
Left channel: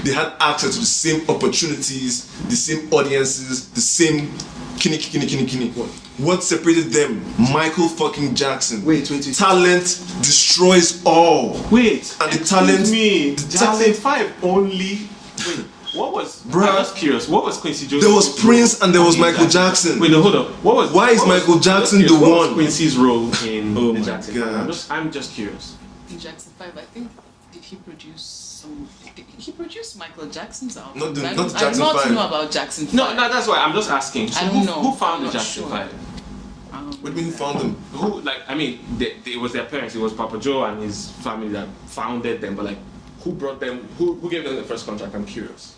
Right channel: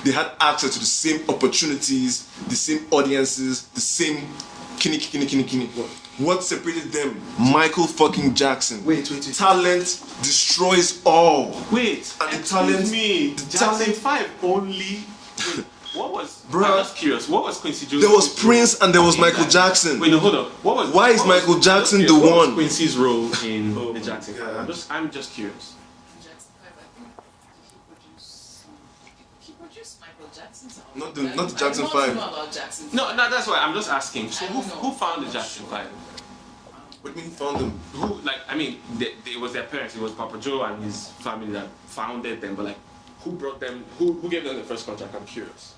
they had access to the same opportunities, the same audiences, the same kini. What separated them? Michael fucking Jackson. Wait. Talent destroys all. Wait, and the excuse talent. me. The Jackson talent. 5 only. Wait, what was? Bruh. I'm just curious. What was Quincy Jones? There was Prince and there was Michael Jackson. Wait, no, hold on. Why is Michael Jackson the what was one? Quincy's role in Oh the my Jackson God. 5? I'm just curious. In Jackson 5, I think, did he produce some... He produced Michael Jackson's album. Not I Jackson do 5. not know about Jackson 5. No, that's why I'm just asking. So I don't know. who found the I'm not Jackson sure. 5? What do you mean found them? Who, like, I mean, it was their parents. It was Papa Joe and his family that founded them. But like, who brought them? Who gave them the first contract? I'm curious.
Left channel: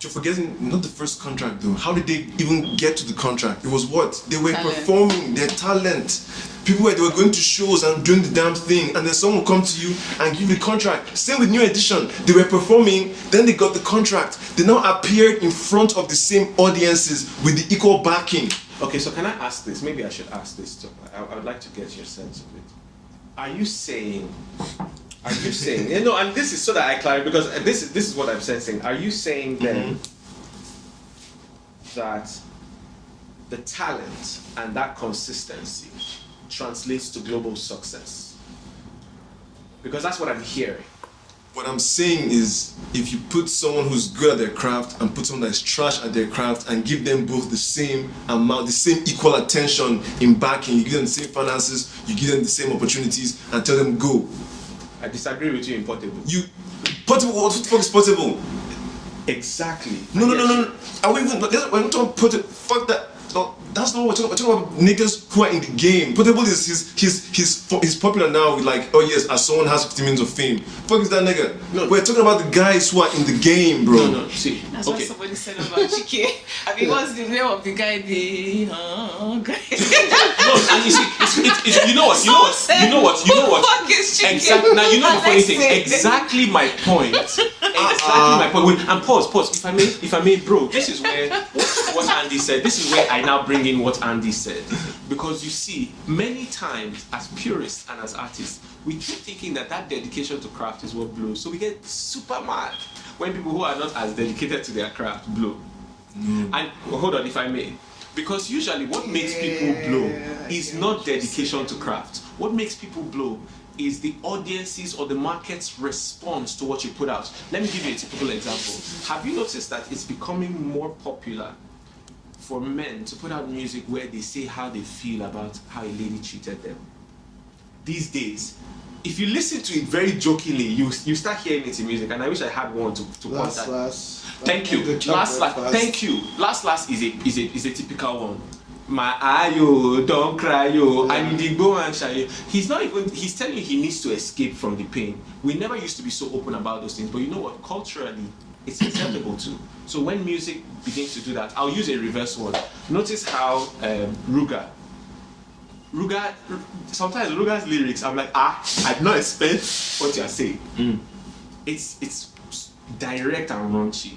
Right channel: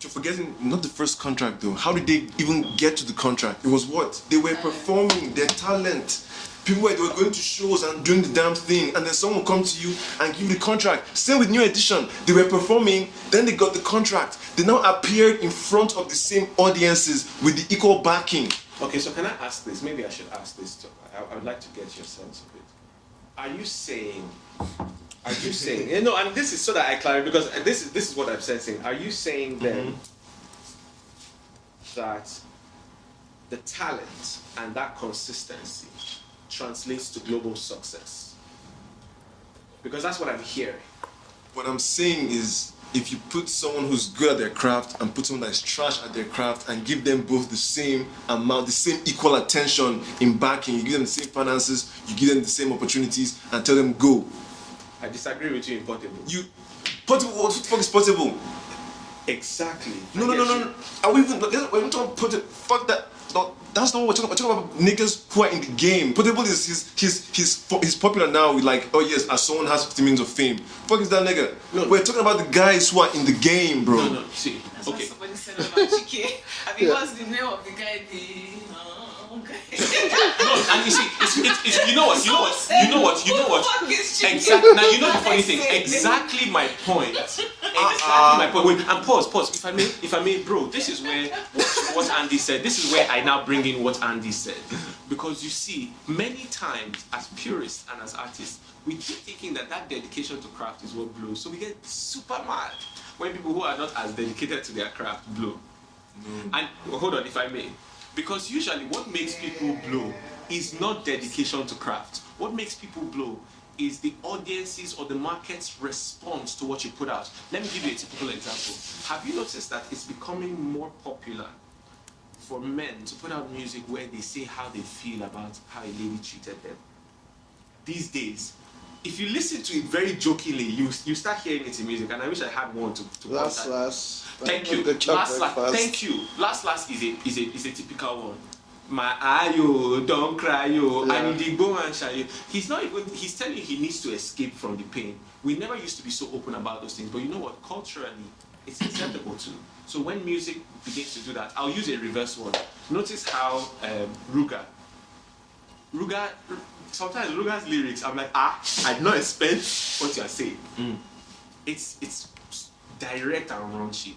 You're forgetting, not the first contract though. How did they even get to the contract? It was what? They were Talent. performing their talent. They were going to shows and doing the damn thing, and then someone will come to you and give you the contract. Same with New Edition. They were performing, then they got the contract. They now appeared in front of the same audiences with the equal backing. Okay, so can I ask this? Maybe I should ask this too. I would like to get your sense of it. Are you saying, you know, and this is so that I clarify, because this is what I'm sensing. Are you saying then that the talent and that consistency translates to global success? Because that's what I'm hearing. What I'm saying is, if you put someone who's good at their craft and put someone that's trash at their craft and give them both the same amount, the same equal attention in backing, you give them the same finances, you give them the same opportunities, and tell them go. I disagree with you in Portable. Portable, what the fuck is Portable? Exactly. No. Are we even, we're not talking Portable, fuck that. No, that's not what we're talking about. Niggas who are in the game. Portable is he's popular now with like, oh yes, as someone has 50 minutes of fame. Fuck is that nigga? No. We're talking about the guys who are in the game, bro. No, see. That's why somebody said about Chike. I mean, what's the name of the guy? The guy. No, and you see, it's you know what? Fuck is Chike? Exactly. Now you know the funny thing. Exactly my point. Exactly my point. Wait, and pause. If I may, bro. This is where what Andy said. This is where I now bring in what Andy said, because you see, many times as purists and as artists, we keep thinking that dedication to craft is what blows. So we get super mad when people who are not as dedicated to their craft blow. And hold on, if I may, because usually what makes people blow is not dedication to craft. What makes people blow is the audience's or the market's response to what you put out. Let me give you a typical example. Have you noticed that it's becoming more popular for men to put out music where they say how they feel about how a lady treated them? These days, if you listen to it very jokingly, you start hearing it in music, and I wish I had one to point at. Thank you. Thank you. Last is a typical one. My ayo, don't cry yo, I need to go and shy. He's telling you he needs to escape from the pain. We never used to be so open about those things, but you know what? Culturally, it's acceptable too. So when music begins to do that, I'll use a reverse word. Notice how Ruga, sometimes Ruga's lyrics, I'm like, I did not expect what you're saying. It's direct and raunchy,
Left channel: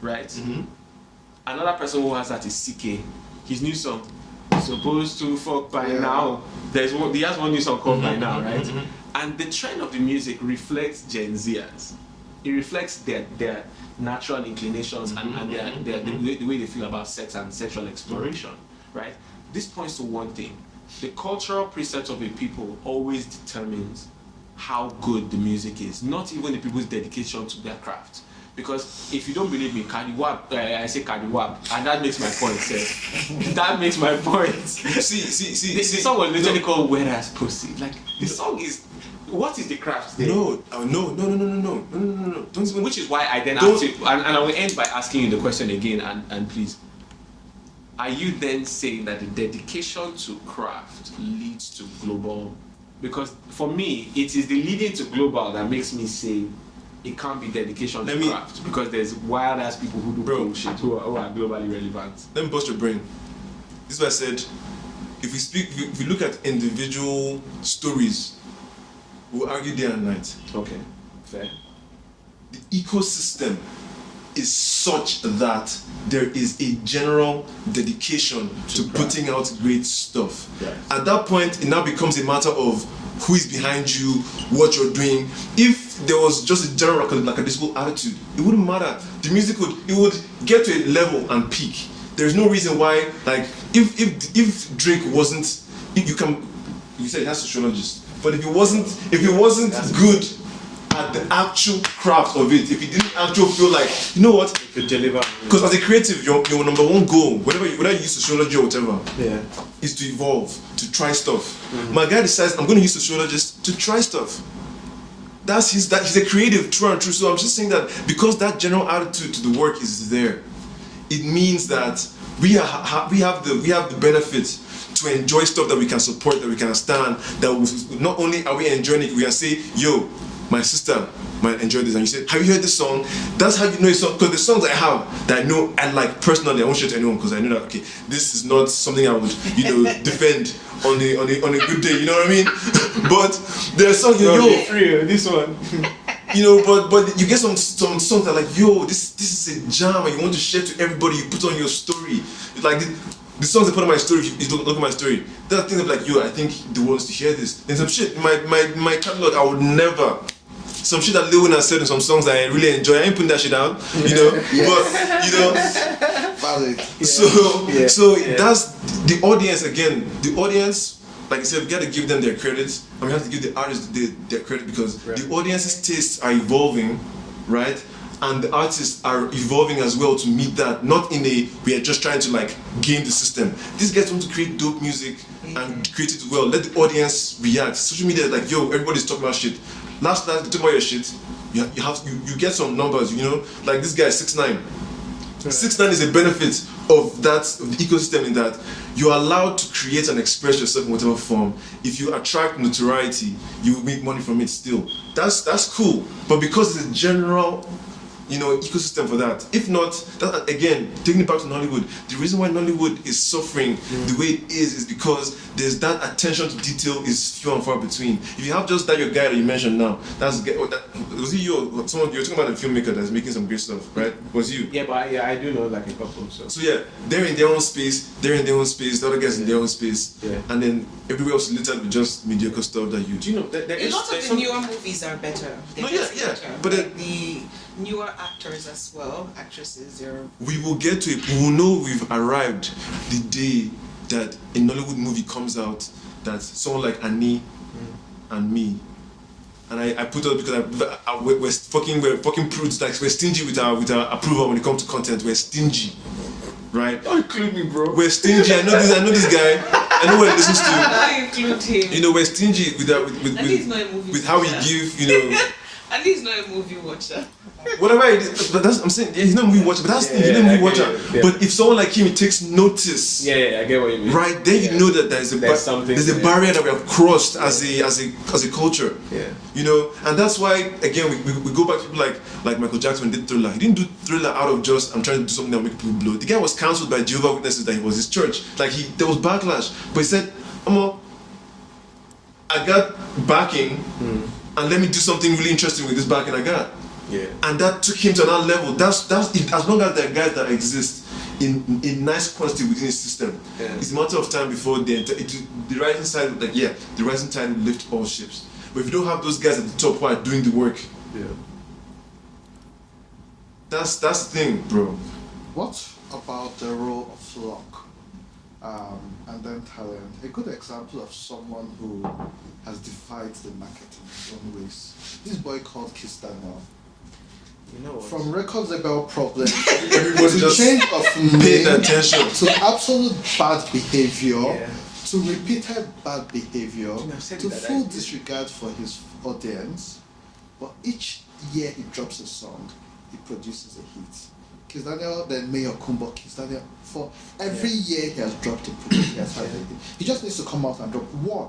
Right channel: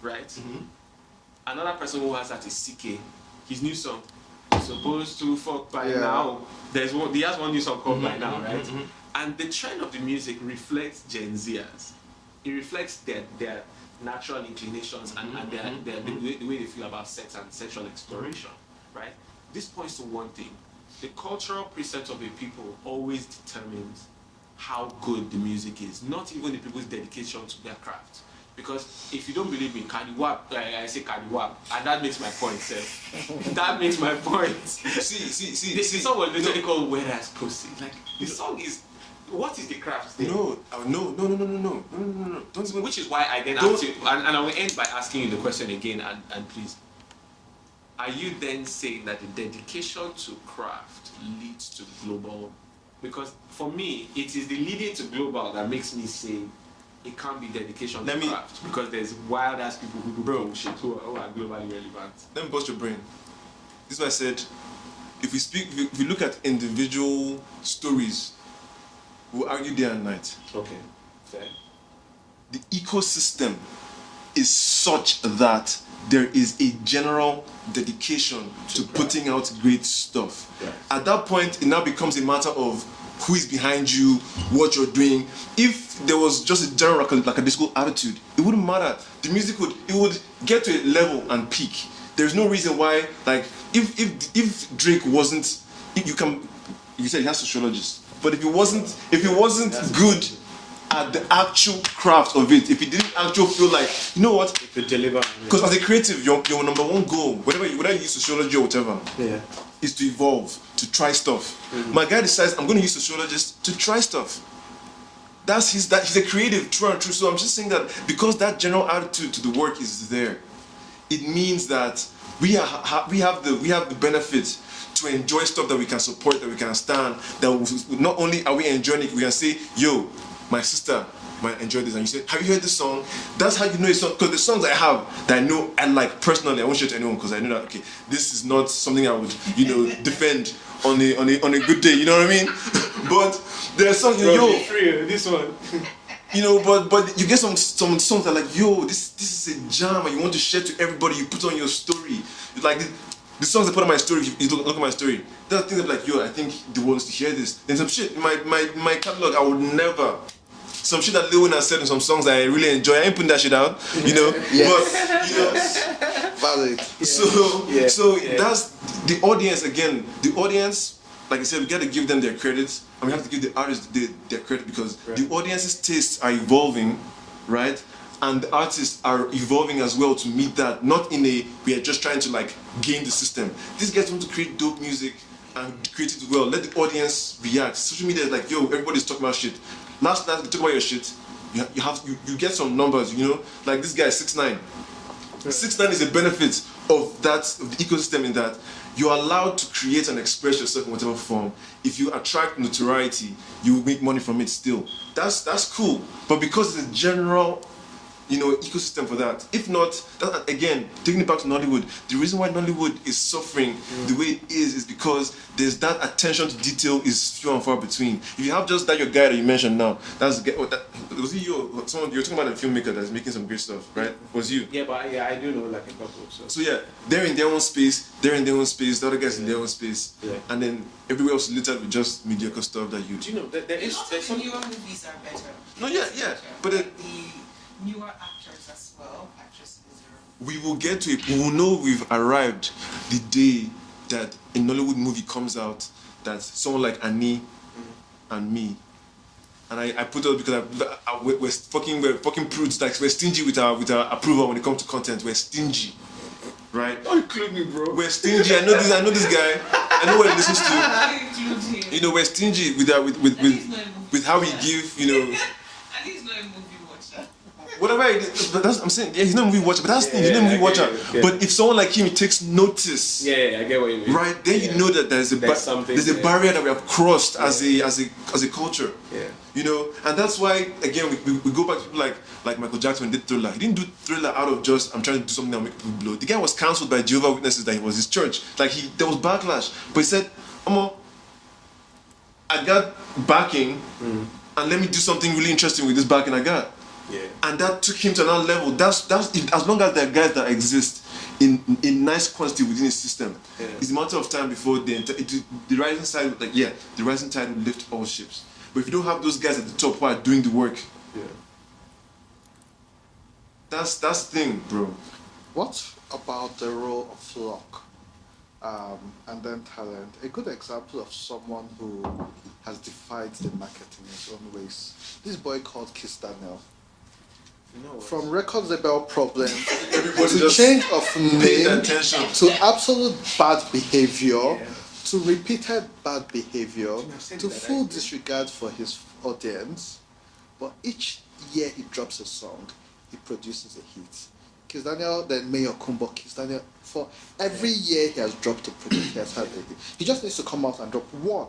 right? Another person who has that is CK. His new song, Supposed to Fuck By Now. He has one new song called By Now, right? And the trend of the music reflects Gen Zers. It reflects their natural inclinations and the way they feel about sex and sexual exploration, right? This points to one thing. The cultural precepts of a people always determines how good the music is, not even the people's dedication to their craft. Because if you don't believe me, Kadiwab, I say Kadiwab, and that makes my point, sir. That makes my point. See. The song was literally called Whereas Pussy. Like, the song is, what is the craft there? No. Don't even. Which is why I then asked you, and I will end by asking you the question again, and please. Are you then saying that the dedication to craft leads to global? Because for me, it is the leading to global that makes me say it can't be dedication to craft, because there's wild ass people who do bullshit who are globally relevant. Let me bust your brain. This is what I said. If we look at individual stories, we'll argue day and night. Okay, fair. The ecosystem is such that there is a general dedication to putting out great stuff. Right. At that point, it now becomes a matter of who is behind you, what you're doing. If there was just a general lackadaisical attitude, it wouldn't matter. The music would get to a level and peak. There's no reason why, like, if Drake wasn't, you said he has sociologists, but if he wasn't good at the actual craft of it, if he didn't actually feel like, you know what, you could deliver. Because as a creative, your number one goal, whether you use sociology or whatever, is to evolve, to try stuff. My guy decides, I'm going to use sociologists to try stuff. He's a creative, true and true. So I'm just saying that because that general attitude to the work is there, it means that we have the benefit to enjoy stuff that we can support, that we can stand. That not only are we enjoying it, we can say, yo, my sister might enjoy this, and you say, have you heard this song? That's how you know it's song, because the songs I have that I know and like personally, I won't share to anyone because I know that, okay, this is not something I would, defend on a good day, you know what I mean? But there's songs, this one. But you get some songs that are like, yo, this is a jam, and you want to share to everybody. You put on your story. It's like the songs I put on my story. If you look at my story, there are things that are like, yo, I think the world needs to hear this. And some shit in my catalog, I would never. Some shit that Lil Wayne has said in some songs that I really enjoy. I ain't putting that shit out, But So that's the audience again. The audience, like I said, we gotta give them their credits, and we have to give the artists their credit because the audience's tastes are evolving, right? And the artists are evolving as well to meet that. Not in a we are just trying to like game the system. These guys want to create dope music and create it well. Let the audience react. Social media is like, yo, everybody's talking about shit. Last night, you talk about your shit. You get some numbers, like this guy 6ix9ine. 6ix9ine is a benefit of the ecosystem in that you're allowed to create and express yourself in whatever form. If you attract notoriety, you will make money from it still. That's cool. But because it's a general ecosystem for that. If not, that, again, taking it back to Nollywood, the reason why Nollywood is suffering the way it is because there's that attention to detail is few and far between. If you have just that your guy that you mentioned now, was he you? Someone you're talking about a filmmaker that's making some great stuff, right? Was you? Yeah, but I do know like a couple. So yeah, they're in their own space. The other guys in their own space. Yeah. And then everywhere else is littered with just mediocre stuff that you. Do you know there A is lot of the newer movies are better. But the newer actors as well, actresses, we will know we've arrived the day that a Nollywood movie comes out that someone like Annie and me, and I put it because we're fucking prudes, like we're stingy with our approval when it comes to content. We're stingy, right? Don't include me, bro. We're stingy. I know this guy. I know what he listens to. I include him. We're stingy with how we give, And he's not a movie watcher. Whatever it is, but I'm saying, he's not a movie watcher, but that's he's not a movie watcher. Yeah. But if someone like him takes notice, I get what you mean. right, then you know that there's a barrier that we have crossed as a culture. Yeah. And that's why again we go back to people like Michael Jackson did Thriller. He didn't do Thriller out of just I'm trying to do something that will make people blow. The guy was cancelled by Jehovah's Witnesses that he was his church. There was backlash, but he said, I got backing. And let me do something really interesting with this backing I got. Yeah. And that took him to another level. That's as long as there are guys that exist in nice quantity within the system, it's a matter of time before the rising side, the rising tide will lift all ships. But if you don't have those guys at the top who are doing the work, that's the thing, bro. What about the role of luck and then talent? A good example of someone who has defied the marketing in some ways. This boy called Kistano. You know what? From record label problems, Everybody just change of paid name, attention to absolute bad behavior, Yeah. to repeated bad behavior, I've said to that full disregard for his audience. But each year he drops a song, he produces a hit. Kistano then Mayor Kumbo Kistano. For every year he has dropped a project. He just needs to come out and drop one.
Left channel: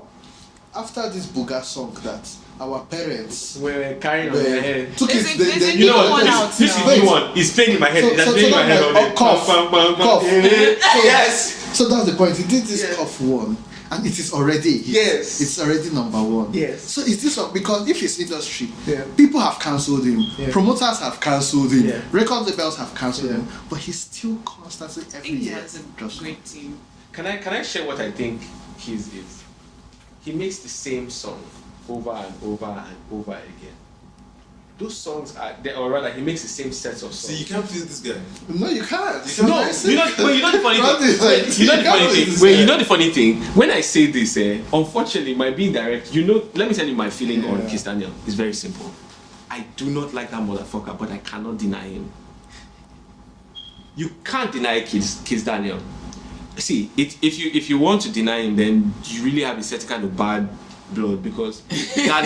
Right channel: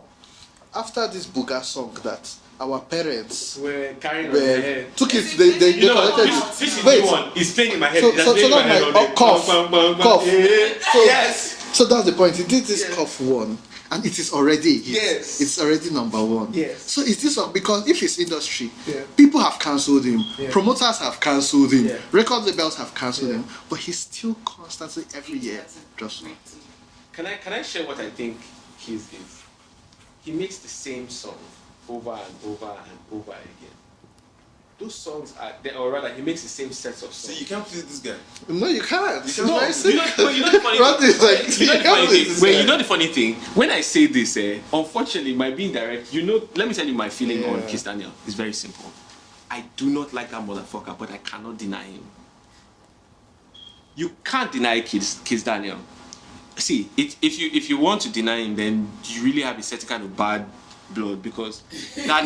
After this Buga song that our parents We're carrying on their head. took Is it, it- You know what? This is new one. It's playing in my head. It's playing in my head all day. Yes. So that's the point. He did this tough one, and it is already it's already number one. Yes. So is this one because if it's industry, Yeah. people have cancelled him, Yeah. promoters have cancelled him, Yeah. record labels have cancelled Yeah. him, but he's still constantly I every think he year. has a great team. Can I share what I think his is? He makes the same song over and over and over again. Those songs or rather, he makes the same sets of songs. See, you can't please this guy. No, you can't. No, you know the funny thing. You know the funny thing. Wait, Wait, you know the funny thing. When I say this, unfortunately, my being direct. Let me tell you my feeling on Kiss Daniel. It's very simple. I do not like that motherfucker, but I cannot deny him. You can't deny Kiss Daniel. See, if you want to deny him, then you really have a certain kind of bad blood because that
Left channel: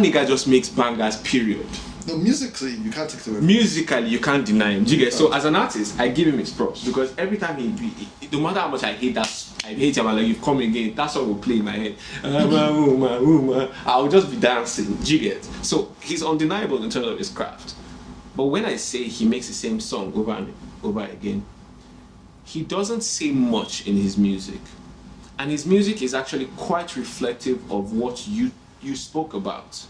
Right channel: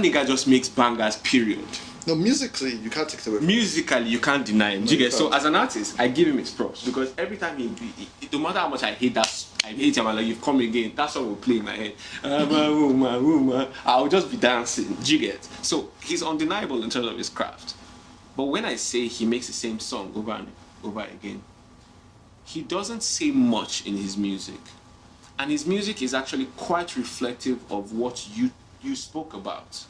nigga just makes bangers. Period. No, musically, you can't take it away. Musically, you can't deny him. Do you get? So as an artist, I give him his props because every time he no matter how much I hate him, I'm like, you've come again. That song will play in my head. I'll just be dancing. Do you get? So he's undeniable in terms of his craft. But when I say he makes the same song over and over again, he doesn't say much in his music. And his music is actually quite reflective of what you spoke about.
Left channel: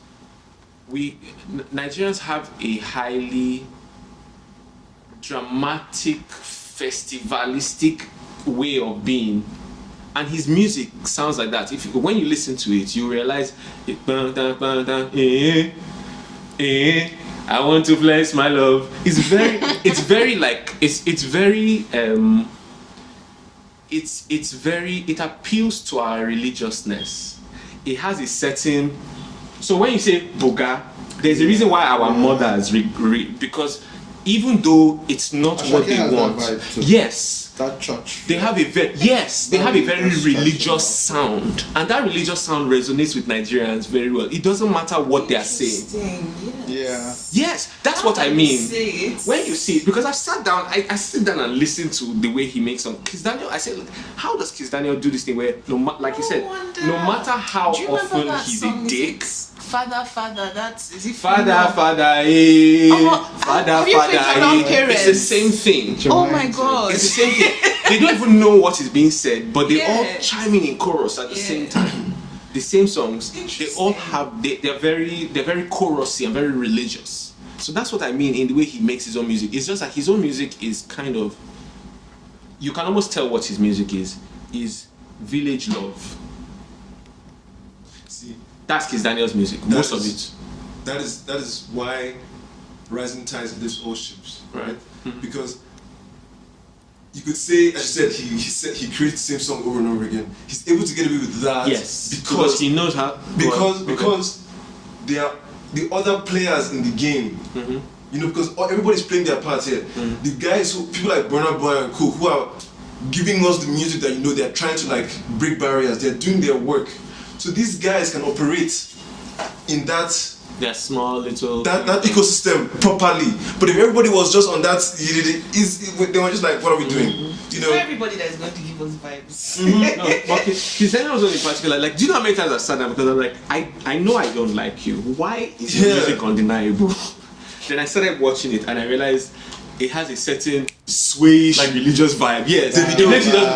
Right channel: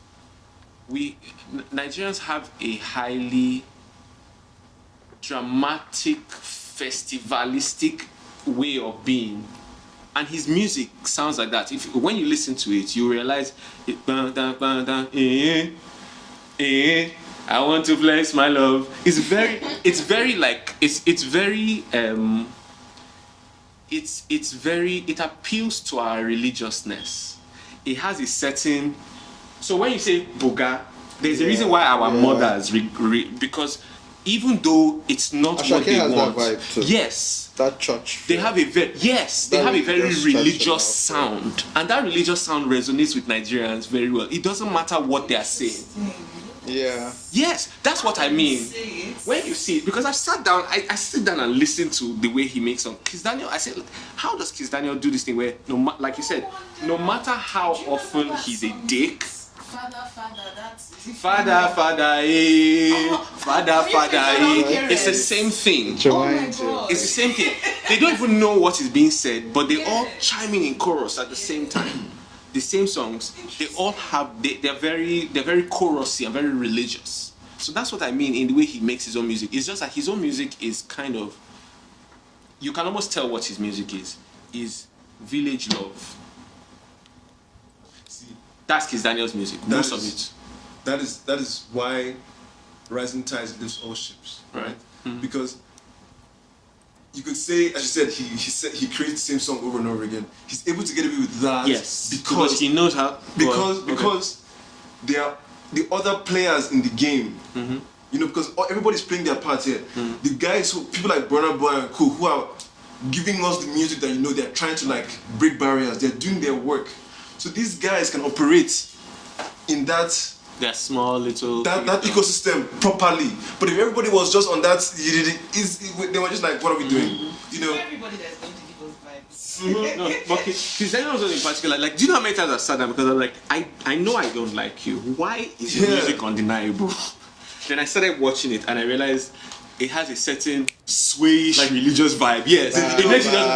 Nigerians have a highly dramatic, festivalistic way of being, and his music sounds like that. When you listen to it, you realize I want to flex my love. It appeals to our religiousness. It has a certain. So when you say boga, there's a reason why our mothers because even though it's not what they want, yes, that church. they have a very religious sound, and that religious sound resonates with Nigerians very well. It doesn't matter what they are saying. Yes, that's what I mean. When you see it, because I've sat down, I sit down and listen to the way he makes songs. Kiss Daniel, I said, how does Kiss Daniel do this thing where, like you said, no matter how often he's a dick. Father, that's is it Father, eh. Father, eh. It's the same thing. Oh my God. It's the same thing. They don't even know what is being said, but they all chime in chorus at the same time. The same songs, they all have, they're very chorusy and very religious. So that's what I mean in the way he makes his own music. It's just like his own music is kind of, you can almost tell what his music is village love. See, that's Kiss Daniel's music, most of it. That is why rising tides lifts all ships, right? Mm-hmm. Because you could say, as you said, he creates the same song over and over again. He's able to get away with that. Yes, because he knows how. Because they are the other players in the game. Mm-hmm. You know, because everybody's playing their part here. Mm-hmm. The guys people like Burna Boy and Co, who are giving us the music that they're trying to like break barriers. They're doing their work. So these guys can operate in that small little that ecosystem properly. But if everybody was just on that, they were just like, what are we doing? Mm-hmm. You know, everybody that's going to give us vibes. Mm-hmm. No, but Kiss Daniel was in particular. Like, do you know how many times I sat down because I'm like, I know I don't like you. Why is your music undeniable? Then I started watching it and I realized it has a certain swayish like religious vibe. Yes, it makes you just.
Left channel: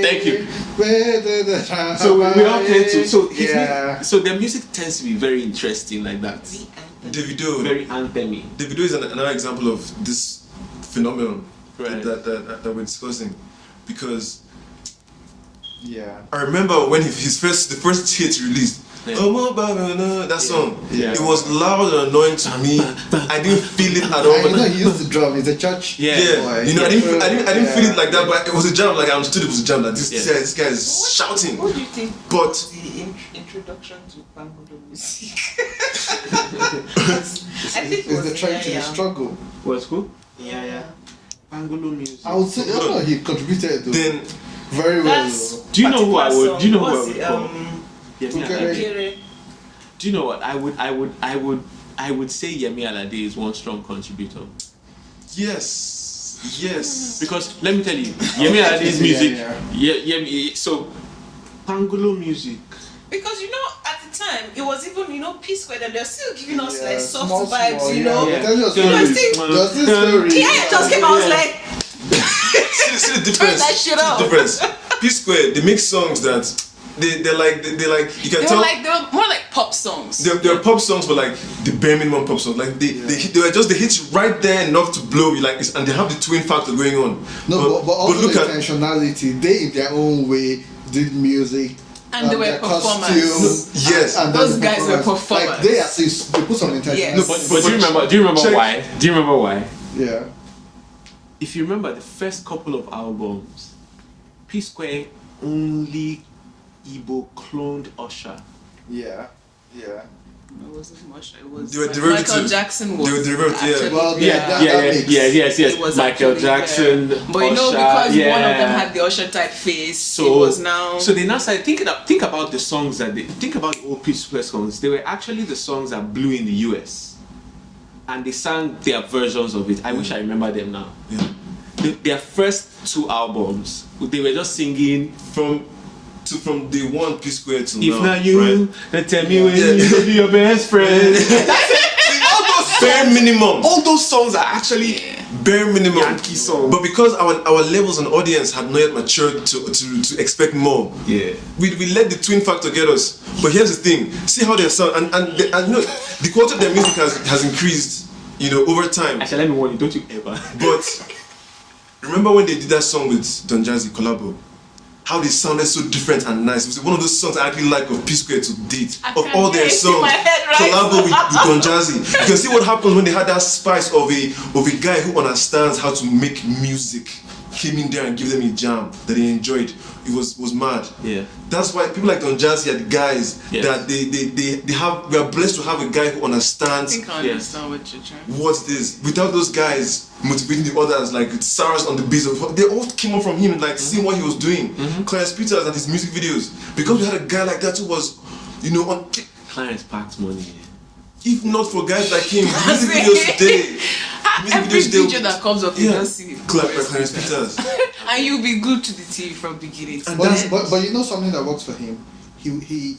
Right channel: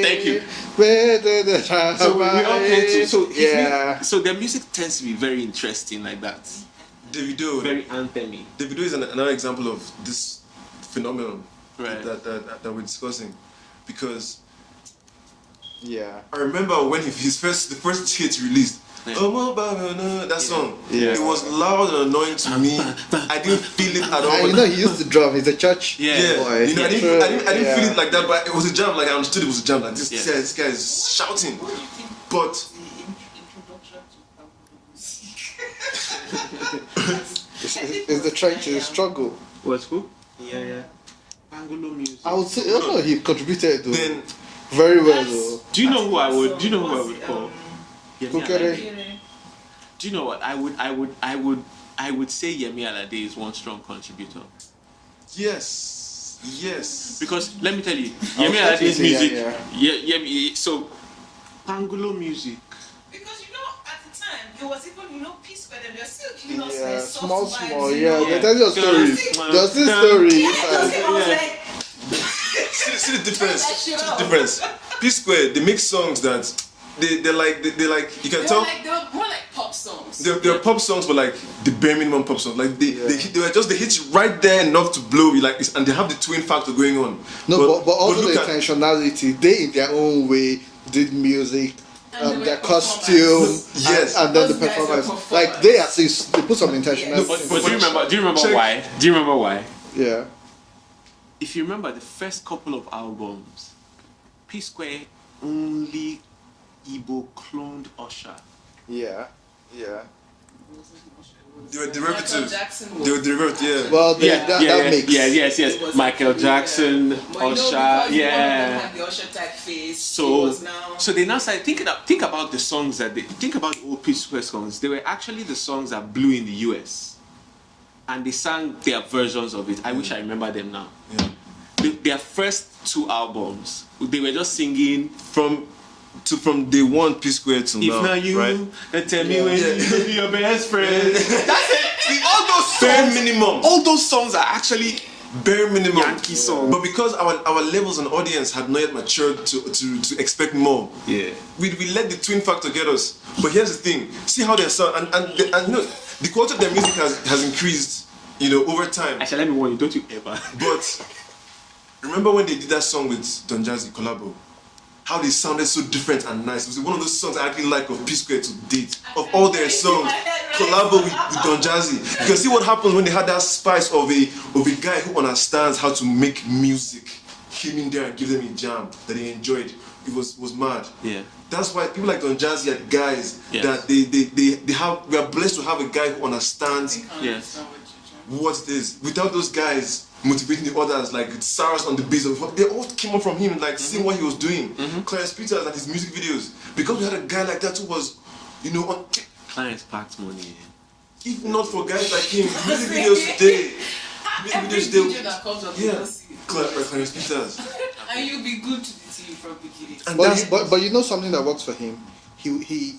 Thank you. So we all tend to. So their music tends to be very interesting like that. Davido, very anthemy. Davido is another example of this phenomenon that we're discussing, because I remember when the first hit released. That song, it was loud and annoying to me. I didn't feel it at all. I know he used to drum. It's a church. You know, I didn't feel it like that, but it was a jam. Like I understood it was a jam. Like this guy is shouting. What do you think? But the introduction to Bangulo music. I think it was the struggle. What's cool? Yeah. Bangulo music. I would say he contributed. Then very well. Do you know who I would? Do you know who I would call? Yemi. Do you know what I would say? Yemi Alade is one strong contributor. Yes. Because let me tell you, Yemi Alade's music. So, Bangulo music. Because at the time it was even P Square that they're still giving us like soft small, vibes. small, He just came out like. See the difference. Turn that shit up. The difference. P Square, they make songs that. They're like you can tell. They were more like pop songs. They're pop songs, but like the bare minimum pop songs. Like they were just the hits right there enough to blow you, like, and they have the twin factor going on. No, but look at intentionality. They in their own way did music. And they were performers. Yes. And those guys were performers. Like they put some intention. Yes. No, but do you remember why? Do you remember why? Yeah. If you remember the first couple of albums, P Square only Igbo cloned Usher. Yeah. It wasn't Usher. It was they were derivatives. Michael Jackson was. They were derivatives. Well, yes. Michael Jackson, but Usher. Because one of them had the Usher type face, so it was now. So they now started think about the songs that think about the old P Square songs. They were actually the songs that blew in the US. and they sang their versions of it. I wish I remember them now. Yeah. Their first 2 albums, they were just singing From day one, P Square to If now. Not You, right? then Tell Me When You Could Be Your Best Friend. All those bare minimum. All those songs are actually Bare minimum. Yankee songs. But because our levels and audience had not yet matured to expect more, Yeah. we let the twin factor get us. But here's the thing: see how they sound, and you know, the quality of their music has increased, you know, over time. Actually, let me warn you, don't you ever. But remember when they did that song with Don Jazzy collabo? How they sounded so different and nice. It was one of those songs I actually like of P Square to date. Of all their songs, collabo with Don Jazzy. You can see what happens when they had that spice of a guy who understands how to make music. Came in there and give them a jam that they enjoyed. It was mad. Yeah. That's why people like Don Jazzy are the guys that they have. We are blessed to have a guy who understands I understand what you're trying. what it is. Without those guys motivating the others, like SARS on the beat, they all came up from him, like seeing what he was doing. Clarence Peters and his music videos. Because we had a guy like that who was, you know, on. Clarence packed money. If not for guys like him, music videos today. Every video that comes up, you just see it. Clarence Peters. And you'll be glued to the TV from beginning. And But you know something that works for him? He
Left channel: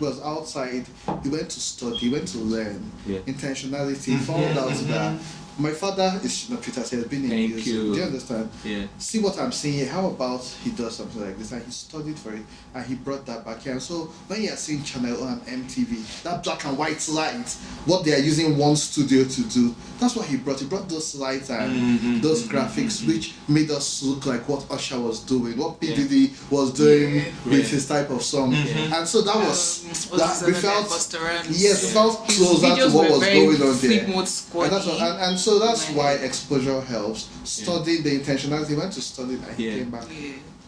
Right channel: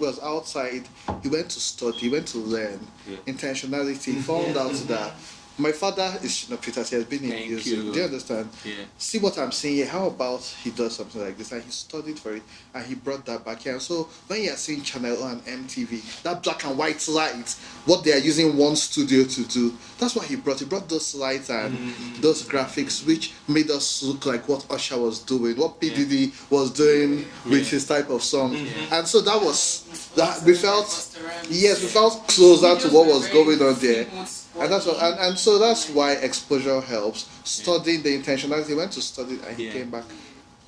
was outside, he went to study, he went to learn. Yeah. Intentionality, followed out that. My father is Shina Peters, he has been in Thank music. you. Do you understand? Yeah. See what I'm saying here? How about he does something like this? Like he studied for it and he brought that back here. And so when you are seeing Channel on MTV, that black and white slides, what they are using one studio to do, that's what he brought. He brought those slides and those graphics which made us look like what Usher was doing, what PDD was doing with his type of song. And so that was that we felt felt closer to what was going on there. And so that's why exposure helps. Study the intentionality. Went to study and came back.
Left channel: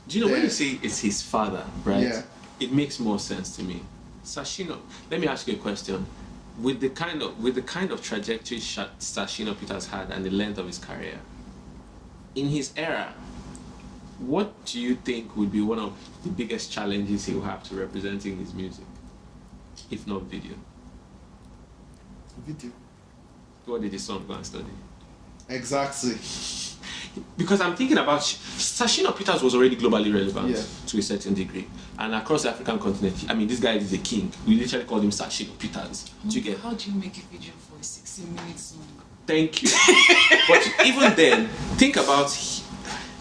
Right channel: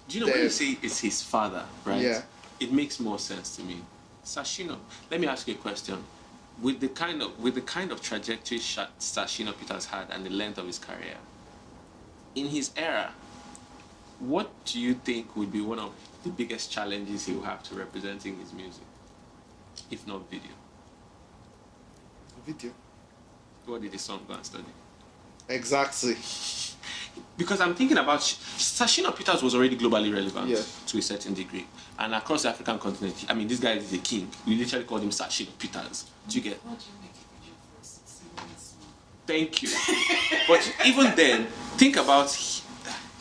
Do you know when you say it's his father, right? Yeah. It makes more sense to me. Sashino, let me ask you a question. With the kind of trajectory Sashino Peters had and the length of his career, in his era, what do you think would be one of the biggest challenges he will have to representing his music, if not video? Video. What did his son go and study? Exactly. Because I'm thinking about Sashino Peters was already globally relevant Yeah. to a certain degree, and across the African continent. I mean, this guy is a king. We literally call him Sashino Peters. Do you get? How do you make a video for a 60-minute song? Thank you. But even then, think about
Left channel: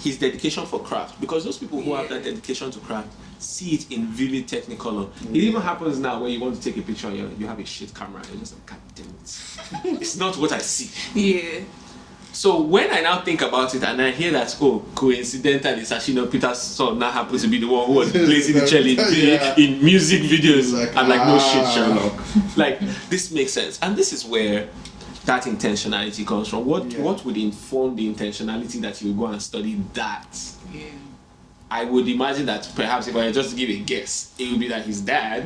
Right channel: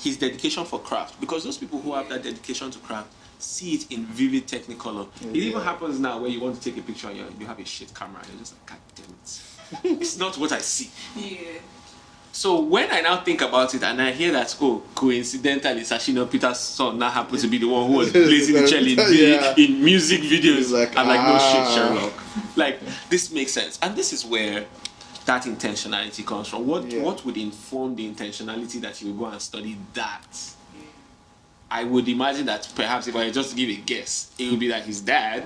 his dedication for craft, because those people who have that dedication to craft see it in vivid Technicolor. It even happens now where you want to take a picture and you have a shit camera and you're just like, God damn it. It's not what I see. Yeah. So when I now think about it and I hear that, oh, coincidentally, Sashino Peters' son now happened to be the one who was placing the cello in music videos, I'm like, no shit, Sherlock. Like, this makes sense. And this is where that intentionality comes from. What would inform the intentionality that you would go and study that? Yeah. I would imagine that perhaps if I just give a guess, it would be that his dad,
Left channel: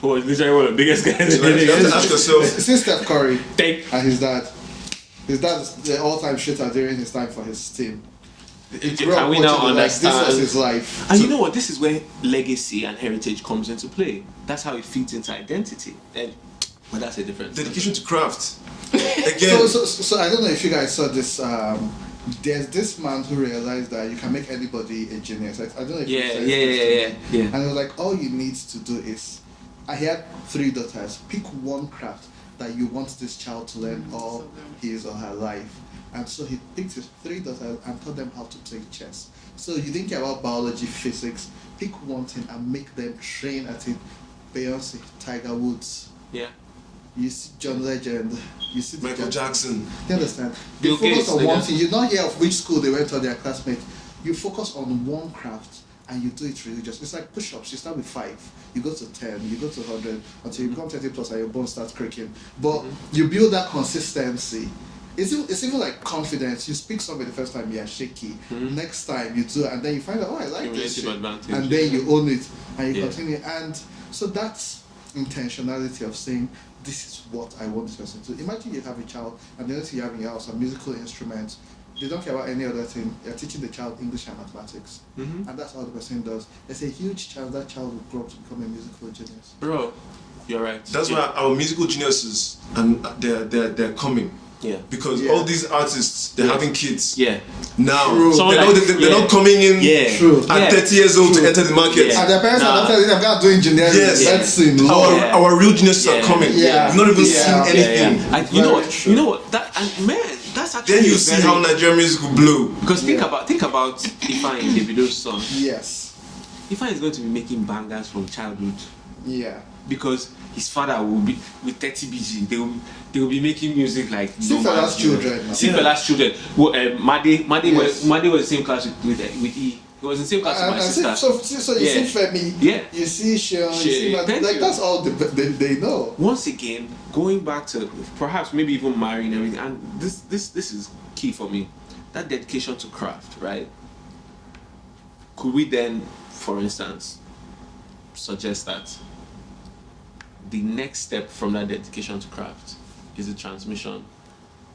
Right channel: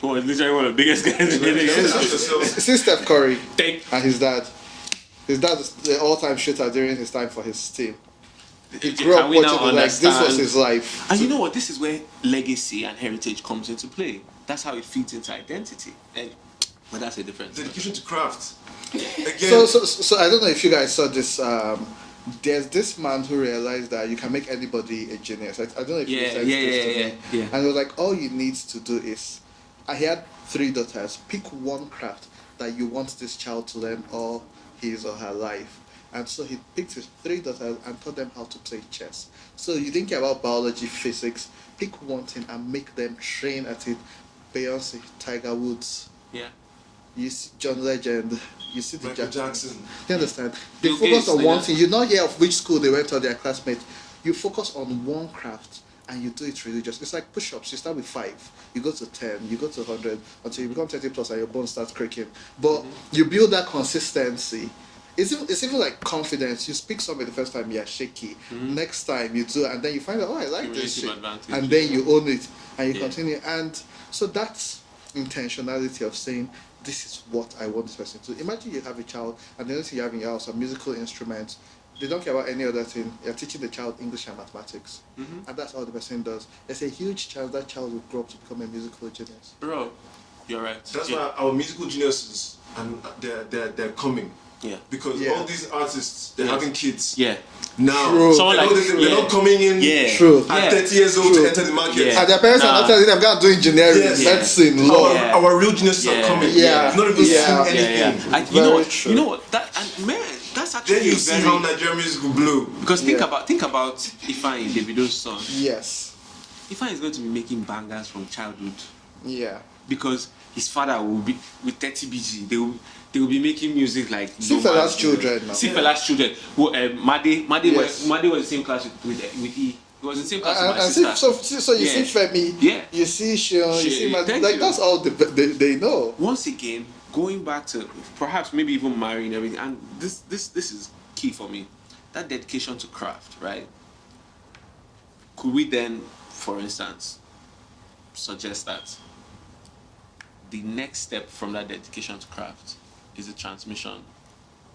who was literally one of the biggest guys in the You have to ask yourself. It's Steph Curry Thank and his dad. His dad is the all-time shooter during his time for his team. Can we now understand? This was his life. And you know what? This is where legacy and heritage comes into play. That's how it feeds into identity. But that's a different Dedication to craft. Again. So I don't know if you guys saw this. There's this man who realized that you can make anybody a genius. Like I don't know. If Yeah. And they're like, all you need to do is, and he had 3 daughters. Pick one craft that you want this child to learn all his or her life. And so he picked his 3 daughters and taught them how to play chess. So you didn't care about biology, physics. Pick one thing and make them train at it. Beyonce, Tiger Woods. Yeah. You see John Legend. You see Michael Jackson. You understand? Bill You focus Gates, on nigga. one thing. You don't hear of which school they went or their classmates. You focus on one craft and you do it religious. It's like push-ups. You start with 5, you go to 10, you go to 100, until you become 20 plus and your bones start creaking. But you build that consistency. It's even like confidence. You speak something the first time, you're shaky. Next time you do, and then you find out, oh, I like this. Cumulative advantage. And then you own it and you continue. And so that's intentionality of saying, this is what I want this person to do. Imagine you have a child and the only thing you have in your house are musical instruments. They don't care about any other thing. You're teaching the child English and mathematics. And that's what the person does. There's a huge chance that child will grow up to become a musical genius. Bro, You're right. That's why our musical geniuses and they're coming. Yeah. Because all these artists, they're having kids. Yeah. Now, Someone they're not coming in at 30 years old to enter the market. And their parents are doing generic. Yes. Our real geniuses are coming. You've not even seen anything. You know what? That, and man, that's actually then you see how Nigerian music will blow. Because think about Ifeanyi, Davido's son. Yes. Ifeanyi is going to be making bangers from childhood. Yeah. Because his father will be with 30 BG. They will be making music like no man. Fela's children. Well, Made was in the same class with E. He was in the same class with my sister. So you see Femi, you see Shion, that's all they know. Once again, going back to perhaps maybe even marrying and everything, and this is key for me. That dedication to craft, right? Could we then, for instance, suggest that the next step from that dedication to craft is the transmission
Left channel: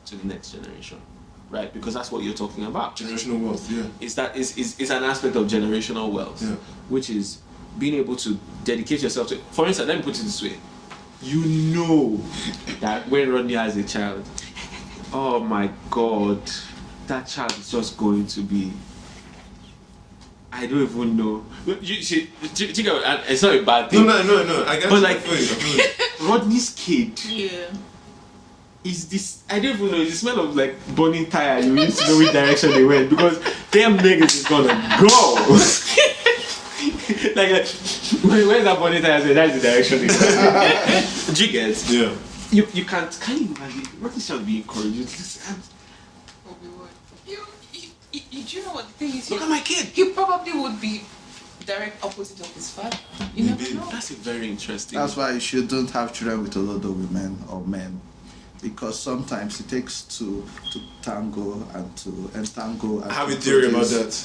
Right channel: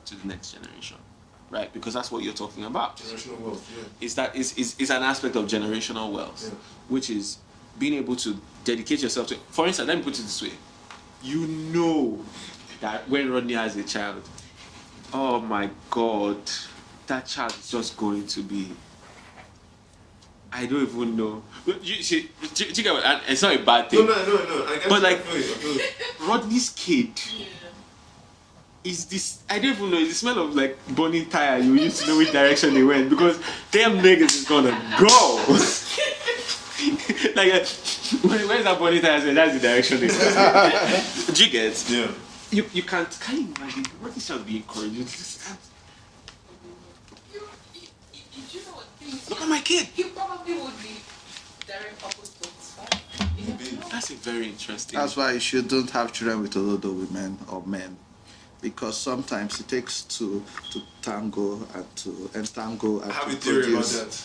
to the next generation, right? Because that's what you're talking about. Generational wealth, yeah. Is an aspect of generational wealth, which is being able to dedicate yourself to. For instance, let me put it this way: you know that when Rodney has a child, oh my God, that child is just going to be. I don't even know. It's not a bad thing. No. I guess. But like, I feel it. Rodney's kid. Yeah. Is this? I don't even know. It's the smell of like burning tire. You used to know which direction they went because them niggas is gonna go. like, where's that burning tire? That's the direction they go. Do you get? Yeah. You can't. Can you imagine? Rodney shall be encouraged. Do you know what the thing is? Look at my kid. He probably would be direct opposite of his father. You never know. That's a very interesting. That's why you don't have children with a lot of women or men, because sometimes it takes two to tango and to entangle. I have a theory about that.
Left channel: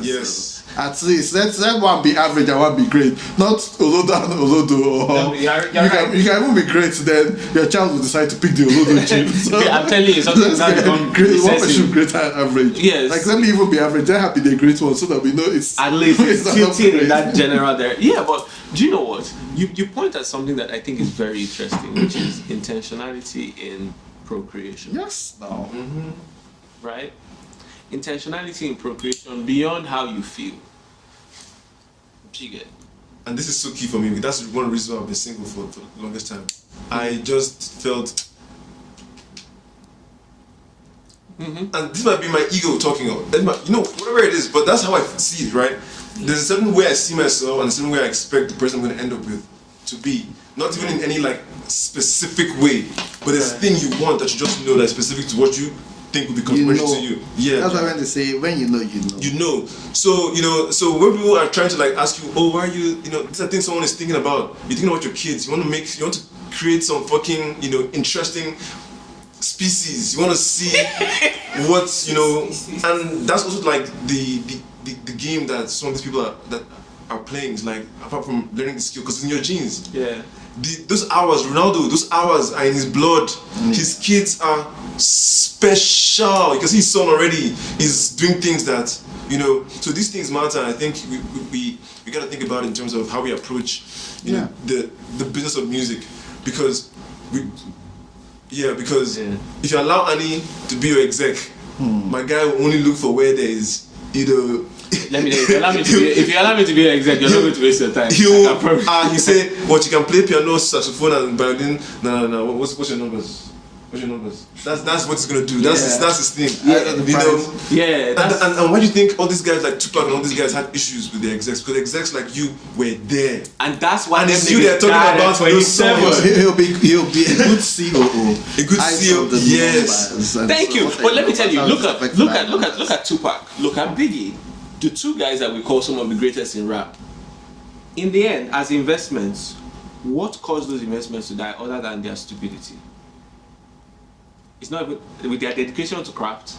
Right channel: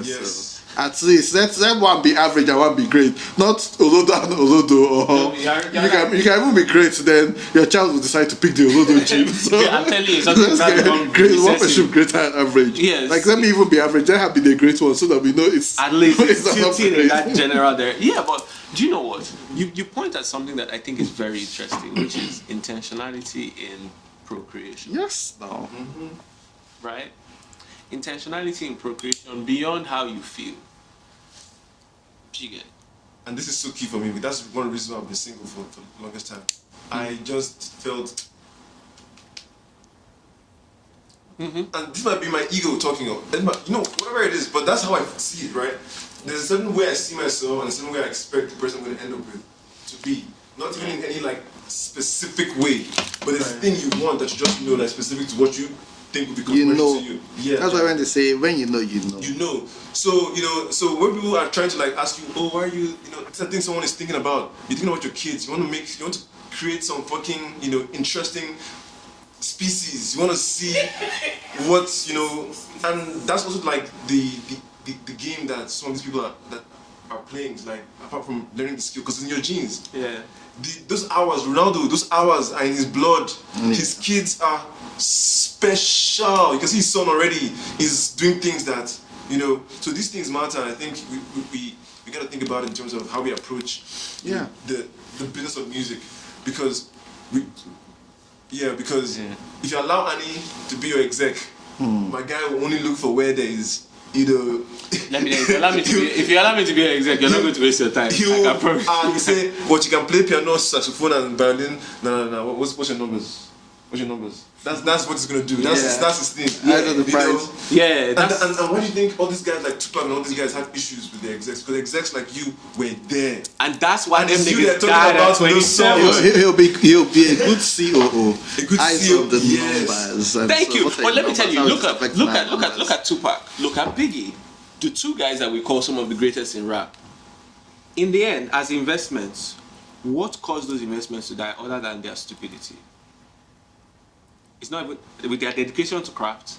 Yes. At least let one be average and one be great. Not Olodo and Olodo. No, you're right. You can even be great, then your child will decide to pick the Olodo chip. So, I'm telling you, something now become recessive. Great and average. Yes. Like, let me even be average. Then have be the great one, so that we know it's at least it's tilting in that general there. Yeah, but do you know what? You point at something that I think is very interesting, which is intentionality in procreation. Yes. No. Mm-hmm. Right? Intentionality in procreation beyond how you feel. You get. And this is so key for me. That's one reason I've been single for the longest time. I just felt. And this might be my ego talking, whatever it is, but that's how I see it, right? There's a certain way I see myself and a certain way I expect the person I'm going to end up with to be. Not even in any like specific way, but there's a thing you want that you just know that's specific to what you think will be complementary to you. Yeah. That's what I say. When you know, you know. You know. So so when people are trying to like ask you, oh, why are you? These are things someone is thinking about. You're thinking about your kids. You want to create some fucking interesting species. You want to see what and that's also like the game that some of these people are playing. Is like apart from learning the skill, because it's in your genes. Yeah. Those hours, Ronaldo, those hours are in his blood. His kids are special. You can see his son already is doing things that so these things matter. I think we got to think about it in terms of how we approach the business of music, because if you allow Annie to be your exec, my guy will only look for where there is Let me tell you, if you allow me to be your exec, you're not going to waste your time. You say, what, you can play piano, saxophone, and violin. No. What's your numbers? What's your numbers? That's what he's gonna do. That's his thing. Yeah, And why do you think all these guys like Tupac and all these guys had issues with the execs? Because execs like you were there, and that's why them niggas talking about 27. A good CEO, yes. Thank you. But let me tell you, look at Tupac, look at Biggie, the two guys that we call some of the greatest in rap. In the end, as investments, what caused those investments to die other than their stupidity? It's not with their dedication to craft,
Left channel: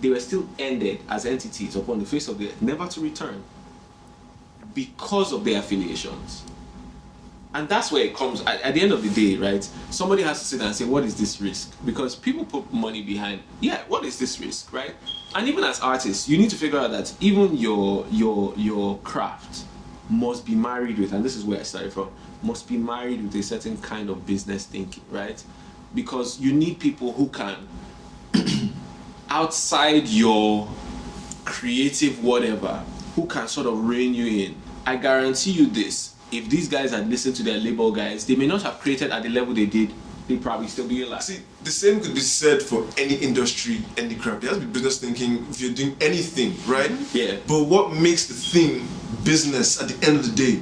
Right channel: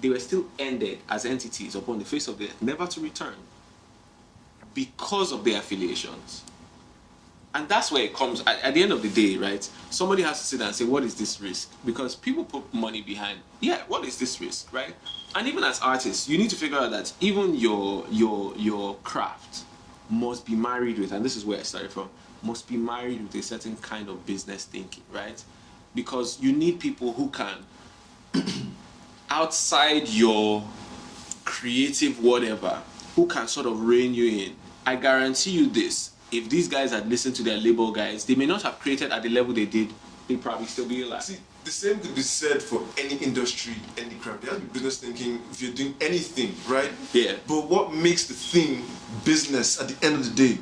they were still ended as entities upon the face of the earth, never to return, because of their affiliations. And that's where it comes, at the end of the day, right? Somebody has to sit down and say, what is this risk? Because people put money behind, what is this risk, right? And even as artists, you need to figure out that even your craft must be married with, and this is where I started from, must be married with a certain kind of business thinking, right? Because you need people who can, outside your creative whatever, who can sort of rein you in. I guarantee you this, if these guys had listened to their label guys, they may not have created at the level they did, they'd probably still be alive. See, the same could be said for any industry, any craft. There has to be business thinking if you're doing anything, right? Yeah. But what makes the thing business at the end of the day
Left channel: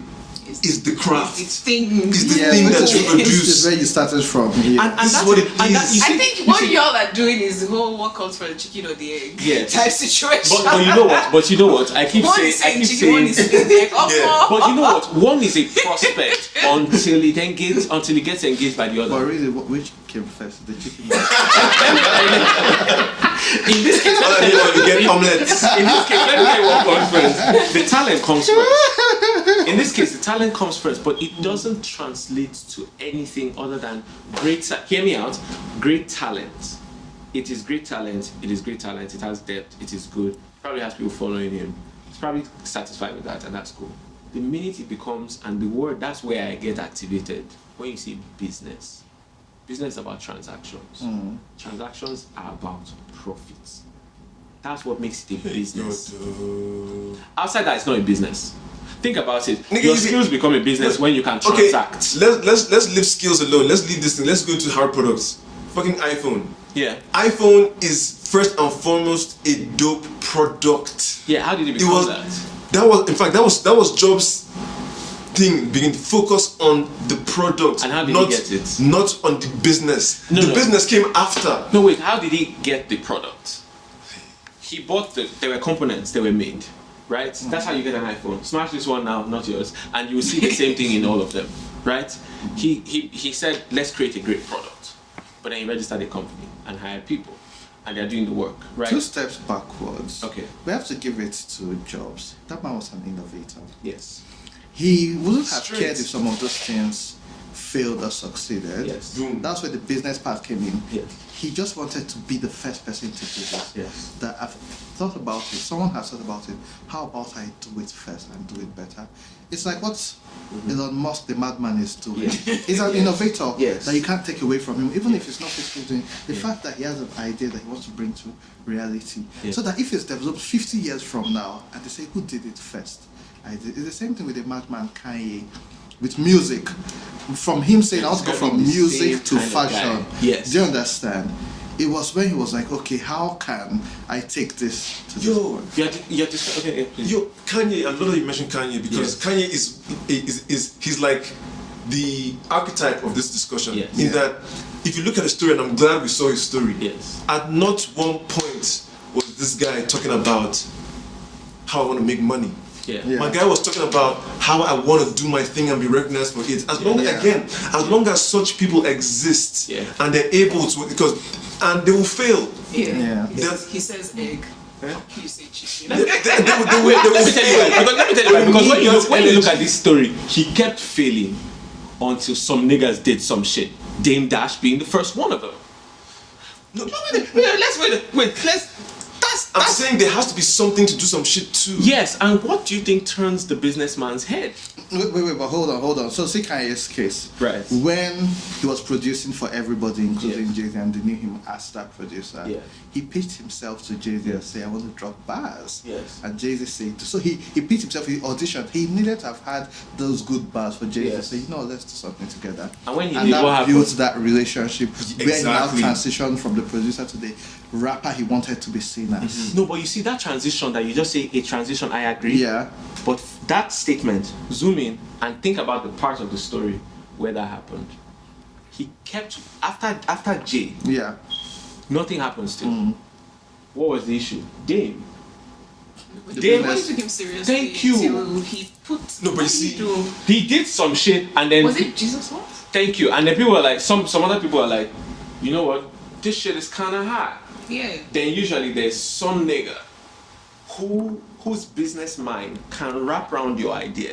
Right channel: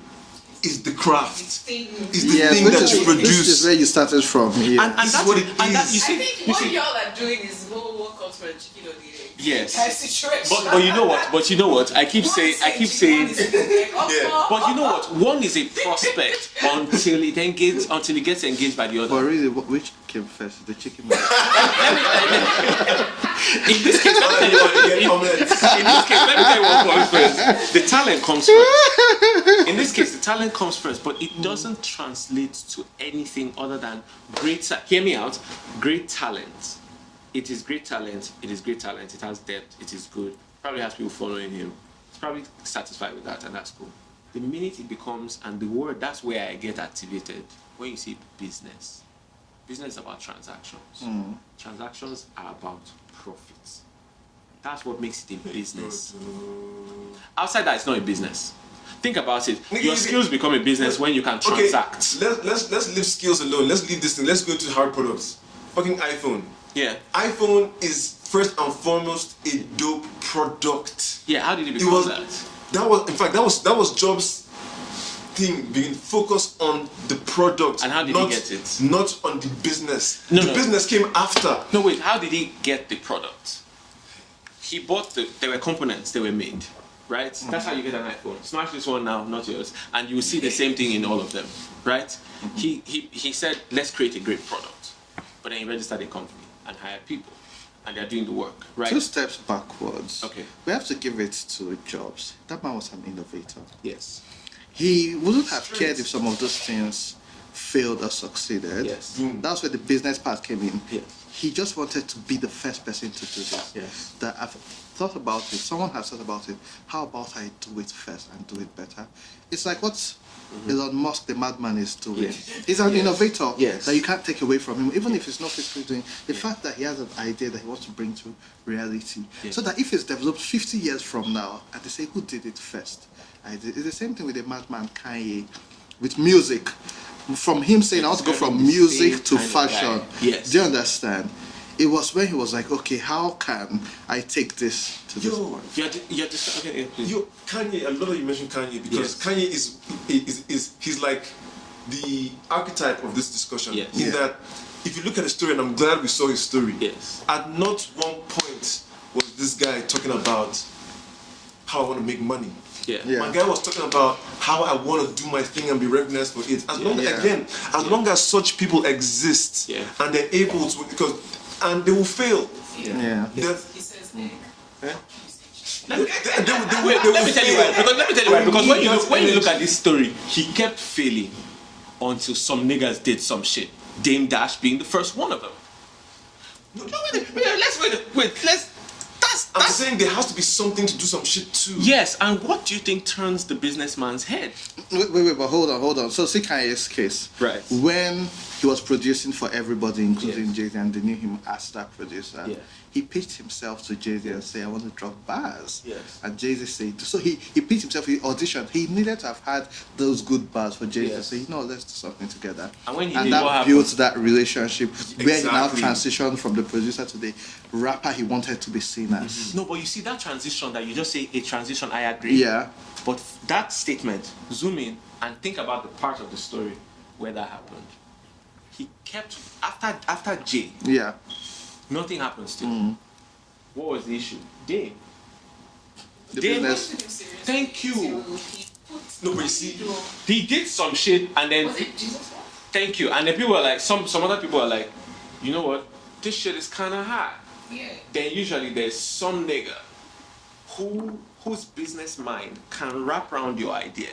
is the craft. It's thing. Is the thing that you It's produce. where you started from. And This is that's what it and that, is. you I see, think you what see- y'all are doing is the whole what comes from the chicken or the egg Yes. type situation. but you know what? But you know what? I keep One saying. is I keep chicken, one saying. is the egg. Yeah. But you know what? One is a prospect until it gets engaged by the Oh, other. really? Which came first? The chicken? In this case, let me tell you what. You get omelets. In this case, let me tell you what comes first. The talent comes first. In this case, the talent comes first, but it doesn't translate to anything other than hear me out, great talent. It is great talent, it is great talent, it has depth, it is good, probably has people following him. He's probably satisfied with that, and that's cool. The minute it becomes, and the word, that's where I get activated, when you see business. Business is about transactions. Transactions are about profits. That's what makes it a business. Outside that, it's not a business. Think about it. Your skills become a business when you can transact. Okay, let's leave skills alone. Let's leave this thing. Let's go to hard products. Fucking iPhone. Yeah. iPhone is first and foremost a dope product. Yeah. How did it become that? That was Jobs' thing. Being focused on the product. And how did he get it? Not on the business. No. Business came after. No, wait. How did he get the product? He bought there were components. They were made. Right? That's how you get an iPhone. Smash this one now, not yours. And you will see the same thing in all of them. Right? He said, let's create a great product. But then he registered a company and hired people. And they're doing the work. Right? 2 steps backwards. Okay. We have to give it to Jobs. That man was an innovator. Yes. He wouldn't have Straight. cared if some of those things failed or succeeded. Yes. Boom. That's where the business part came in. Yes. He just wanted to be the first person to do that. Yes. That I've thought about it. Someone has thought about it. How about I do it first and do it better? It's like what Elon Musk, the madman, is doing. Yes. He's an Yes. innovator Yes. that you can't take away from him, even Yes. if it's not physically doing. The fact that he has an idea that he wants to bring to reality, Yes. so that if it's developed 50 years from now, and they say, who did it first? I did. It's the same thing with the madman Kanye, with music. From him saying, I'll go from music to fashion. Yes. Do you understand? It was when he was like, okay, how can I take this to Yo, You're just okay, please. Yo, Kanye, I love that you mentioned Kanye because Yes. Kanye is he's like the archetype of this discussion. Yes. In that, if you look at the story, and I'm glad we saw his story. Yes. At not one point was this guy talking about how I want to make money. Yeah. My guy was talking about how I want to do my thing and be recognized for it. As long as such people exist Yeah. and they're able to, and they will fail. Yeah. They're- He says egg. Eh? You say chicken. They will Let me tell you why. Because when you look at this story, he kept failing until some niggas did some shit. Dame Dash being the first one of them. No, I'm saying there has to be something to do some shit too. Yes, and what do you think turns the businessman's head? Wait, but hold on. So see Kanye's case. Right. When he was producing for everybody, including Jay-Z, and they knew him as that producer, Yeah. he pitched himself to Jay-Z and said, I want to drop bars. Yes. And Jay-Z said, so he pitched himself in the audition. He needed to have had those good bars for Jay-Z Yes. to say, no, let's do something together. And when he did, that what happened? built that relationship. Exactly. When he now transitioned from the producer to the rapper he wanted to be seen as. No, but you see that transition that you just say a transition, I agree. Yeah. But that statement, zoom in and think about the part of the story where that happened. He kept after Jay, Yeah. nothing happened still. What was the issue? Dame. The Dame. people took him seriously. Thank you. Till he put. No, but you see- He did some shit and then Was it Jesus what? thank you. And then people were like, some other people are like, you know what? This shit is kinda high. Yeah. Then usually there's some nigga whose business mind can wrap around your idea.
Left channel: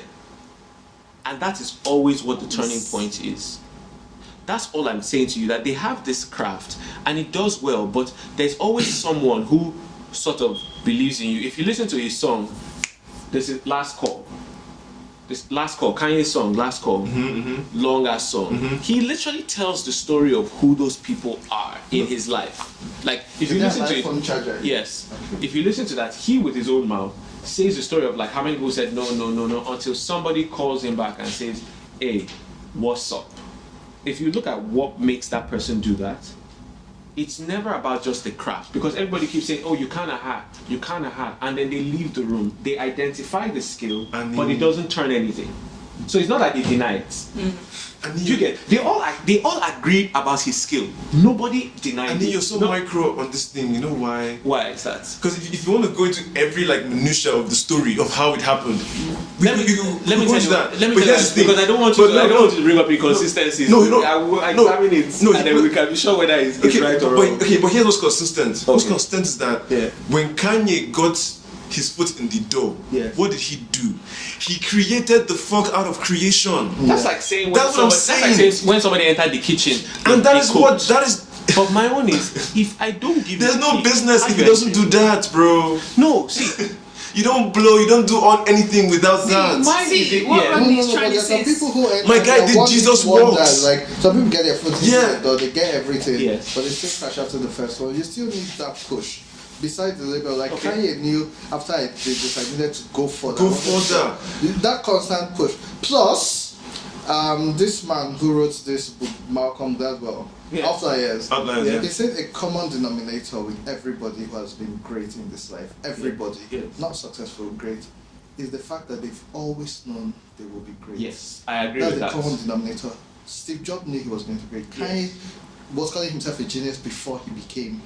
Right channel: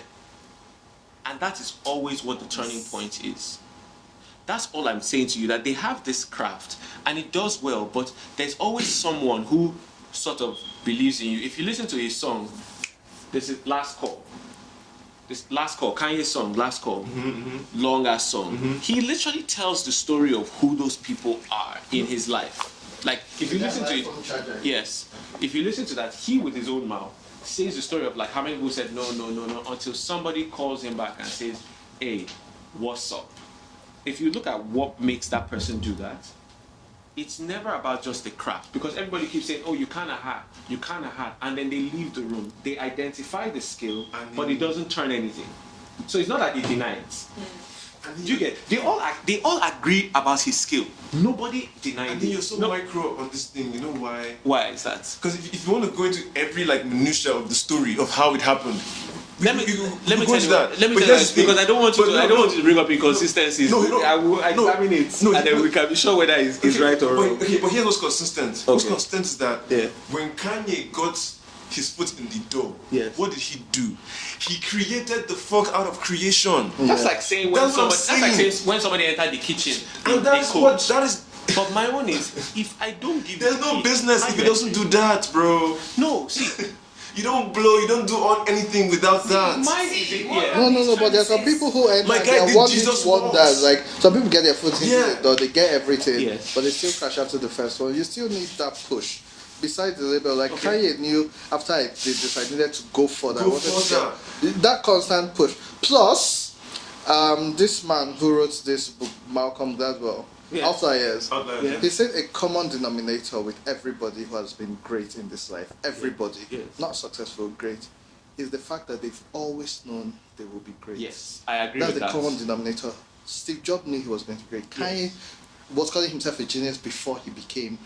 And that is always what the turning point is. That's all I'm saying to you, that they have this craft and it does well, but there's always someone who sort of believes in you. If you listen to his song, this is Last Call. this Last Call, Kanye's song, Last Call, long ass song. He literally tells the story of who those people are in his life. Like, if you listen to it, yes, if you listen to that, he with his own mouth says the story of like how many people said no, until somebody calls him back and says, hey, what's up? If you look at what makes that person do that, it's never about just the craft, because everybody keeps saying, oh, you kind of had, and then they leave the room. They identify the skill, but it doesn't turn anything. So it's not like they deny it. You get? They all agree about his skill. Nobody denies it. And then you're so micro on this thing. You know why? Why is that? Because if you want to go into every like minutia of the story of how it happened, let me tell you because I don't want you to bring up inconsistencies. I will examine it, and then we can be sure whether it's right or wrong. Okay, but here's what's consistent. What's consistent is that when Kanye got his foot in the door, what did he do? He created the fuck out of creation. That's like saying when somebody entered the kitchen and that is what that is. But my own is, if I don't give there's no business if he doesn't do that, bro. No, see, you don't blow, you don't do anything without that. Mine is my guy did Jesus walks. Like some people get their foot in the door, they get everything, but they still crash after the first one. You still need that push. Besides the label, like Kanye knew after I did this, I needed to go further. That constant push. Plus, this man who wrote this book, Malcolm Gladwell, Outliers, they said a common denominator with everybody who has been great in this life, everybody, not successful, great, is the fact that they've always known they will be great. Yes, I agree with that. That's the common denominator. Steve Jobs knew he was going to be great. Kanye was calling himself a genius before he became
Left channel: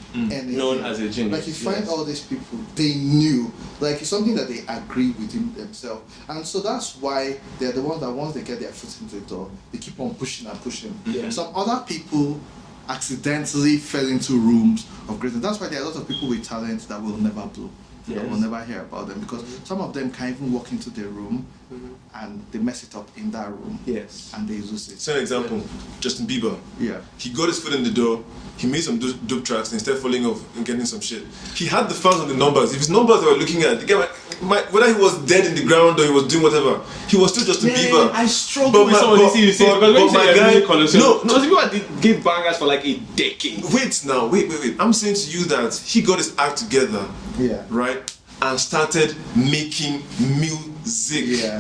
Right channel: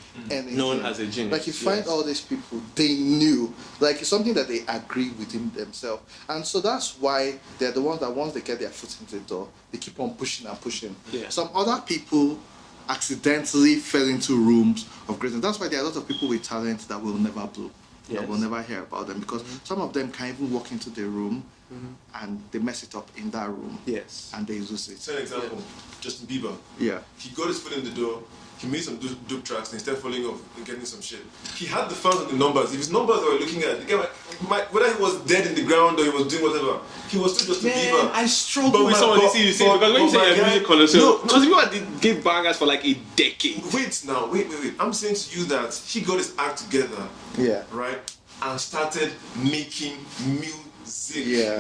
known as a genius. Like you find all these people, they knew, like it's something that they agreed within themselves, and so that's why they're the ones that once they get their foot in the door, they keep on pushing and pushing. Some other people accidentally fell into rooms of greatness. That's why there are a lot of people with talent that will never blow. We'll never hear about them because some of them can't even walk into the room and they mess it up in that room. And they lose it. So an example, Justin Bieber. He got his foot in the door, he made some dope tracks and instead falling off and getting some shit. He had the fans on the numbers. If his numbers were looking at, whether he was dead in the ground or he was doing whatever, he was still Justin Bieber. I struggle with some of these things you say because when you say you're music connoisseur, because people give bangers for like a decade. Wait. I'm saying to you that he got his act together, right, and started making music.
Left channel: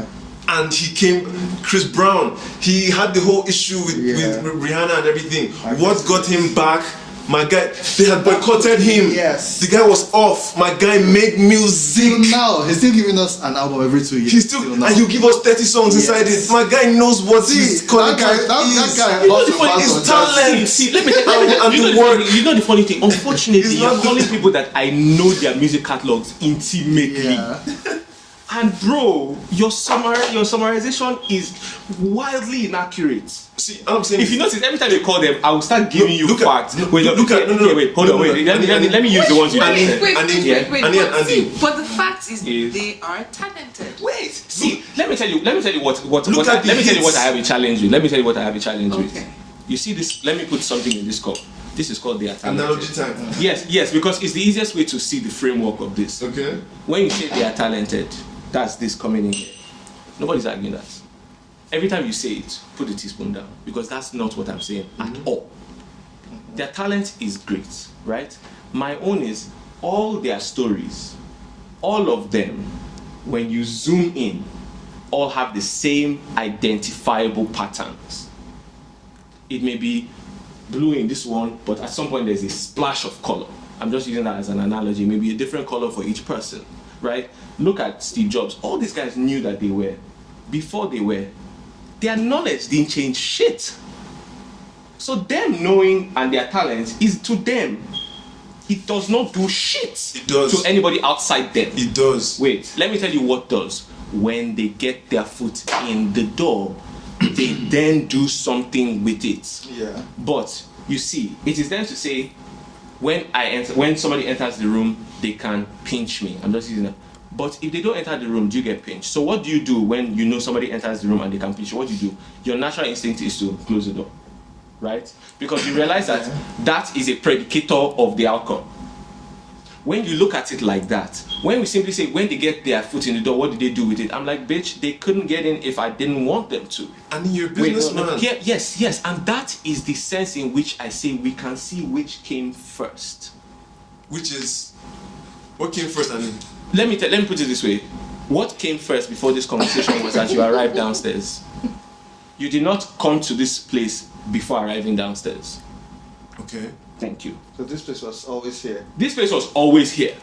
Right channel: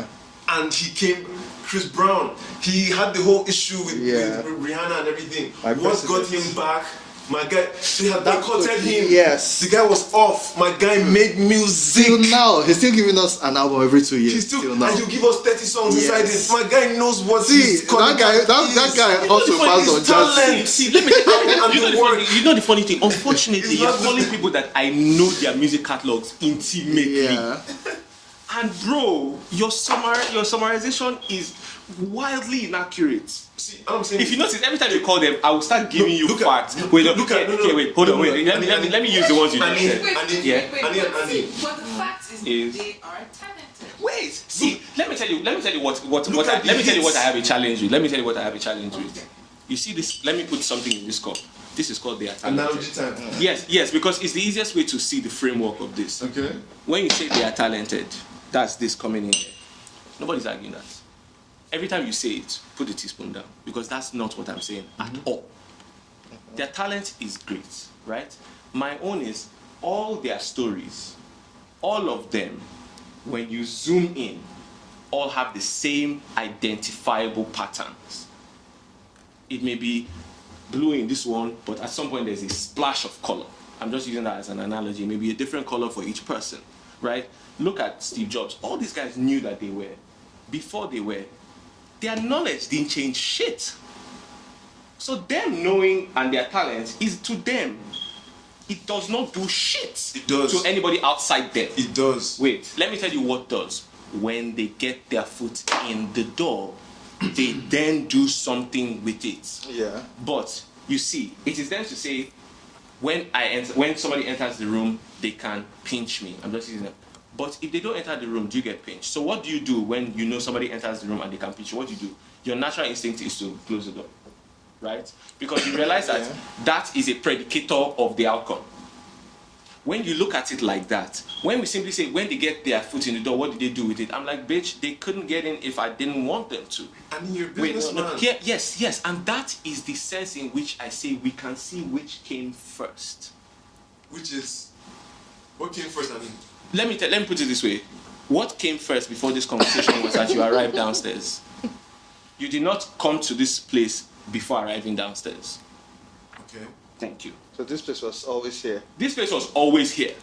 And he came, Chris Brown, he had the whole issue with Rihanna and everything. What got him back? My guy, they had boycotted him. The guy was off. My guy made music. Now he's still giving us an album every 2 years. He's still, and he'll give us 30 songs inside it. My guy knows what his calling card is. You know the funny His talent. See, let me tell you. You know the funny thing. Unfortunately, you're calling people that I know their music catalogs intimately. And bro, your summarization is wildly inaccurate. See, I'm saying if you notice, every time you call them, I will start giving you facts. Let me use the ones you just said. But the fact is they are talented. Wait, see, let me tell you what I have a challenge with. Let me tell you what I have a challenge with. You see this? Let me put something in this cup. This is called the Atta-Ahmed. Analogy time. Yes, because it's the easiest way to see the framework of this. Okay. When you say they are talented, that's this coming in here. Nobody's arguing that. Every time you say it, put the teaspoon down, because that's not what I'm saying at all. Their talent is great, right? My own is all their stories, all of them, when you zoom in, all have the same identifiable patterns. It may be blue in this one, but at some point there's a splash of color. I'm just using that as an analogy. Maybe a different color for each person, right? Look at Steve Jobs. All these guys knew that they were. Before they were, their knowledge didn't change shit. So them knowing and their talent is to them. It does not do shit to anybody outside them. It does. Wait, let me tell you what does. When they get their foot in the door, they then do something with it. But you see, it is then to say, when somebody enters the room, they can pinch me. I'm just using it. But if they don't enter the room, do you get pinched? So what do you do when you know somebody enters the room and they can pinch you? What do you do? Your natural instinct is to close the door, right? Because you realize that that is a predicator of the outcome. When you look at it like that, when we simply say, when they get their foot in the door, what did they do with it? I'm like, bitch, they couldn't get in if I didn't want them to. And you're a Wait, businessman. Yes. And that is the sense in which I say we can see which came first. Which is, what came first? I mean, Let me put it this way. What came first before this conversation was that you arrived downstairs. You did not come to this place before arriving downstairs. okay. Thank you. So this place was always here. This place was always here.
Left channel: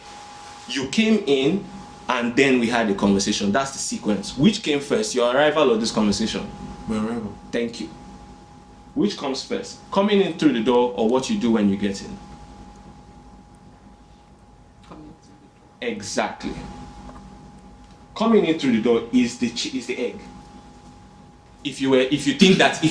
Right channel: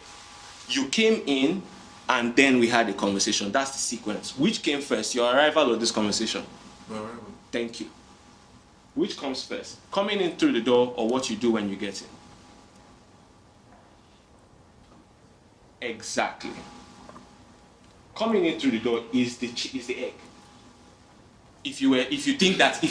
You came in and then we had a conversation. That's the sequence. Which came first, your arrival or this conversation? My arrival. Thank you. Which comes first? Coming in through the door or what you do when you get in? Exactly. Coming in through the door is the egg. If you think that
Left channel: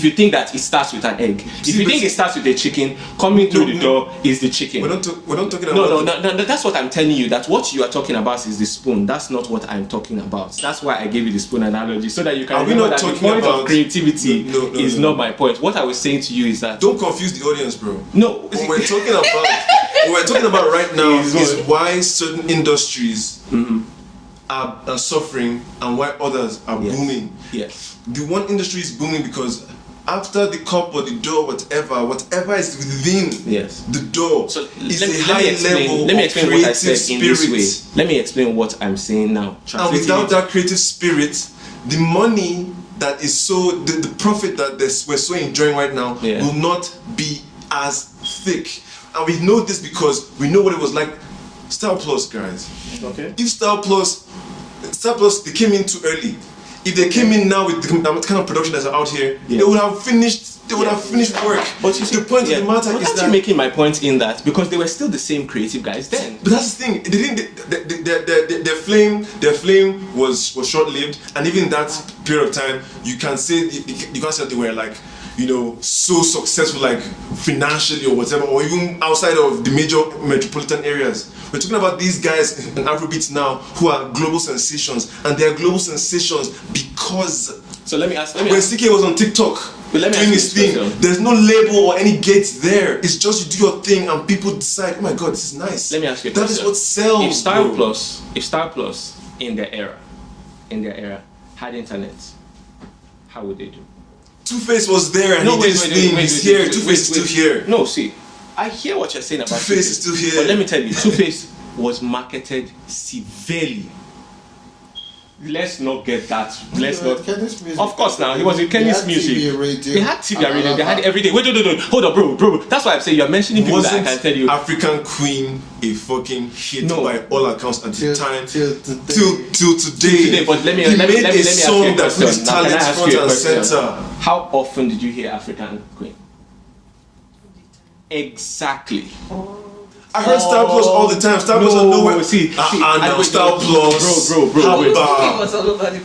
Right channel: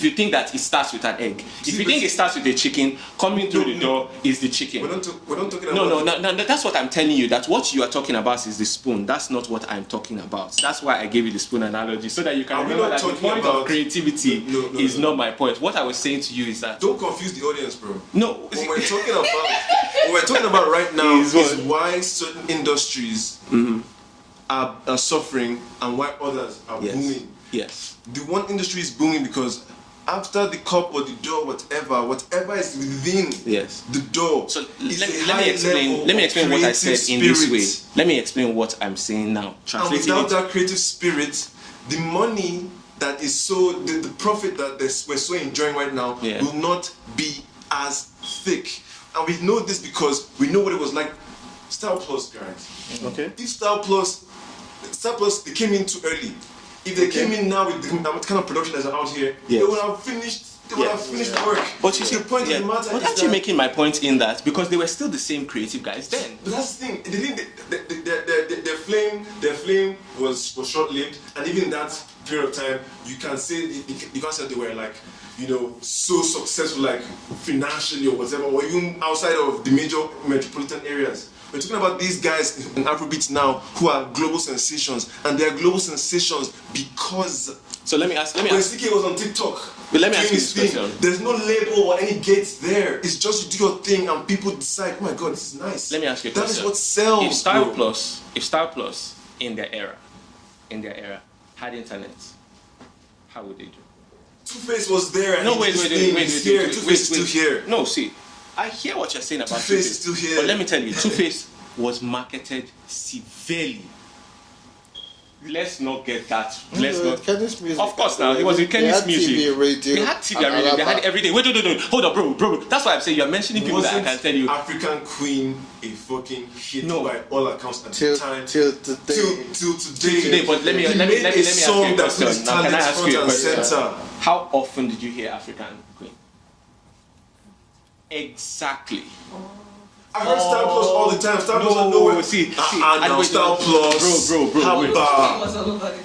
it starts with an egg, if you think it starts with a chicken, coming through the door is the chicken. We're not talking about. No. That's what I'm telling you. That what you are talking about is the spoon. That's not what I'm talking about. That's why I gave you the spoon analogy so that you can remember that the point of creativity is not my point. What I was saying to you is that Don't confuse the audience, bro. no. What we're talking about right now is why certain industries are suffering and why others are booming. Yes. The one industry is booming because after the cup or the door, whatever is within the door, So is let a me high explain. Let me explain what I said in this way. Let me explain what I'm saying now. And Translating without it. that creative spirit, the money that is the profit that we're so enjoying right now will not be as thick. And we know this because we know what it was like. Star Plus, guys. Okay. If Star Plus, they came in too early. If they came in now with the kind of production that's out here, they would have finished. They would have finished work. But you see, the point of the matter but is aren't you making my point in that because they were still the same creative guys then? But that's the thing. Their flame was short-lived, and even that period of time, you can't say that they were like, so successful, like financially or whatever, or even outside of the major metropolitan areas. We're talking about these guys in Afrobeats now who are global sensations, and they are global sensations because. So let me ask. When CK was on TikTok let me doing ask his you this thing, question. there's no label or any gates there. It's just you do your thing, and people decide, oh my god, this is nice. Let me ask you a That question. is what sells. If Star Plus in their era had internet, how would they do? Two-Face was there and he did his thing. He's here. Two-Face is still here. No, see, I hear what you're saying about Two-Face is still here. But let me tell you, Two-Face was marketed severely. Let's not get that. Let's not. Of course, now he was in Kenny's music. They had TV and radio. They had everything. Wait, no. Hold on, bro. That's why I'm saying you're mentioning people that I can tell you. African Queen a fucking hit by all accounts at the time till today. But let me ask you a question. Now, can I ask you a question? How often did you hear African Queen? Exactly. I heard Star Plus all the time. Star Plus are nowhere. See, Star Plus. Bro.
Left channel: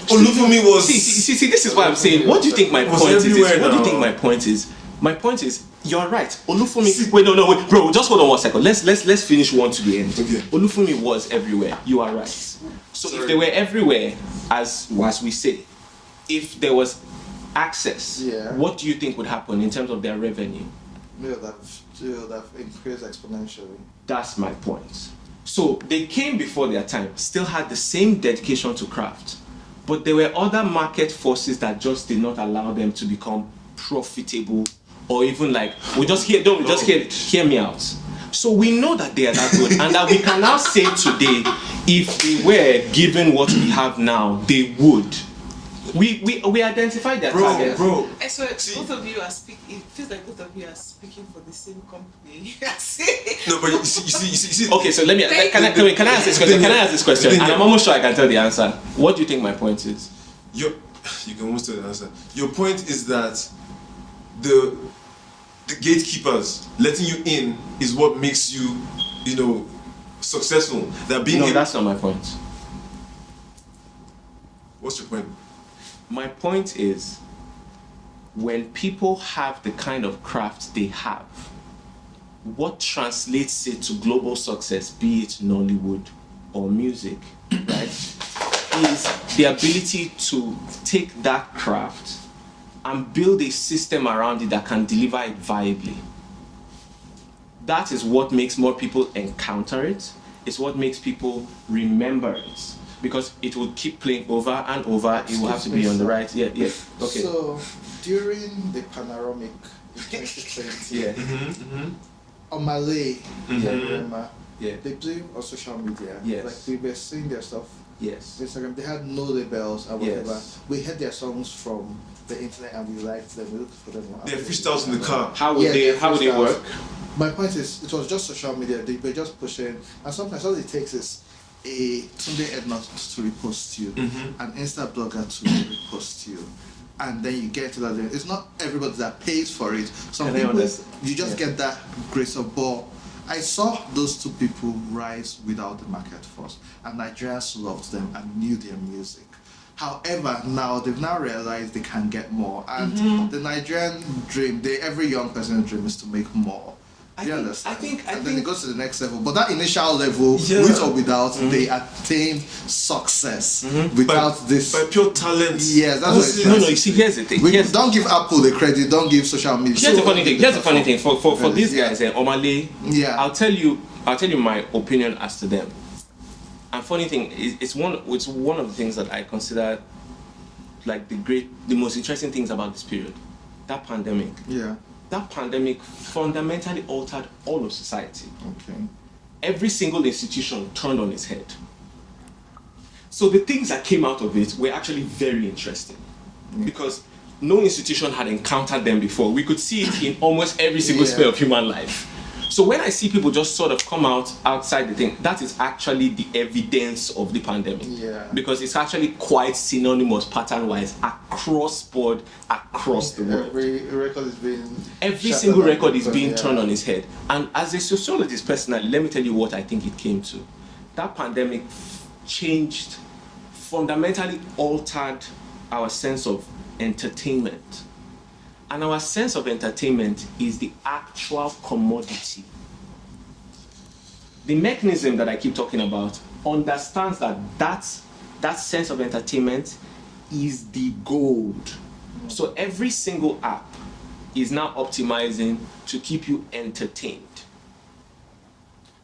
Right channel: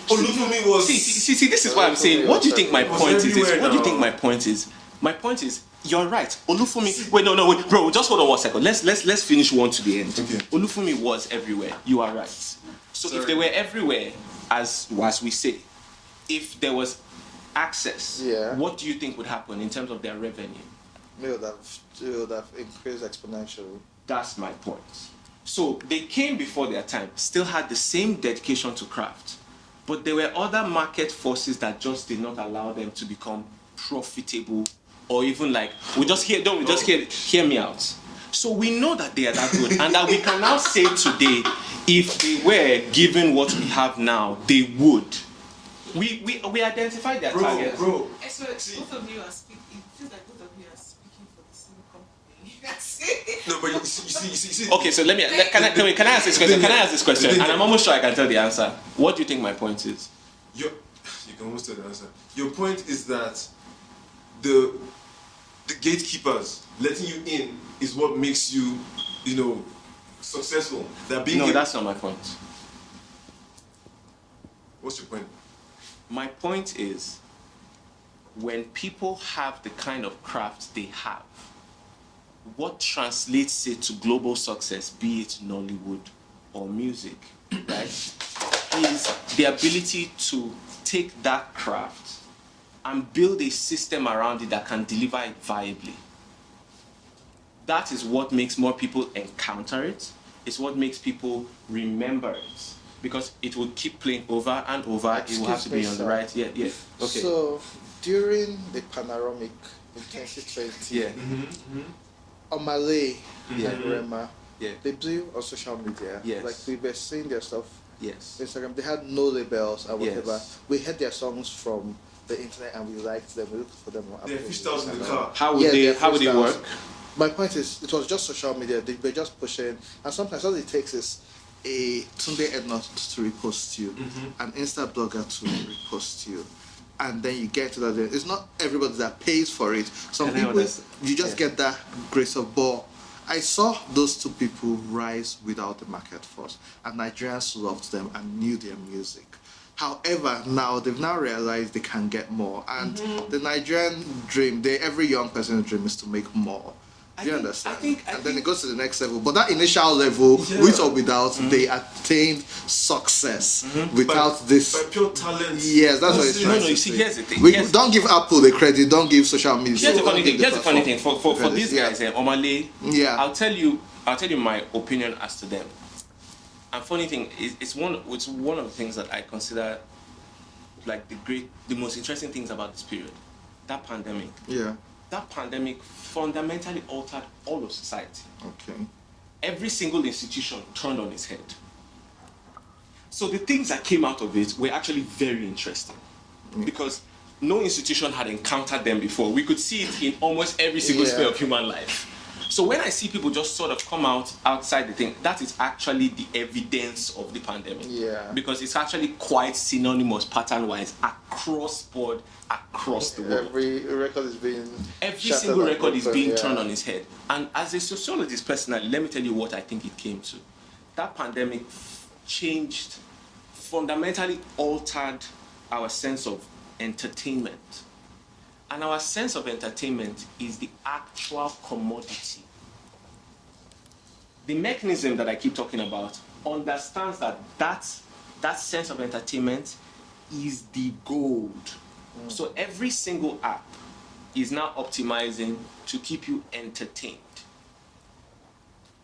Olufumi was. See, this is why I'm saying. What do you think my point is? What do you think my point is? My point is, you're right. Olufumi. Wait, no, bro. Just hold on 1 second. Let's finish one to the end. Okay. Olufumi was everywhere. You are right. So if they were everywhere, as we say, if there was access, what do you think would happen in terms of their revenue? They would have increased exponentially. That's my point. So they came before their time, still had the same dedication to craft, but there were other market forces that just did not allow them to become profitable, or even like hear me out. So we know that they are that good, and that we can now say today, if they were given what we have now, they would. We identified their targets. Bro. So both of you are speaking. It feels like both of you are speaking for the same company. No, but you see. Okay, so can I ask this question? Can I ask this question? And I'm almost sure I can tell the answer. What do you think my point is? You can almost tell the answer. Your point is that the gatekeepers letting you in is what makes you, successful. That's not my point. What's your point? My point is, when people have the kind of craft they have, what translates it to global success, be it Nollywood or music, right, is the ability to take that craft and build a system around it that can deliver it viably. That is what makes more people encounter it, It's what makes people remember it. Because it will keep playing over and over. It will have to be on the right. Yeah, yeah. Okay. So, during the panoramic, Yeah. Omale, Yeah. Yeah. they do on social media. Yes. Like we were seeing their stuff. Yes. Instagram, they had no labels and Yes. whatever. We heard their songs from the internet and we liked them. We looked for them. They're freestyles in the car. How would they work? My point is, it was just social media. They were just pushing, and sometimes all it takes is somebody to repost you, an Insta blogger to repost you, and then you get to that. It's not everybody that pays for it. So And I understand. you just get that grace of ball. I saw those two people rise without the market force, and Nigerians loved them and knew their music. However, now they've now realized they can get more, and the Nigerian dream, every young person's dream is to make more. I Then think it goes to the next level. But that initial level, with or without, they attained success without this. By pure talent. Yeah, that's it. No, you see, here's the thing. Don't give Apple the credit, don't give social media. Here's the funny thing. For these guys, Omale, Yeah. I'll tell you my opinion as to them. And funny thing, it's one of the things that I consider like the most interesting things about this period. That pandemic. Yeah. That pandemic fundamentally altered all of society. Okay. Every single institution turned on its head. So the things that came out of it were actually very interesting because no institution had encountered them before. We could see it in almost every single sphere of human life. So when I see people just sort of come outside the thing, that is actually the evidence of the pandemic. Yeah. Because it's actually quite synonymous pattern-wise across board, across the world. Every single record is being turned on its head. And as a sociologist personally, let me tell you what I think it came to. That pandemic fundamentally altered our sense of entertainment. And our sense of entertainment is the actual commodity. The mechanism that I keep talking about understands that sense of entertainment is the gold. So every single app is now optimizing to keep you entertained.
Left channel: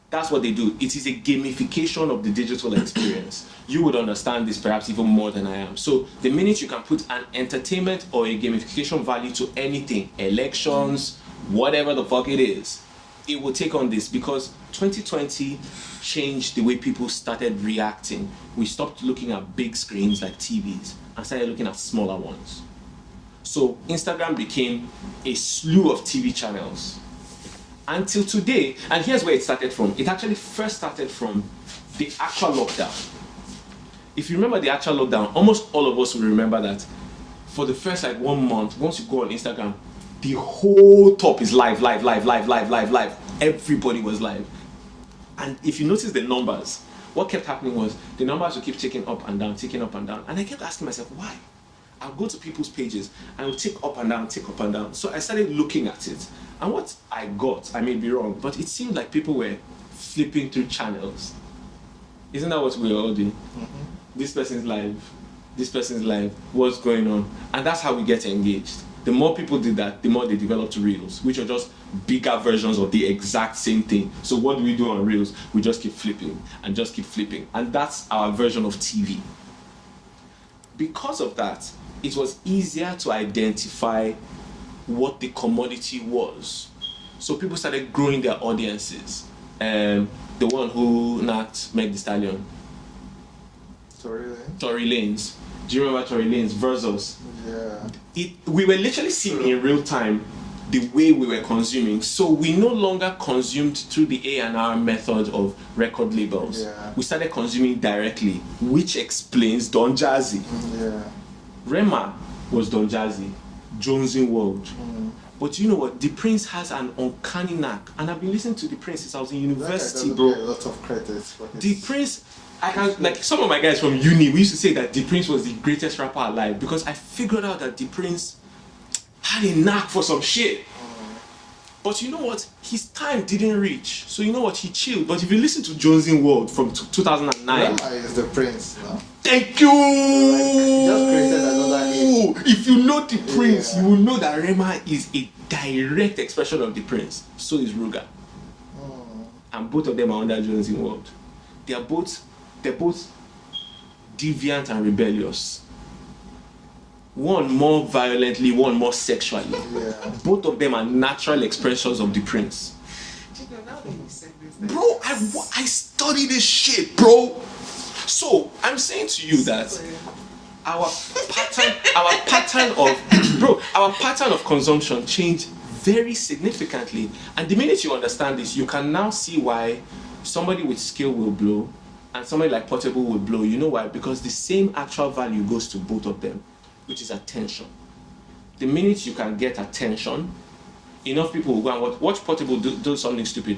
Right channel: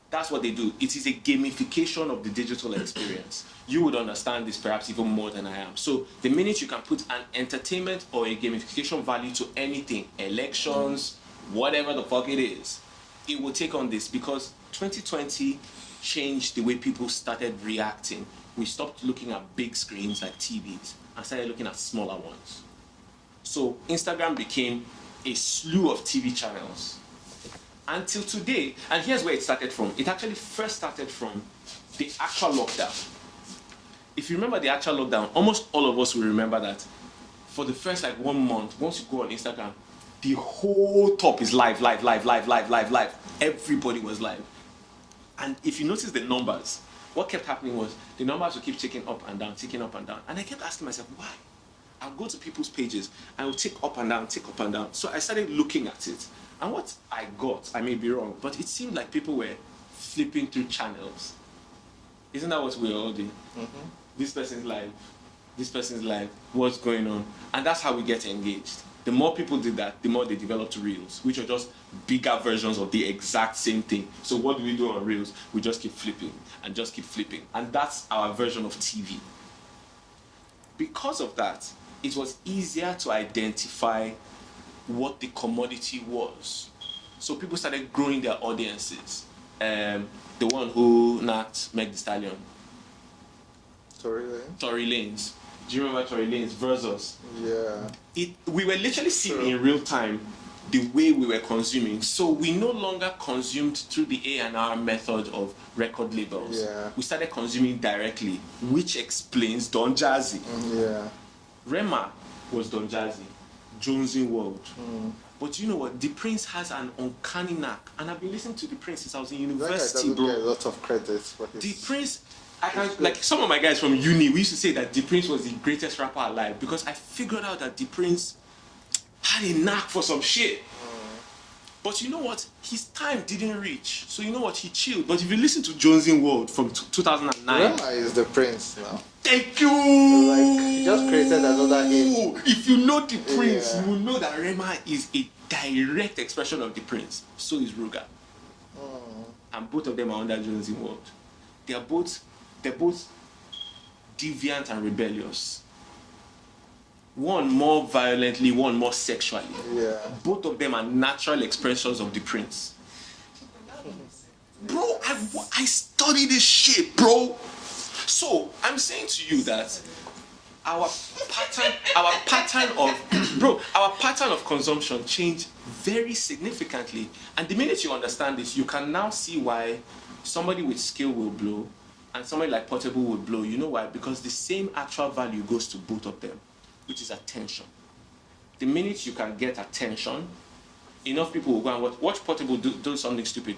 That's what they do. It is a gamification of the digital experience. You would understand this perhaps even more than I am. So the minute you can put an entertainment or a gamification value to anything, elections, whatever the fuck it is, it will take on this because 2020 changed the way people started reacting. We stopped looking at big screens like TVs and started looking at smaller ones. So Instagram became a slew of TV channels. Until today, and here's where it started from. It actually first started from the actual lockdown. If you remember the actual lockdown, almost all of us will remember that for the first 1 month, once you go on Instagram, the whole top is live. Everybody was live. And if you notice the numbers, what kept happening was the numbers would keep ticking up and down. And I kept asking myself, why? I'll go to people's pages and it will tick up and down. So I started looking at it. And what I got, I may be wrong, but it seemed like people were flipping through channels. Isn't that what we were all doing? This person's live, what's going on? And that's how we get engaged. The more people did that, the more they developed reels, which are just bigger versions of the exact same thing. So what do we do on reels? We just keep flipping. And that's our version of TV. Because of that, it was easier to identify what the commodity was. So people started growing their audiences. The one who knocked Meg Thee Stallion. Tory Lanez. Do you remember Tory Lanez versus? Yeah. We were literally seeing in real time the way we were consuming. So we no longer consumed through the A&R method of record labels. Yeah. We started consuming directly, which explains Don Jazzy. Yeah. Rema was Don Jazzy, Jonesy World. But you know what? The Prince has an uncanny knack. And I've been listening to The Prince since I was in university, bro. A lot of credit for The Prince, some of my guys from uni, we used to say that The Prince was the greatest rapper alive because I figured out that The Prince had a knack for some shit. But you know what? His time didn't reach. So you know what? He chilled. But if you listen to Jonesy World from 2009... Rema is the Prince now. Thank you! Just created another hit. If you know The Prince, you will know that Rema is a direct expression of The Prince. So is Ruga. And both of them are under Jonesy World. they're both deviant and rebellious. One more violently, one more sexually. Yeah. Both of them are natural expressions of the prince. Bro, I study this shit, bro. So I'm saying to you that our pattern of consumption changed very significantly. And the minute you understand this, you can now see why somebody with skill will blow and somebody like Portable will blow. You know why? Because the same actual value goes to both of them, which is attention. The minute you can get attention, enough people will go and watch Portable do something stupid.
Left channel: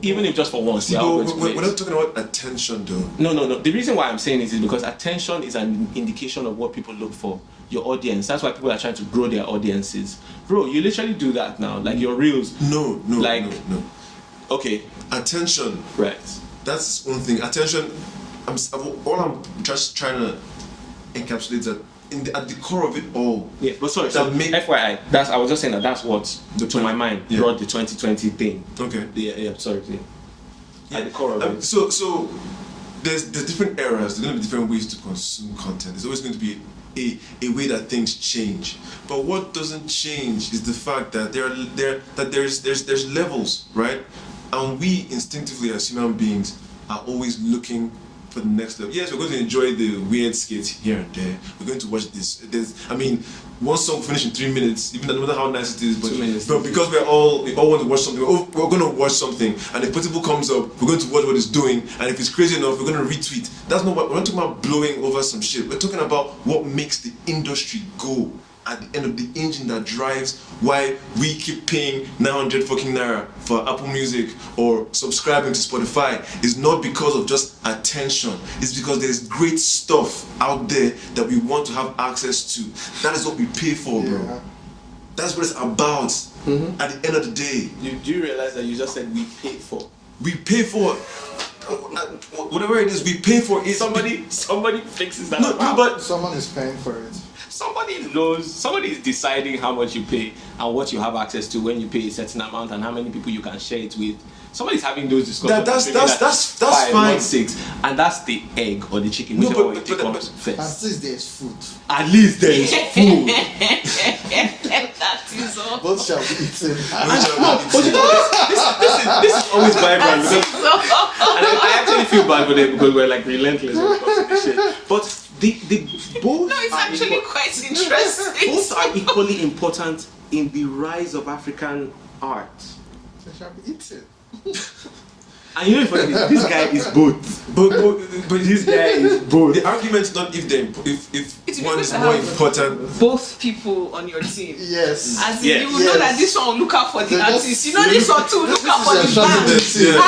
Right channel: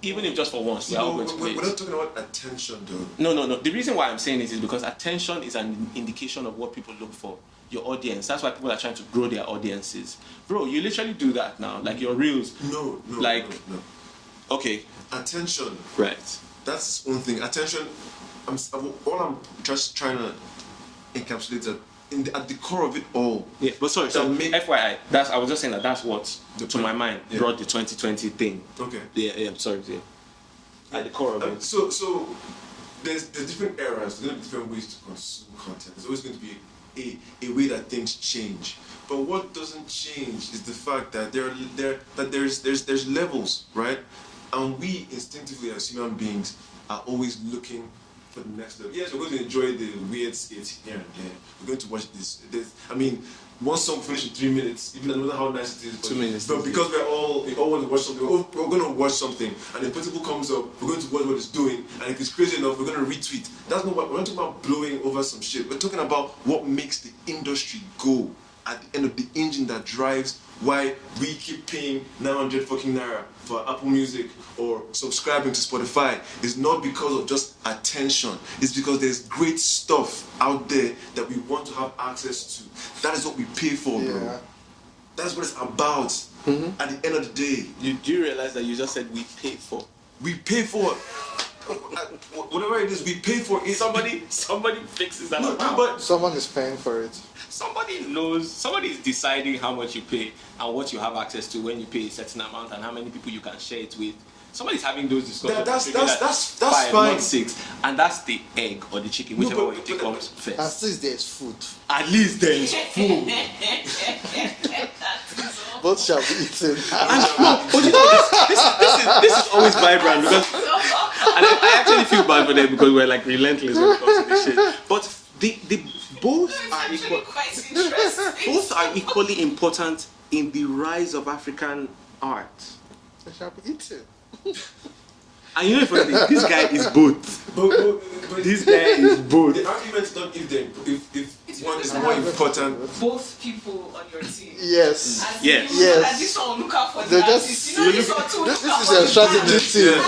Even if just for once. We're not talking about attention though. No. The reason why I'm saying it is because attention is an indication of what people look for. Your audience. That's why people are trying to grow their audiences. Bro, you literally do that now. Like your reels. No. Okay. Attention. Right. That's its own thing. Attention. I'm just trying to encapsulate that at the core of it all. Yeah, but sorry. So FYI, I was just saying that's what to my mind brought the 2020 thing. Okay. Yeah. Sorry. Yeah. At the core of it. So there's different eras. There's going to be different ways to consume content. There's always going to be a way that things change. But what doesn't change is the fact that there's levels, right? And we instinctively as human beings are always looking for the next level. Yes, we're going to enjoy the weird skits here and there. We're going to watch this. One song finished in 3 minutes, even no matter how nice it is. But 2 minutes. But because we all want to watch something, we're going to watch something, and if Portable comes up, we're going to watch what it's doing, and if it's crazy enough, we're going to retweet. That's not what we're not talking about. Blowing over some shit. We're talking about what makes the industry go. At the end of the engine that drives why we keep paying 900 fucking naira for Apple Music or subscribing to Spotify is not because of just attention. It's because there's great stuff out there that we want to have access to. That is what we pay for, bro. Yeah. That's what it's about. Mm-hmm. At the end of the day. Do you realize that you just said we paid for? We pay for whatever it is. We pay for it. Somebody fixes that. No, but someone is paying for it. Somebody knows, somebody is deciding how much you pay and what you have access to when you pay a certain amount and how many people you can share it with. Somebody's having those discussions. That's 5, fine. not 6, and that's the egg or the chicken, whichever one you take comes first. At least there's food. At least there's food. That is all. What shall we eat? But you know what? This is always vibrant because, and I actually feel bad for them because we're like relentless when it comes to this shit. But the both no, it's actually quite interesting. Both are equally important in the rise of African art. And you know, this guy is both. But this guy is both. The argument's not if one is more important. Both people on your team. Yes. As in, you will know that this one will look out for the artist. You know this one too, look out for the band. Yeah.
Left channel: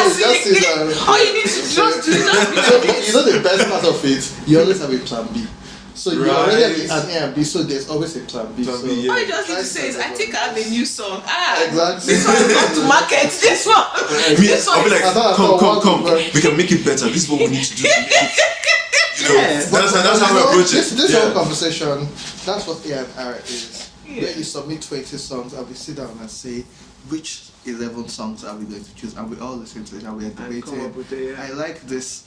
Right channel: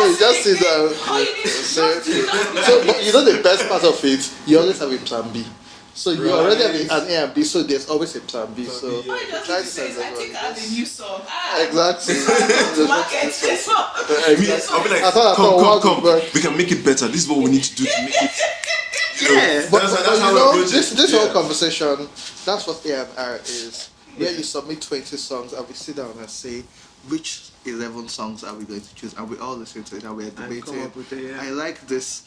All you need to just do that. You know the best part of it? You always have a plan B. So you already have an A and B, so there's always a plan B. Plan B, yeah. All you just need to say is, I think I have a new song. Exactly. To market this one. I'll be like, come. We can make it better. This is what we need to do to make it. That's how we approach it. This whole conversation, that's what AFR is. Yeah. Where you submit 20 songs and we sit down and say, which 11 songs are we going to choose? And we all listen to it and we're and come up with it, I like this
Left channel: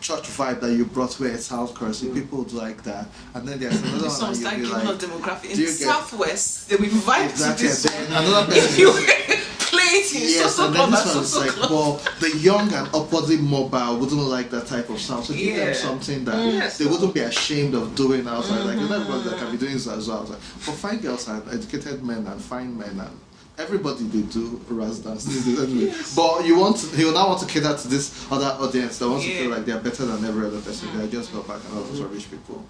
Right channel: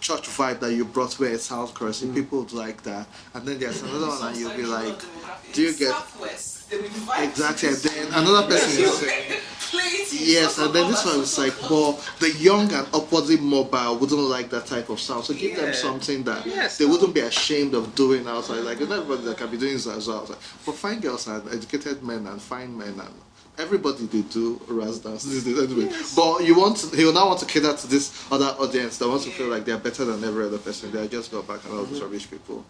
church vibe that you brought where it sounds cursing. People would like that. And then there's another the songs that give like, us demographic. In the Southwest, they will vibe exactly, to this and one. If you play it in so club and so club. Well, the young and opposite mobile wouldn't like that type of sound. So give them something that they wouldn't be ashamed of doing outside. Like, everybody that can be doing this as well. Like, but find girls and educated men and fine men and everybody they do Raz dance. But you now want to cater to this other audience that wants to feel like they're better than every other person. They just got back and love rich people.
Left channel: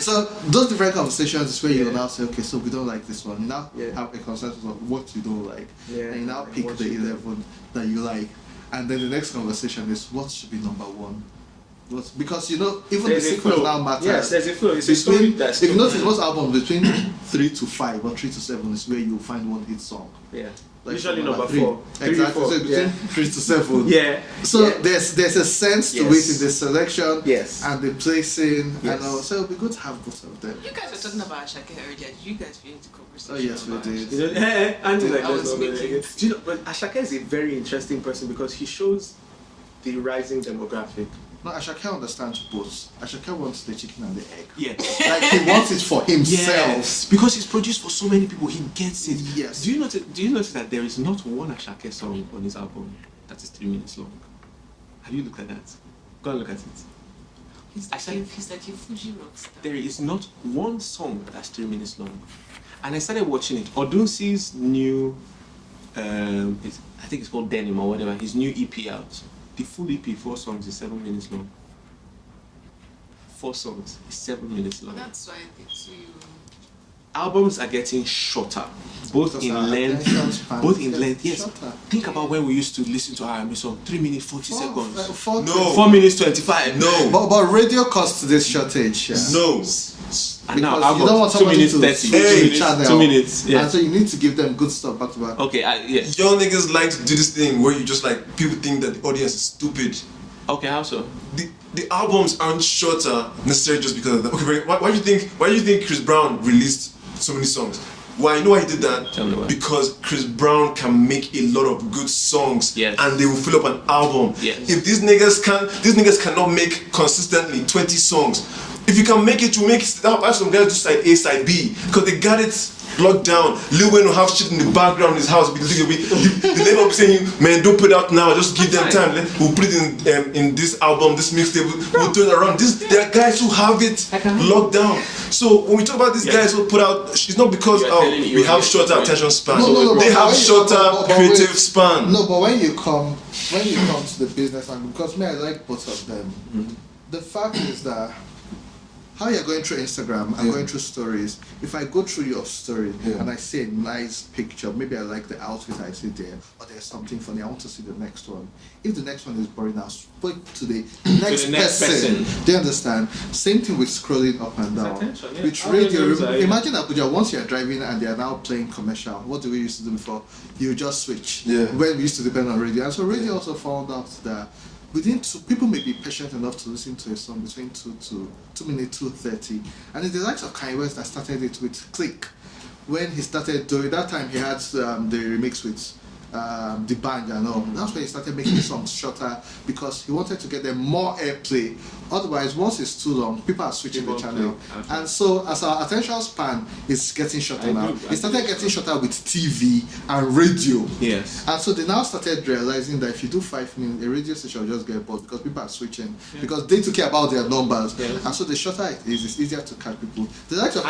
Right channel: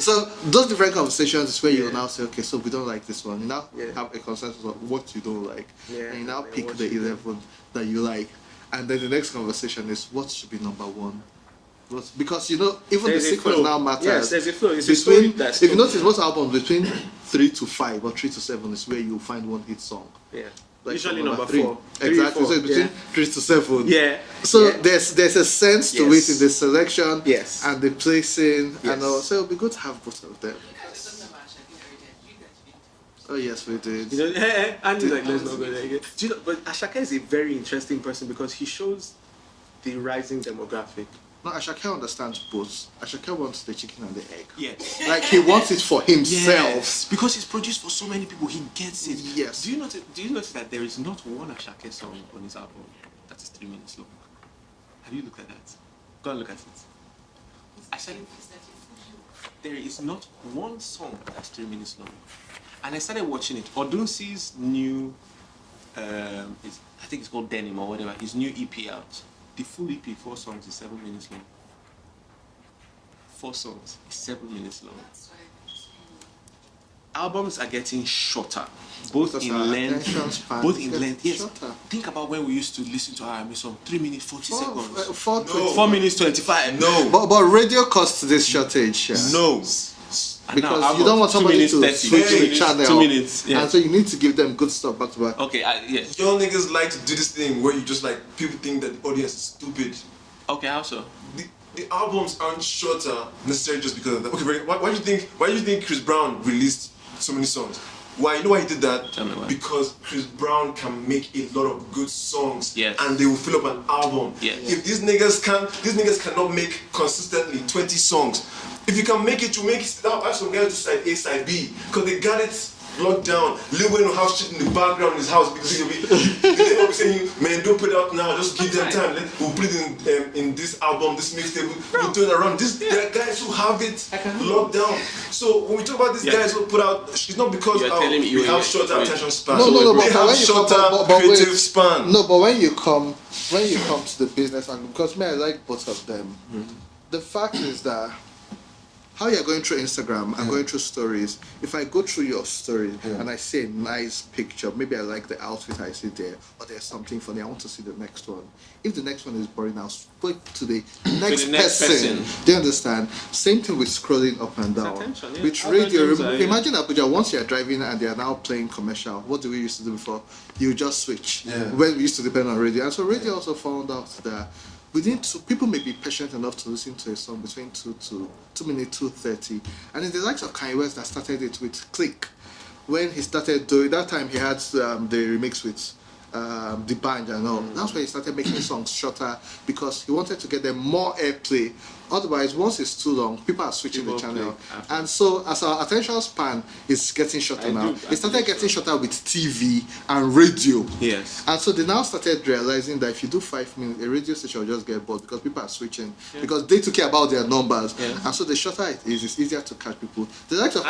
So those different conversations is where you now say, okay, so we don't like this one. You now have a consensus of what you don't like. And you now pick the 11 that you like. And then the next conversation is what should be number 1. Because even there's the a flow. now matters. Yes, there's a flow. It's a story that's if you notice most album between 3 to 5 or 3 to 7 is where you find one hit song. Yeah. Like usually number 4. 3 exactly. 4. So yeah. 3 to 7. Yeah. So there's a sense to it in the selection and the placing and all. So it'll be good to have both of them. You guys were talking about Ashake earlier. Did you guys feel into conversation? Oh yes, we did. You know, Andy's like, let's not go there again. Do you know, but Ashake is a very interesting person because he shows the rising demographic. No, Ashake understands both. Ashake wants the chicken and the egg. Yes. Like he wants it for himself. Yes, because it's produced for so many people, he gets it. Yes. Do you notice that there is not one Ashake song on his album that is 3 minutes long? Have you looked at that? Go and look at it. He's like a Fuji rock. There is not one song that's 3 minutes long. And I started watching it. Odunsi's new, I think it's called Denim or whatever, his new EP out. The full EP, 4 songs, is 7 minutes long. 4 songs is 7 minutes long. That's why I think so. Albums are getting shorter, both in length. Yes. Think about when we used to listen to R&B song, 3 minutes 40 seconds. No. 4 minutes 25. No. But radio costs this shortage. No. And now Because you don't album want 2 somebody minutes to 30. switch 2 minutes. channel. 2 minutes. Yeah. And so you need to give them good stuff back to back. Okay. Yes. Young niggas like to do this thing where you just like people think that the audience is stupid. Okay. How so? The albums aren't shorter necessarily just because of that. Okay, why do you think Chris Brown released so many songs? Why? You know why he did that? Tell me why. Because Chris Brown can make a lot of good songs, Yes. and they will fill up an album. Yes. If these niggas cannot make consistently 20 songs. If you can make it, you make it. Have some guys do side A, side B, because they got it locked down. Lil Wayne will have shit in the background in his house. They may not be saying, man, don't put it out now. Just give them time. We'll put it in this album, this mixtape. We'll turn it around. There are guys who have it locked down. So when we talk about these guys who put out, it's not because we have shorter attention span. They have shorter creative span. No, but when you come to the business, and because I like both of them, the fact is that how you're going through Instagram and going through stories, if I go through your story and I see a nice picture, maybe I like the outfit I see there, or there's something funny, I want to see the next one. If the next one is boring, I'll point to the next person. Do you understand? Same thing with scrolling up and down. It's attention, yeah. It's radio, imagine Abuja, once you're driving and they're now playing commercial, what do we used to do before? You just switch. Yeah. When we used to depend on radio. And so radio also found out that people may be patient enough to listen to a song between 2 minutes, 2:30. And it's the likes of Kanye West that started it with Click. When he started doing that time, he had the remix with the band and all. That's when he started making songs shorter because he wanted to get them more airplay. Otherwise, once it's too long, people are switching the channel. And so, as our attention span is getting shorter, it started getting shorter with TV and radio. Yes. And so they now started realizing that if you do 5 minutes, a radio station will just get bored because people are switching. Yeah. Because they took care about their numbers. Yeah. And so the shorter it is, it's easier to catch people. The likes of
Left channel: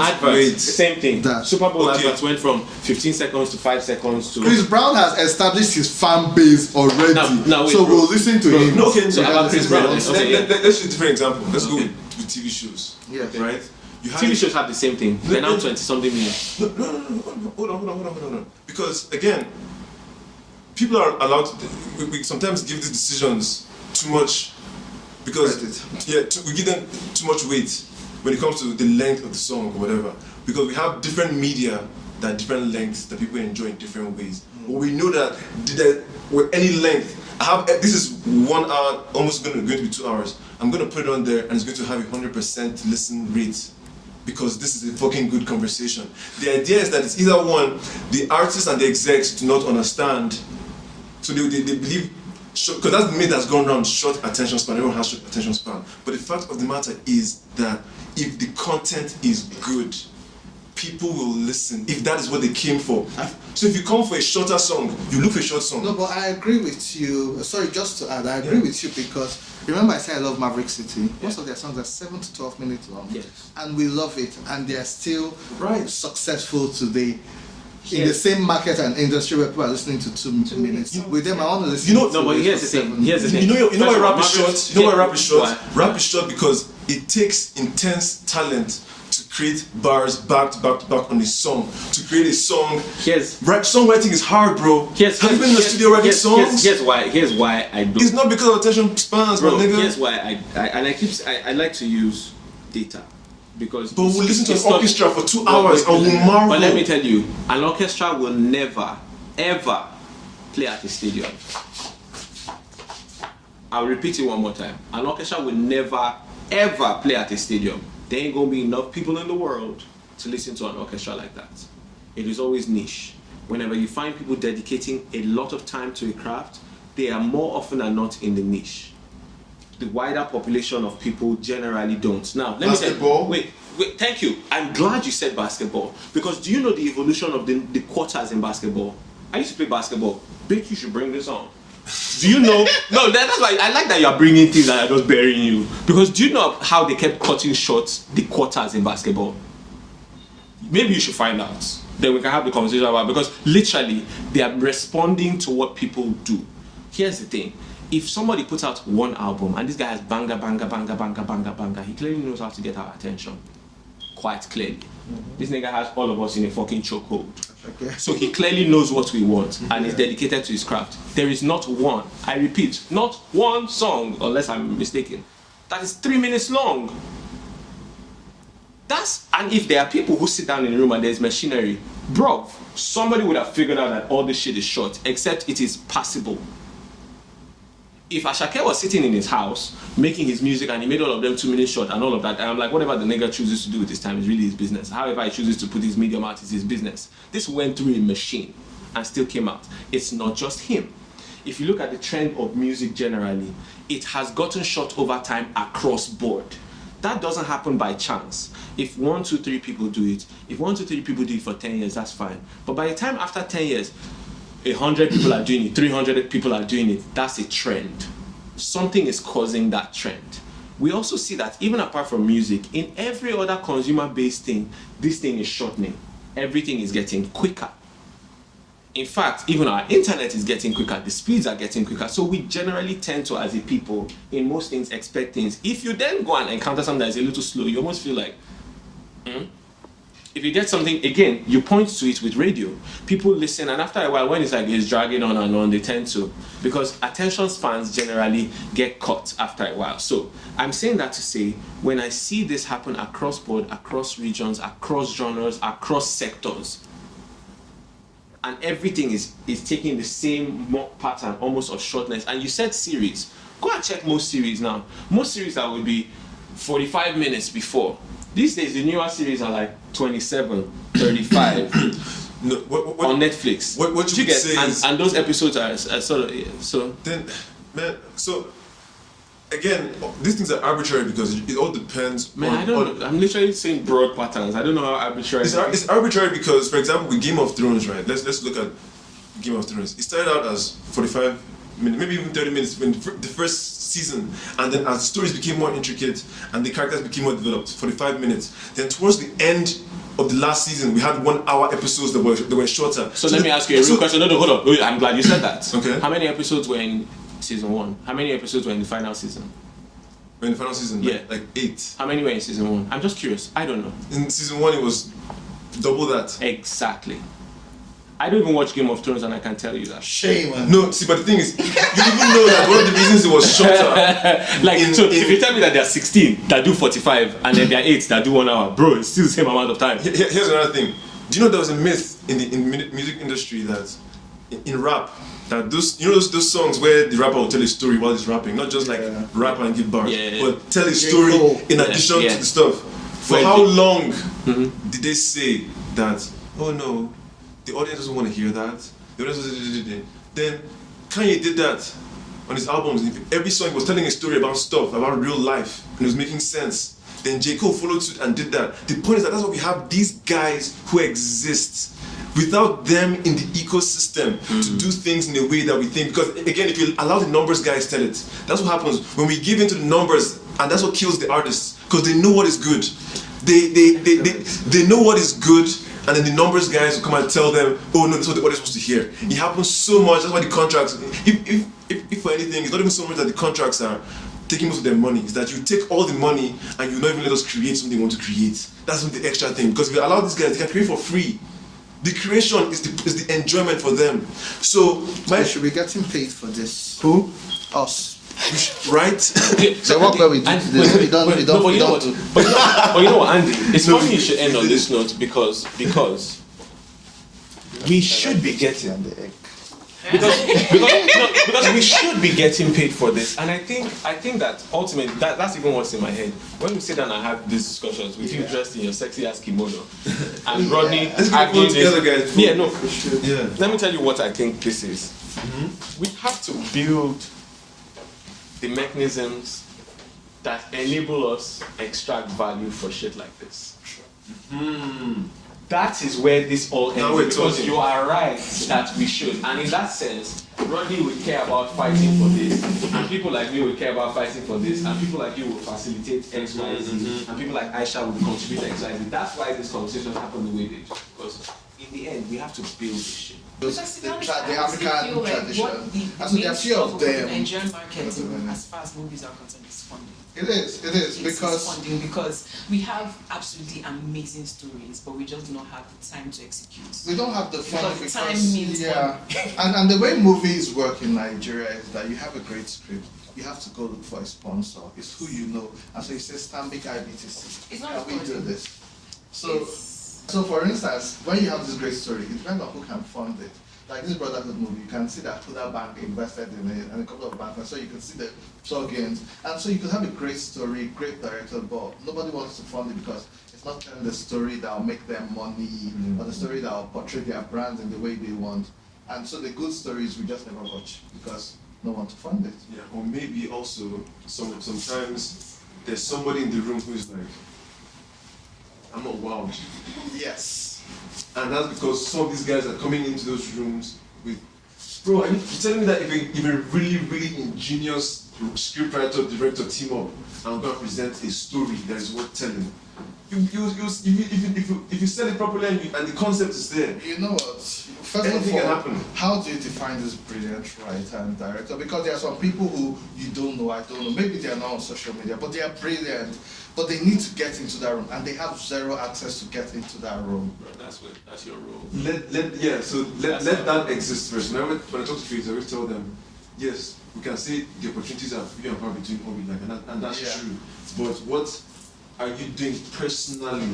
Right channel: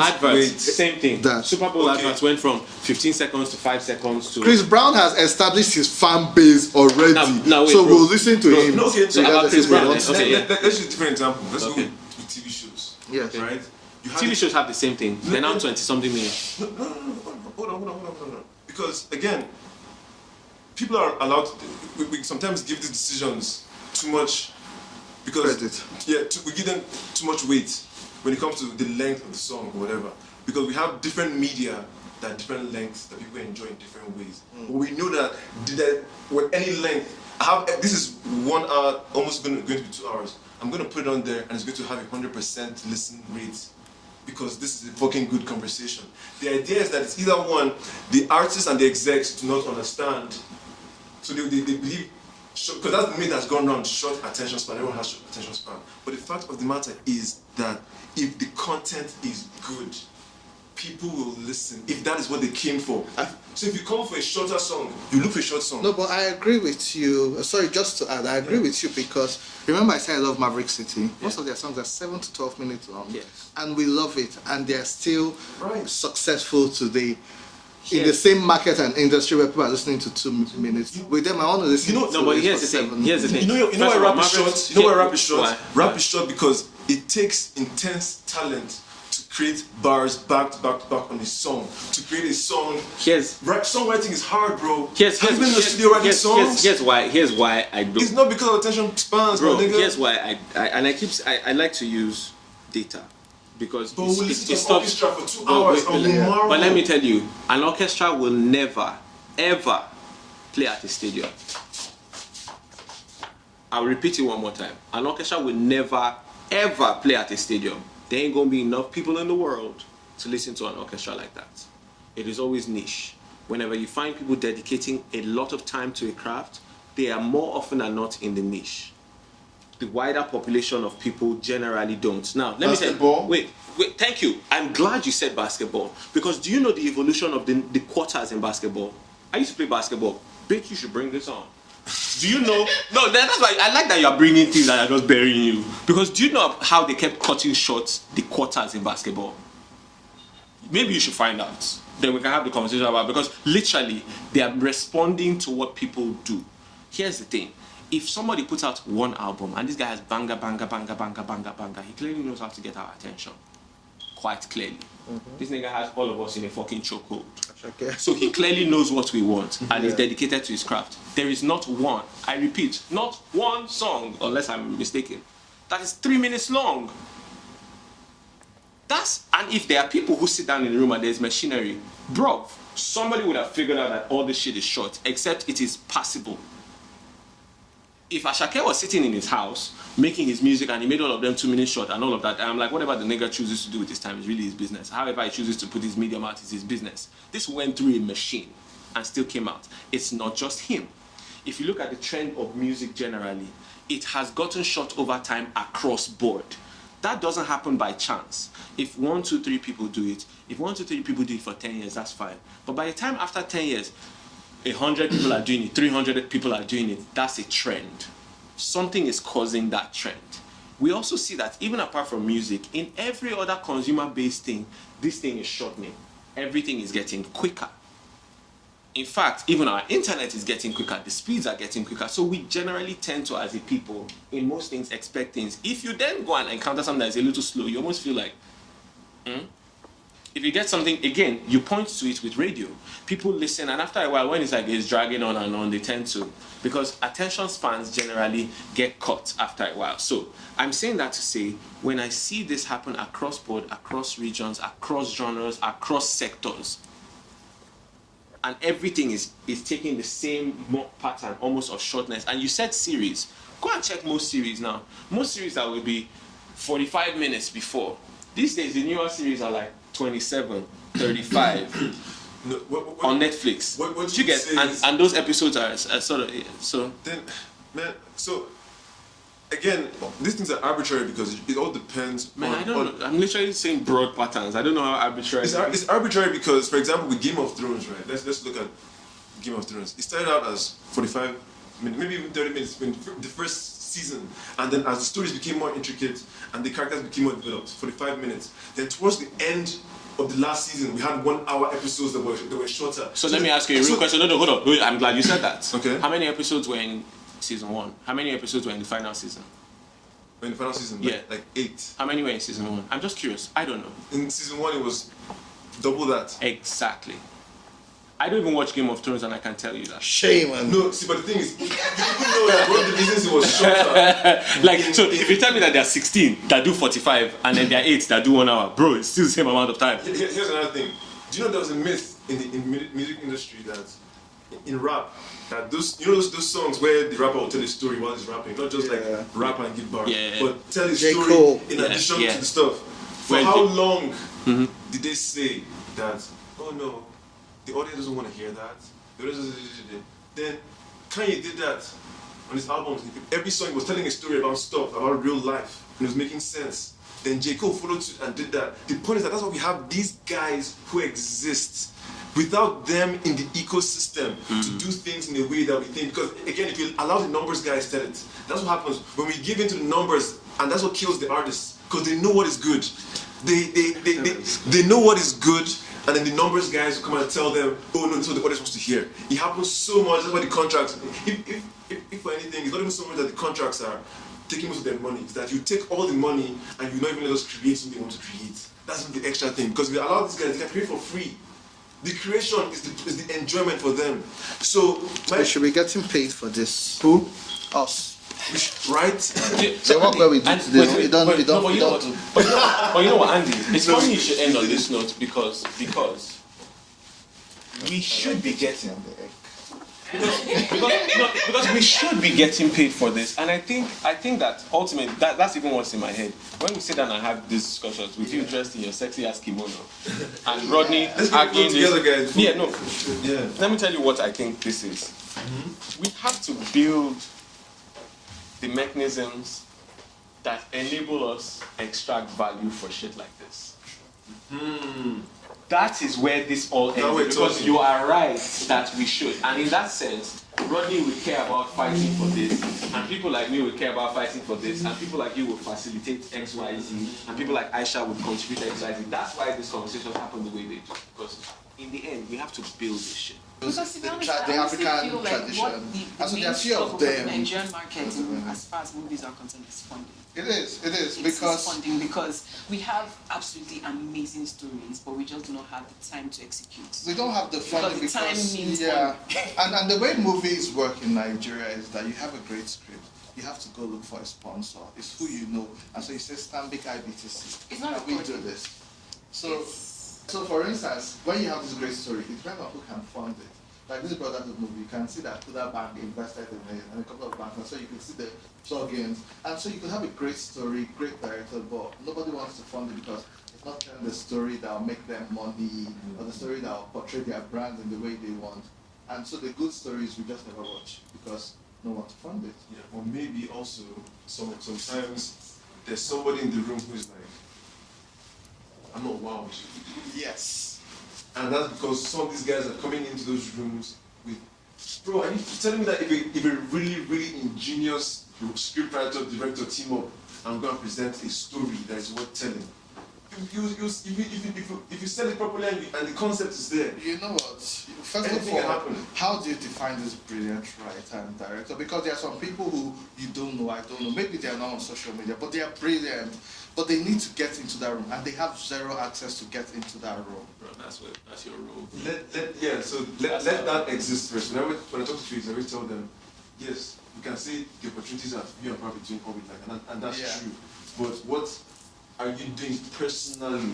Adverts. Same thing. Super Bowl adverts went from 15 seconds to 5 seconds to. Chris Brown has established his fan base already. Now wait, so bro. we'll listen to him. Okay, so about Chris Brown. Let's use a different example. Let's go with TV shows. Yeah. Okay. Right? TV shows have the same thing. They're now 20-something minutes. No. Hold on. Because again, people are allowed to. We sometimes give these decisions too much because we give them too much weight when it comes to the length of the song or whatever. Because we have different media that are different lengths that people enjoy in different ways. But we know that with any length, this is 1 hour, almost going to be 2 hours. I'm going to put it on there and it's going to have 100% listen rate because this is a fucking good conversation. The idea is that it's either one, the artists and the execs do not understand, so they believe, because that's the myth that's gone around, short attention span, everyone has short attention span. But the fact of the matter is that if the content is good, people will listen if that is what they came for. So if you come for a shorter song, you look for a short song. No, but I agree with you. Sorry, just to add, I agree with you because remember I said I love Maverick City. Most of their songs are 7 to 12 minutes long. Yes. And we love it. And they are still successful today. Yes. In the same market and industry where people are listening to 2 minutes. With them, I want to listen. No, but here's the thing. You know why rap is short? You know why rap is short? Why? Rap is short because it takes intense talent to create bars back to back on a song. To create a song. Songwriting is hard, bro. Have you been in the studio writing songs? Here's why I don't. It's not because of attention spans, bro. My nigga. Here's why I like to use data. Because but we'll listen to an orchestra for 2 hours and we'll marvel. But let me tell you, an orchestra will never, ever play at a stadium. I'll repeat it one more time. An orchestra will never, ever play at a stadium. There ain't gonna be enough people in the world to listen to an orchestra like that. It is always niche. Whenever you find people dedicating a lot of time to a craft, they are more often than not in the niche. The wider population of people generally don't. Now, let me say, wait, thank you. I'm glad you said basketball, because do you know the evolution of the quarters in basketball? I used to play basketball. Bitch, you should bring this on. Do you know? No, that's why I like that you are bringing things that are just burying you. Because do you know how they kept cutting short the quarters in basketball? Maybe you should find out. Then we can have the conversation about it, because literally they are responding to what people do. Here's the thing. If somebody puts out one album and this guy has banger, he clearly knows how to get our attention. Quite clearly. This nigga has all of us in a fucking chokehold. So he clearly knows what we want and is dedicated to his craft. There is not one, I repeat, not one song, unless I'm mistaken, that is 3 minutes long. And if there are people who sit down in the room and there's machinery, bro, somebody would have figured out that all this shit is short, except it is passable. If Ashake was sitting in his house making his music and he made all of them 2 minutes short and all of that, I'm like, whatever the nigga chooses to do with his time is really his business. However he chooses to put his medium out is his business. This went through a machine and still came out. It's not just him. If you look at the trend of music generally, it has gotten short over time across board. That doesn't happen by chance. If 1, 2, 3 people do it, if 1, 2, 3 people do it for 10 years, that's fine. But by the time after 10 years, 100 people are doing it, 300 people are doing it, that's a trend. Something is causing that trend. We also see that even apart from music, in every other consumer-based thing, this thing is shortening. Everything is getting quicker. In fact, even our internet is getting quicker, the speeds are getting quicker. So we generally tend to, as a people, in most things, expect things. If you then go and encounter something that is a little slow, you almost feel like, If you get something, again, you point to it with radio. People listen, and after a while, when it's dragging on and on, they tend to, because attention spans generally get cut after a while. So I'm saying that to say, when I see this happen across board, across regions, across genres, across sectors, and everything is taking the same pattern, almost of shortness. And you said series. Go and check most series now. Most series that would be 45 minutes before. These days, the newer series are like 27, 35 no, on Netflix. What you get? And those episodes are sort of so. Then, man, so again, these things are arbitrary because it all depends. Man, I don't know. I'm literally saying broad patterns. I don't know how arbitrary. It's arbitrary because, for example, with Game of Thrones, right? Let's look at Game of Thrones. It started out as 45 minutes, maybe even 30 minutes when the first season, and then as the stories became more intricate and the characters became more developed, 45 minutes. Then towards the end of the last season, we had 1 hour episodes that were shorter. So let me ask you a real question. No, hold on. I'm glad you said that. Okay. How many episodes were in season 1? How many episodes were in the final season? In the final season, yeah, like 8. How many were in season 1? I'm just curious. I don't know. In season 1, it was double that. Exactly. I don't even watch Game of Thrones, and I can tell you that. Shame. No, see, but the thing is, you even know that one of the reasons it was shorter. If you tell me that there are 16 that do 45 and then there are 8 that do 1 hour, bro, it's still the same amount of time. Here's another thing. Do you know there was a myth in the music industry that in rap, that those songs where the rapper will tell a story while he's rapping, not just like rap and give bars, but tell a story in addition to the stuff. For how long did they say that? Oh no, the audience doesn't want to hear that. Then Kanye did that on his albums. Every song was telling a story about stuff, about real life, and it was making sense. Then J. Cole followed suit and did that. The point is that that's why we have these guys who exist. Without them in the ecosystem to do things in a way that we think, because again, if you allow the numbers guys tell it, that's what happens when we give into the numbers, and that's what kills the artists, because they know what is good. They know what is good, and then the numbers guys will come and tell them, oh no, that's what the audience wants to hear. It happens so much. That's why the contracts, if for anything, it's not even so much that the contracts are taking most of their money. It's that you take all the money and you not even let us create something they want to create. That's the extra thing, because if you allow these guys, they can create for free. The creation is the enjoyment for them. So should we get him paid for this? Who? Us. Right? So Andy, no, but you know what? But you know what, Andy? It's funny you should end on this note because we should be getting because we should be getting paid for this, and I think that ultimately that's even what's in my head when we sit down and have these discussions with you dressed in your sexy ass kimono and Rodney arguing together, guys. Let me tell you what I think this is. we have to build the mechanisms that enable us extract value for shit like this. That is where this all Now ends, we're because talking. you are right that we should. And in that sense, Rodney will care about fighting for this, and people like me will care about fighting for this, and people like you will facilitate X, Y, Z, and people like Aisha will contribute X, Y, Z. That's why this conversation happened the way they do, because in the end, we have to build this shit. Because to be honest, the I honestly African feel like tradition. what the And so there are main few of struggle for the them. Nigerian market as far as movies are concerned is funding. It is It's because funding, because we have absolutely amazing stories, but we just do not have the time to execute. we don't have the funding Because time means and the way movies work in Nigeria is that you have a great script. You have to go look for a sponsor. It's who you know, and so you say Stanbic IBTC. It's not Can we do funding. this? So for instance, when you have this great story, it depends on who can fund it. Like this Brotherhood movie, you can see that Huda Bank invested in it, and a couple of banks, and so you can see the plugins, and so you could have a great story, great director, but nobody wants to fund it because it's not telling the story that will make them money, or the story that will portray their brand in the way they want. And so the good stories we just never watch because no one to fund it. Yeah, or maybe also sometimes there's somebody in the room who's like, I'm not wowed. Yes. And that's because some of these guys are coming into those rooms with, bro, you're telling me that if a really, really ingenious scriptwriter, director team up and go and present a story that is worth telling, if you sell it properly and the concept is there, You know what? First anything of can all, happen. how do you define this brilliant writer and director? Because there are some people who you don't know, I don't know. Maybe they are not on social media, but they are brilliant. But they need to get into that room, and they have zero access to get into that room. Bro, that's your role. Let that exist first. When I talk to creators, I always tell them, yes, we can see the opportunities are few and far between all we like, and that's true. But what are you doing personally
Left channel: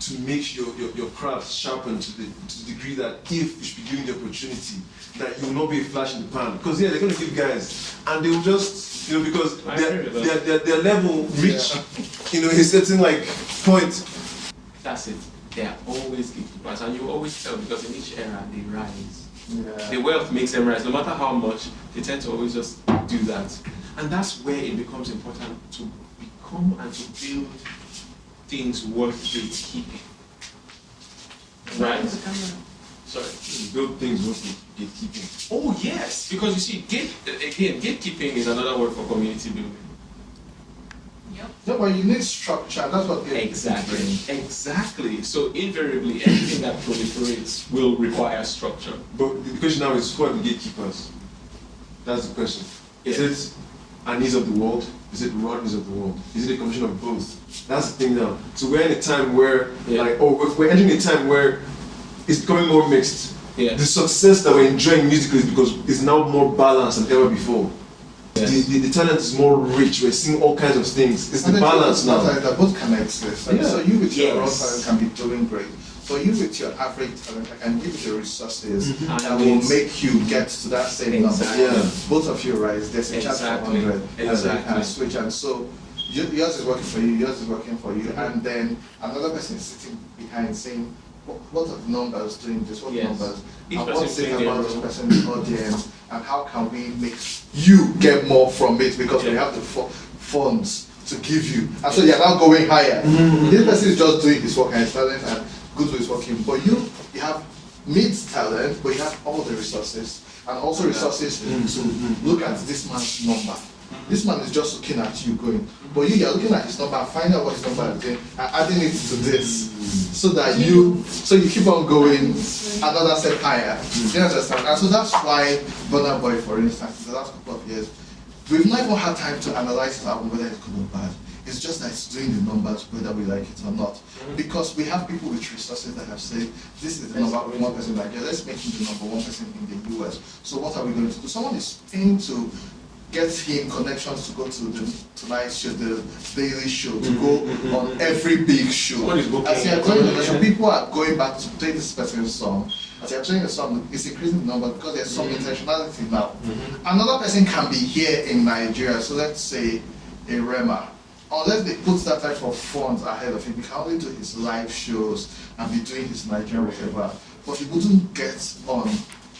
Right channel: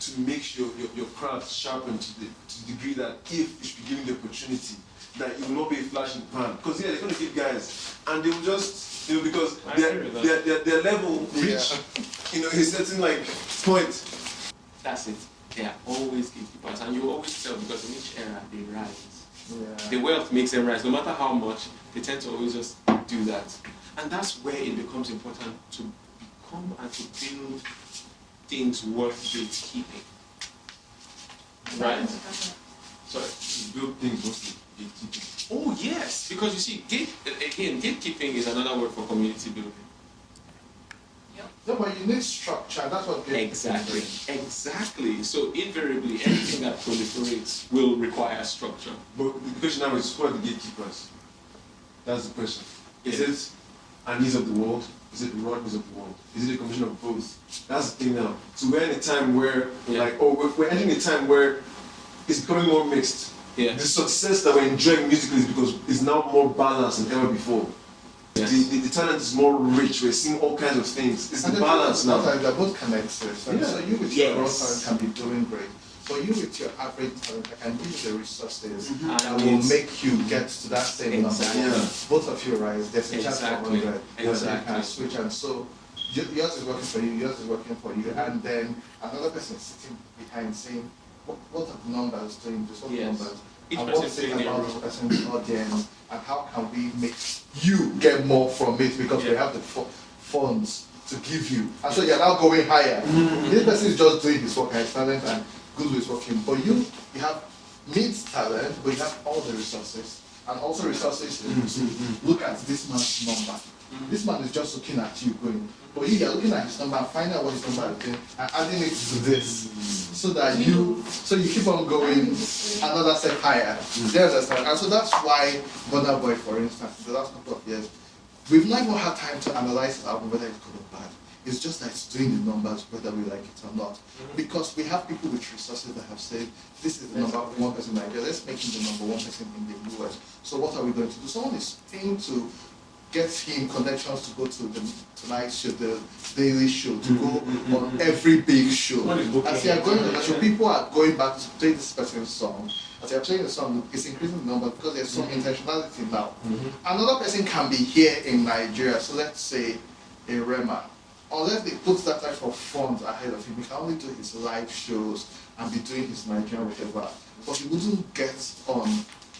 to make your craft sharpen to the degree that if you should be given the opportunity, that you will not be a flash in the pan? Because they're going to give guys, and they will just, because their level reach, a certain point. That's it. They are always gatekeepers, and you always tell, because in each era they rise. Yeah. The wealth makes them rise. No matter how much, they tend to always just do that. And that's where it becomes important to become and to build things worth gatekeeping. Right? Sorry. Build things worth gatekeeping. Oh yes, because you see, gatekeeping is another word for community building. No, but you need structure. That's what Exactly. So invariably, anything that proliferates will require structure. But the question now is, who are the gatekeepers? That's the question. Is it Anis of the world? Is it Rodneys of the world? Is it a combination of both? That's the thing now. So we're in a time where, we're entering a time where it's becoming more mixed. Yeah. The success that we're enjoying musically is because it's now more balanced than ever before. Yes. The talent is more rich. We're seeing all kinds of things. It's the balance now. That both can exist. Yeah. So you with your raw talent can be doing great. But you with your average talent, I can give you the resources that will make you get to that same number. Yeah. Both of you rise. There's a chance for 100. Exactly. And switch. And so yours is working for you, yours is working for you, and then another person is sitting behind saying, what are the numbers doing this? What numbers? Each And person what's it playing about their this person's audience? And how can we make you get more from it? Because we have the funds to give you. And so you're now going higher. This person is just doing his work and his talent and good is working. But you have mid talent, but you have all the resources. And also resources to look at this man's number. This man is just looking at you going, but you're looking at his number and finding out what his number is doing and adding it to this so that you keep on going another step higher. Do you understand? And so that's why Burna Boy, for instance, in the last couple of years, we've not even had time to analyze the album whether it's good or bad. It's just that it's doing the numbers whether we like it or not. Because we have people with resources that have said, this is the number one person in Nigeria, let's make him the number one person in the US. So what are we going to do? Someone is paying to get him connections to go to the Tonight Show, the Daily Show, to go on every big show. As you are going on the show, people are going back to play this person's song. As you are playing the song, it's increasing the number because there's some intentionality now. Another person can be here in Nigeria, so let's say a Rema. Unless they put that type of funds ahead of him, he can only do his live shows and be doing his Nigerian whatever. But he wouldn't get on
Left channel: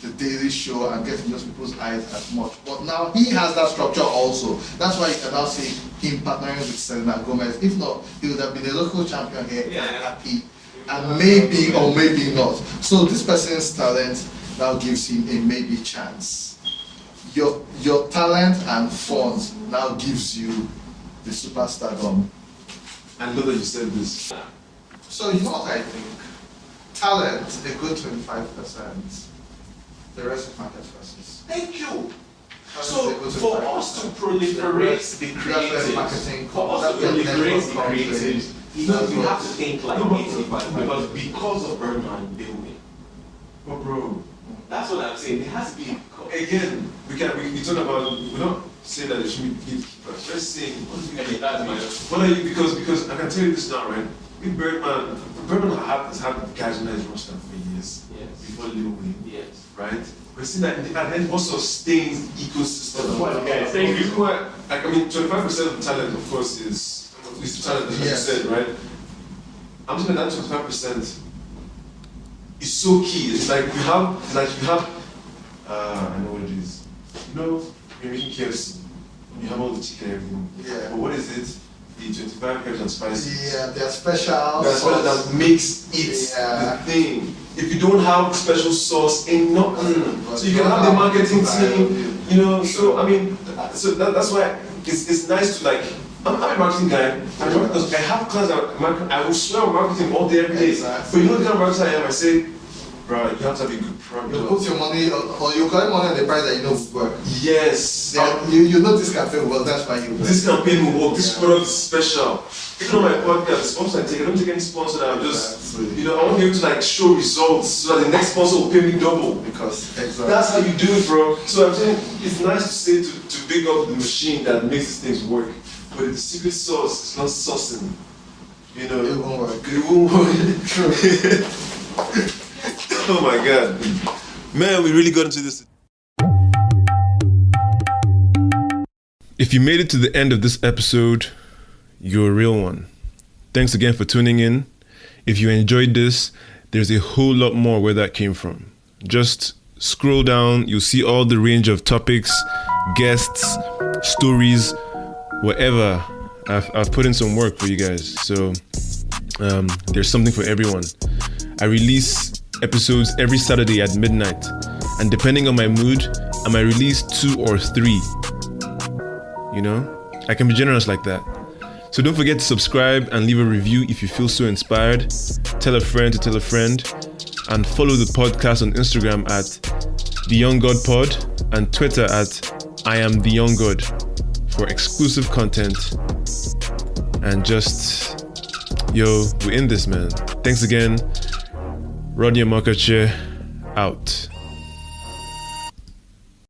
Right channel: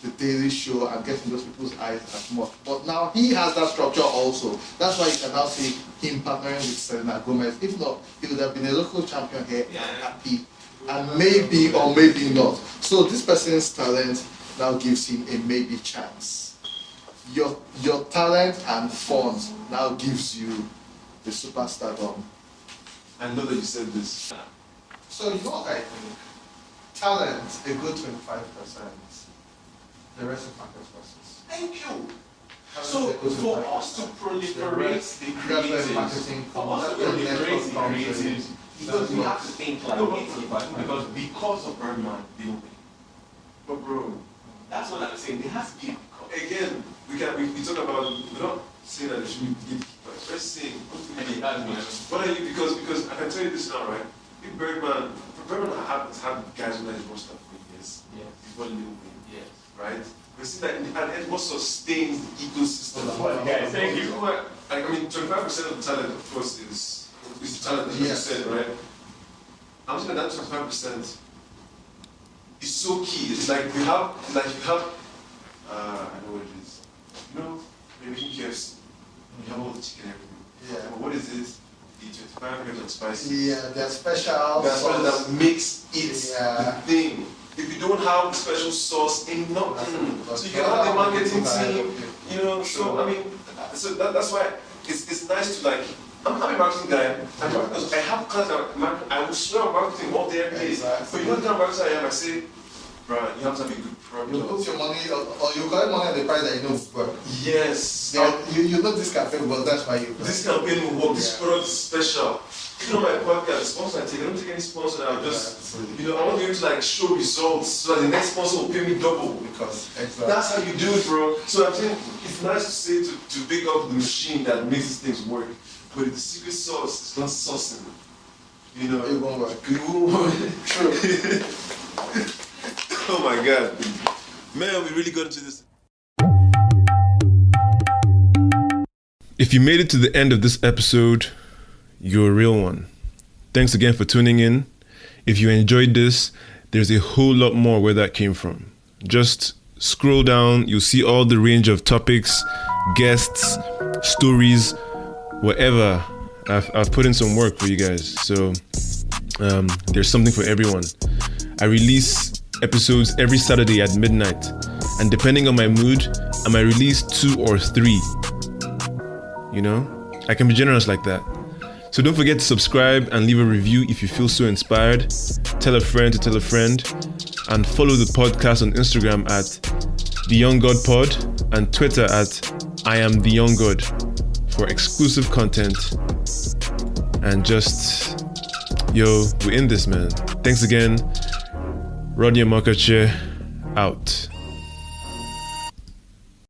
the Daily Show and get in those people's eyes as much. But now he has that structure also. That's why you can now see him partnering with Selena Gomez. If not, he would have been a local champion here and happy. And maybe or maybe not. So this person's talent now gives him a maybe chance. Your talent and funds now gives you the superstardom. I know that you said this. So you know what I think? Talent, a good 25%. The rest is market forces. Thank you. Talent, So a good for 25%. us to proliferate the That's where creatives, marketing for comes. us to That's where proliferate the network comes in. creatives, you have to think like native, because of Birdman, they will win. But bro, That's what I'm saying. There has to be. again, we talk about, we're not saying that there should be gatekeepers. We're saying, what are you, because I can tell you this now, right? If Birdman has had guys on his roster for years, Yes. before Lil Wayne, Yes. right? We're seeing that at the end what sustains the ecosystem. Thank you. I mean, 25% of the talent, of course, is the talent, as you Yes. said, right? I'm saying that 25% is so key. It's like you have, I know what it is. You know, you're making KFC, you have all the chicken and everything. Yeah. But what is it? The 25 herbs and spices. Yeah, they're special. That's what sauce. that makes it Yeah. the thing. If you don't have special sauce, ain't nothing. So you can have the marketing team, you know. So I mean, so that's why it's nice to like. I'm a marketing guy. I have class at marketing. I will swear on marketing all day, every day. Exactly. But you know the kind of marketer I am. I say, bro, you have to have a good product. You put your money, or you collect money on the price that you know will work. Yes. You know this cafe will, that's why you. This campaign will work. This product is special. Even on my podcast, the sponsor I take, I don't take any sponsor that I'm just, you know, I want to be able to like show results so that the next sponsor will pay me double. Because That's how you do it, bro. So I'm saying it's nice to say to big up the machine that makes these things work. But if the secret sauce is not saucing, you know, it won't work. It won't work. True. Oh my God. Man, we really got into this. If you made it to the end of this episode, you're a real one. Thanks again for tuning in. If you enjoyed this, there's a whole lot more where that came from. Just scroll down, you'll see all the range of topics, guests, stories, whatever. I've put in some work for you guys. So there's something for everyone. I release episodes every Saturday at midnight. And depending on my mood, I might release 2 or 3. You know, I can be generous like that. So don't forget to subscribe and leave a review if you feel so inspired. Tell a friend to tell a friend. And follow the podcast on Instagram at The Young God Pod and Twitter at I Am The Young God for exclusive content. And just, we're in this, man. Thanks again. Rodney Omeokachie, out.